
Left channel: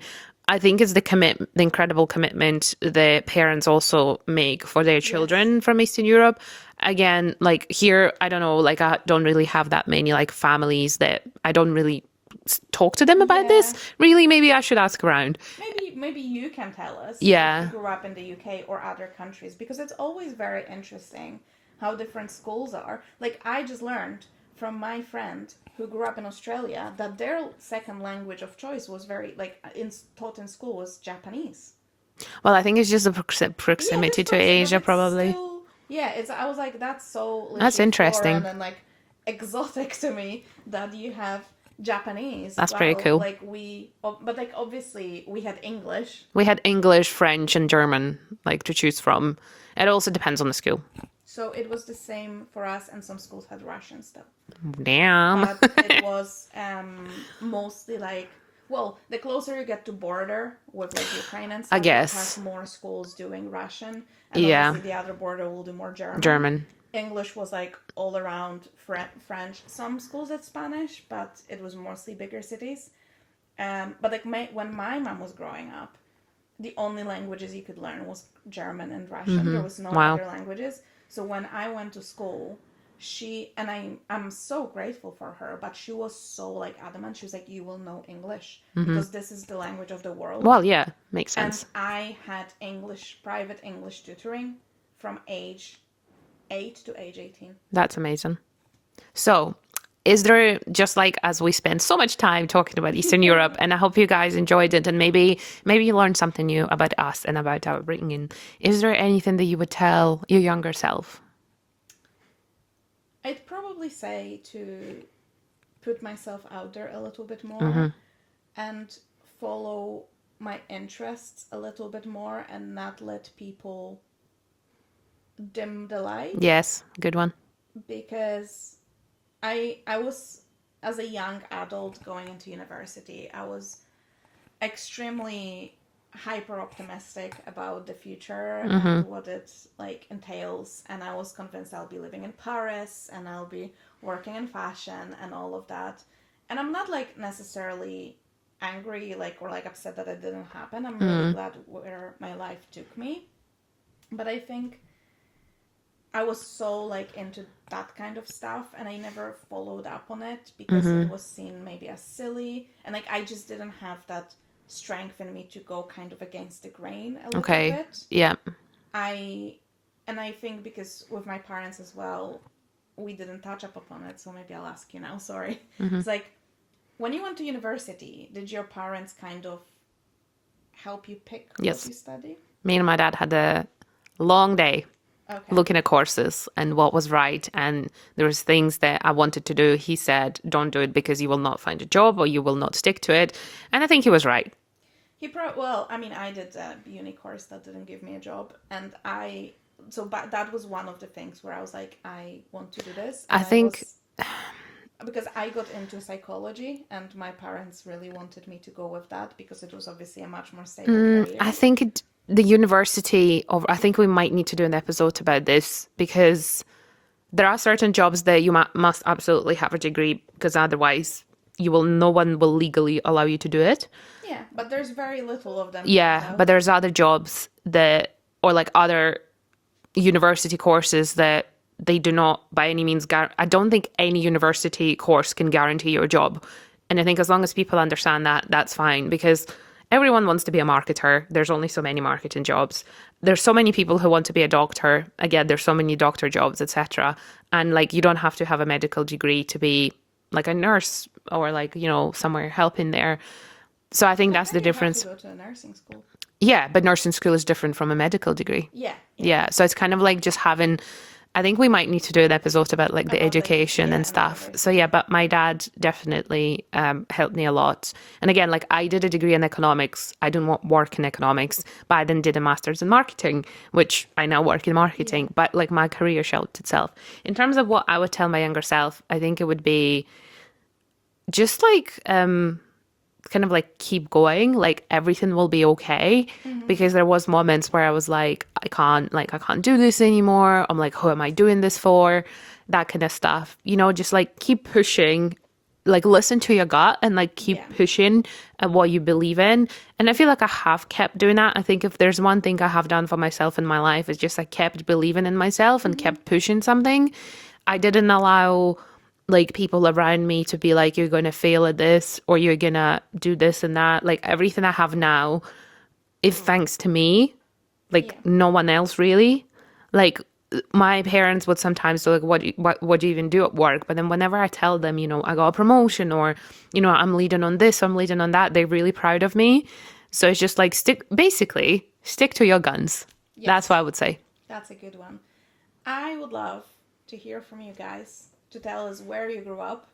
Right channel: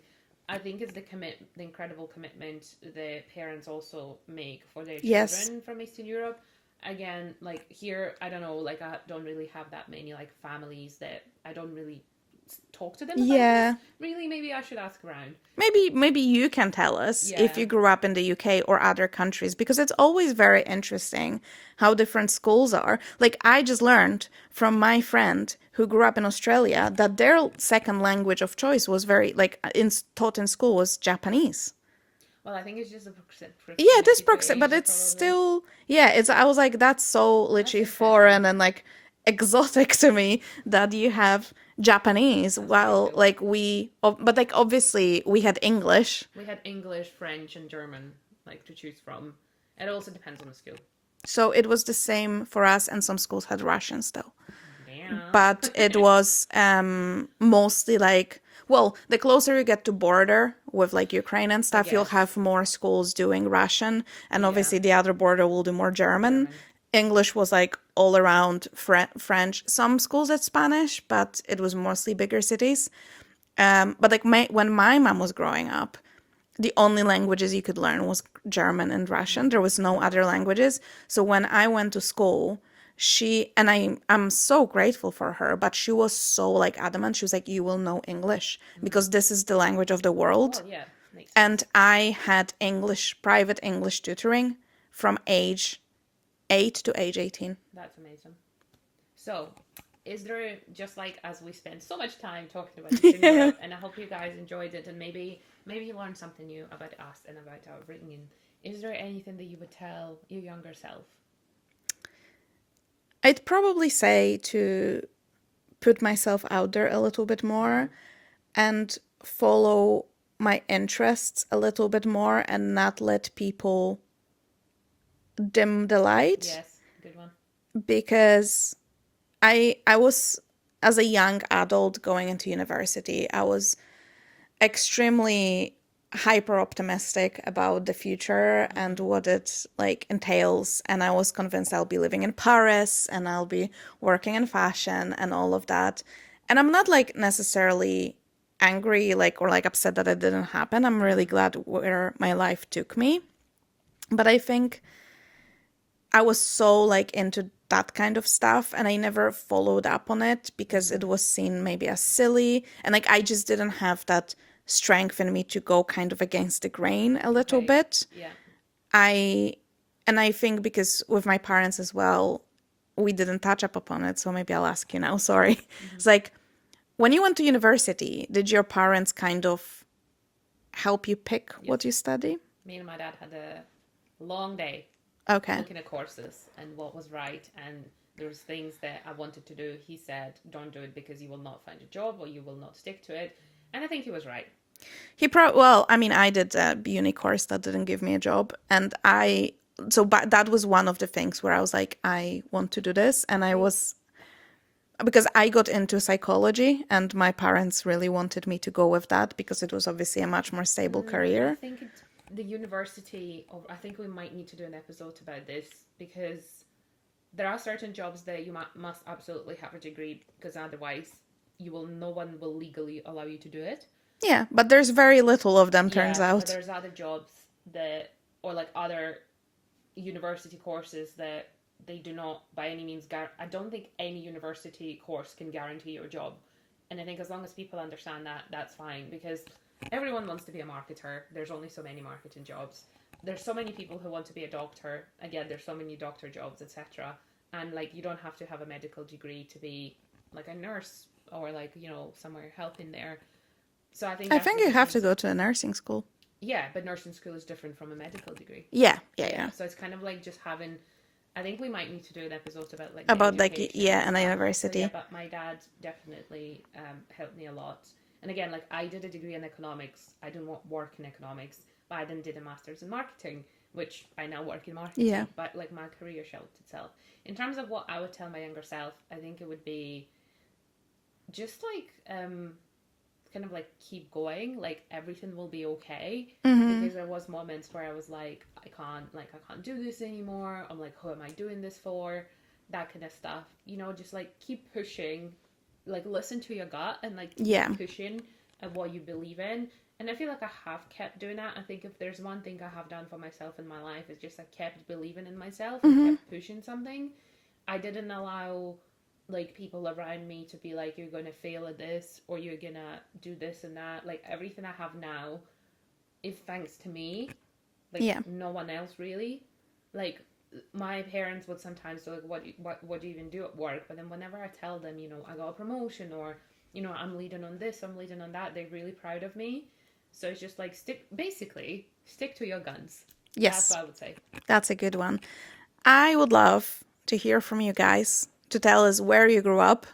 I think it's the incredible commitment the parents also make for their children from Eastern Europe. Again, like here, I don't know, like I don't really have that many like families that I don't really talk to them about this. Really, maybe I should ask around. Maybe you can tell us if you grew up in the UK or other countries, because it's always very interesting how different schools are. Like I just learned from my friend who grew up in Australia that their second language of choice was very like taught in school was Japanese. Well, I think it's just the proximity to Asia, probably. Still, I was like, that's so literally foreign and like exotic to me that you have Japanese. That's pretty cool. Like but like obviously we had English. We had English, French, and German like to choose from. It also depends on the school. So it was the same for us, and some schools had Russians though. Damn. But it was mostly like, well, the closer you get to border with like Ukraine and stuff, you'll have more schools doing Russian, and obviously the other border will do more German. English was like all around French. Some schools had Spanish, but it was mostly bigger cities. But like when my mom was growing up, the only languages you could learn was German and Russian. There was no other languages. So when I went to school, I'm so grateful for her, but she was so like adamant. She was like, you will know English because this is the language of the world. Well, yeah, makes sense. And I had private English tutoring from age 8 to age 18. That's amazing. So is there, just like as we spend so much time talking about Eastern Europe, and I hope you guys enjoyed it, and maybe you learned something new about us and about our upbringing, is there anything that you would tell your younger self? I'd probably say to put myself out there a little bit more and follow my interests a little bit more and not let people dim the light. Yes, good one. Because I was, as a young adult going into university, I was extremely hyper optimistic about the future and what it like entails, and I was convinced I'll be living in Paris and I'll be working in fashion and all of that. And I'm not like necessarily angry or upset that it didn't happen. I'm really glad where my life took me, but I think I was so like into that kind of stuff and I never followed up on it because it was seen maybe as silly, and like I just didn't have that strength in me to go kind of against the grain a little bit. Yeah. I think because with my parents as well, we didn't touch up upon it, so maybe I'll ask you now, sorry. It's like, when you went to university, did your parents kind of help you pick what you study? Me and my dad had a long day looking at courses and what was right, and there was things that I wanted to do. He said, don't do it because you will not find a job or you will not stick to it, and I think he was right. I did a uni course that didn't give me a job, and but that was one of the things where I was like, I want to do this, and because I got into psychology and my parents really wanted me to go with that because it was obviously a much more stable career. I think I think we might need to do an episode about this, because there are certain jobs that you must absolutely have a degree, because otherwise no one will legally allow you to do it. Yeah, but there's very little of them, turns out. But there's other jobs or like other university courses that they do not by any means I don't think any university course can guarantee you a job. And I think as long as people understand that, that's fine, because everyone wants to be a marketer. There's only so many marketing jobs. There's so many people who want to be a doctor. Again, there's so many doctor jobs, etc. And like, you don't have to have a medical degree to be like a nurse or like, somewhere helping there. So I think that's the difference. You have to go to a nursing school. Yeah, but nursing school is different from a medical degree. Yeah. So it's kind of like just having, I think we might need to do an episode about like the education and stuff. So yeah, but my dad definitely helped me a lot. And again, like I did a degree in economics. I didn't work in economics, but I then did a master's in marketing, which I now work in marketing. Yeah. But like my career shaped itself. In terms of what I would tell my younger self, I think it would be just like kind of like keep going, like everything will be okay. Because there was moments where I was like, I can't do this anymore. I'm like, who am I doing this for? that kind of stuff. You know, just like keep pushing, like listen to your gut and like keep Yeah. pushing at what you believe in. And I feel like I have kept doing that. I think if there's one thing I have done for myself in my life, it's just I kept believing in myself and kept pushing something. I didn't allow like people around me to be like, you're going to fail at this or you're going to do this and that. Like everything I have now is thanks to me, like Yeah. no one else really. Like my parents would sometimes be like, what do you even do at work? But then whenever I tell them, you know, I got a promotion or, you know, I'm leading on this, I'm leading on that, they're really proud of me. So it's just like stick to your guns. That's Yes. what I would say. That's a good one. I would love to hear from you guys to tell us where you grew up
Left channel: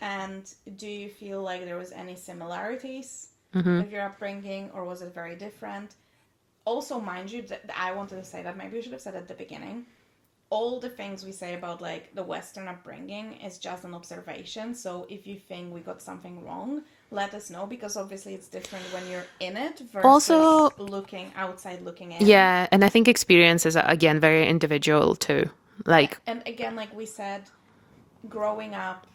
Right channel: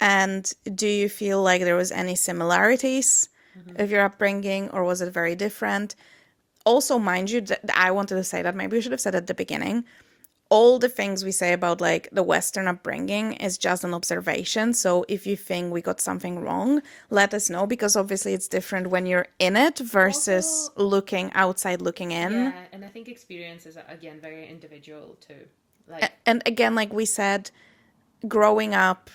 and do you feel like there was any similarities of your upbringing or was it very different? Also, mind you, I wanted to say that maybe we should have said at the beginning. All the things we say about like the Western upbringing is just an observation. So if you think we got something wrong, let us know because obviously it's different when you're in it versus Also, looking outside, looking in. yeah, and I think experience is again very individual too. Like, And again, like we said, growing up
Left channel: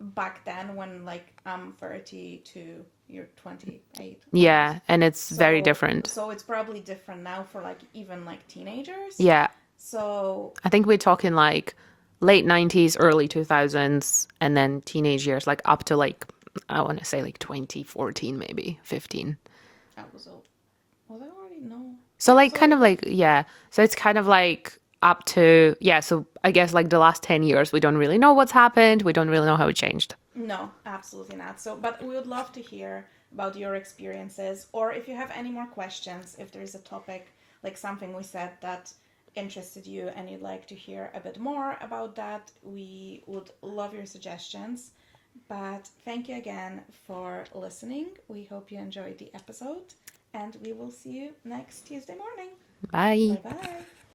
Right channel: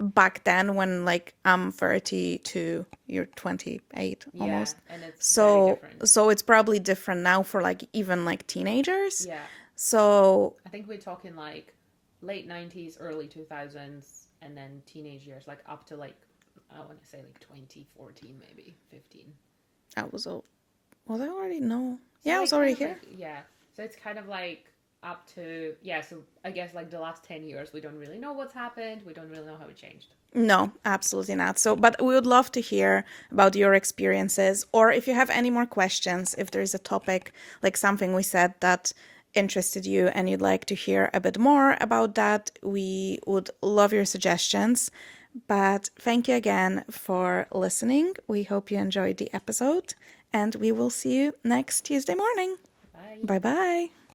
back then when like I'm 32, you're 28 almost. yeah, and it's very different. So it's probably different now for like even like teenagers. Yeah, So I think we're talking like late 90s, early 2000s, and then teenage years, like up to like, I want to say like 2014, maybe 15. I was I already no. So Yeah, I was like kind already of here. like, yeah. So it's kind of like up to, yeah. So I guess like the last 10 years, we don't really know what's happened. We don't really know how it changed. No, absolutely not. So, but we would love to hear about your experiences, or if you have any more questions, if there is a topic like something we said that interested you and you'd like to hear a bit more about that, we would love your suggestions. But thank you again for listening. We hope you enjoyed the episode, and we will see you next Tuesday morning. Bye Bye. bye.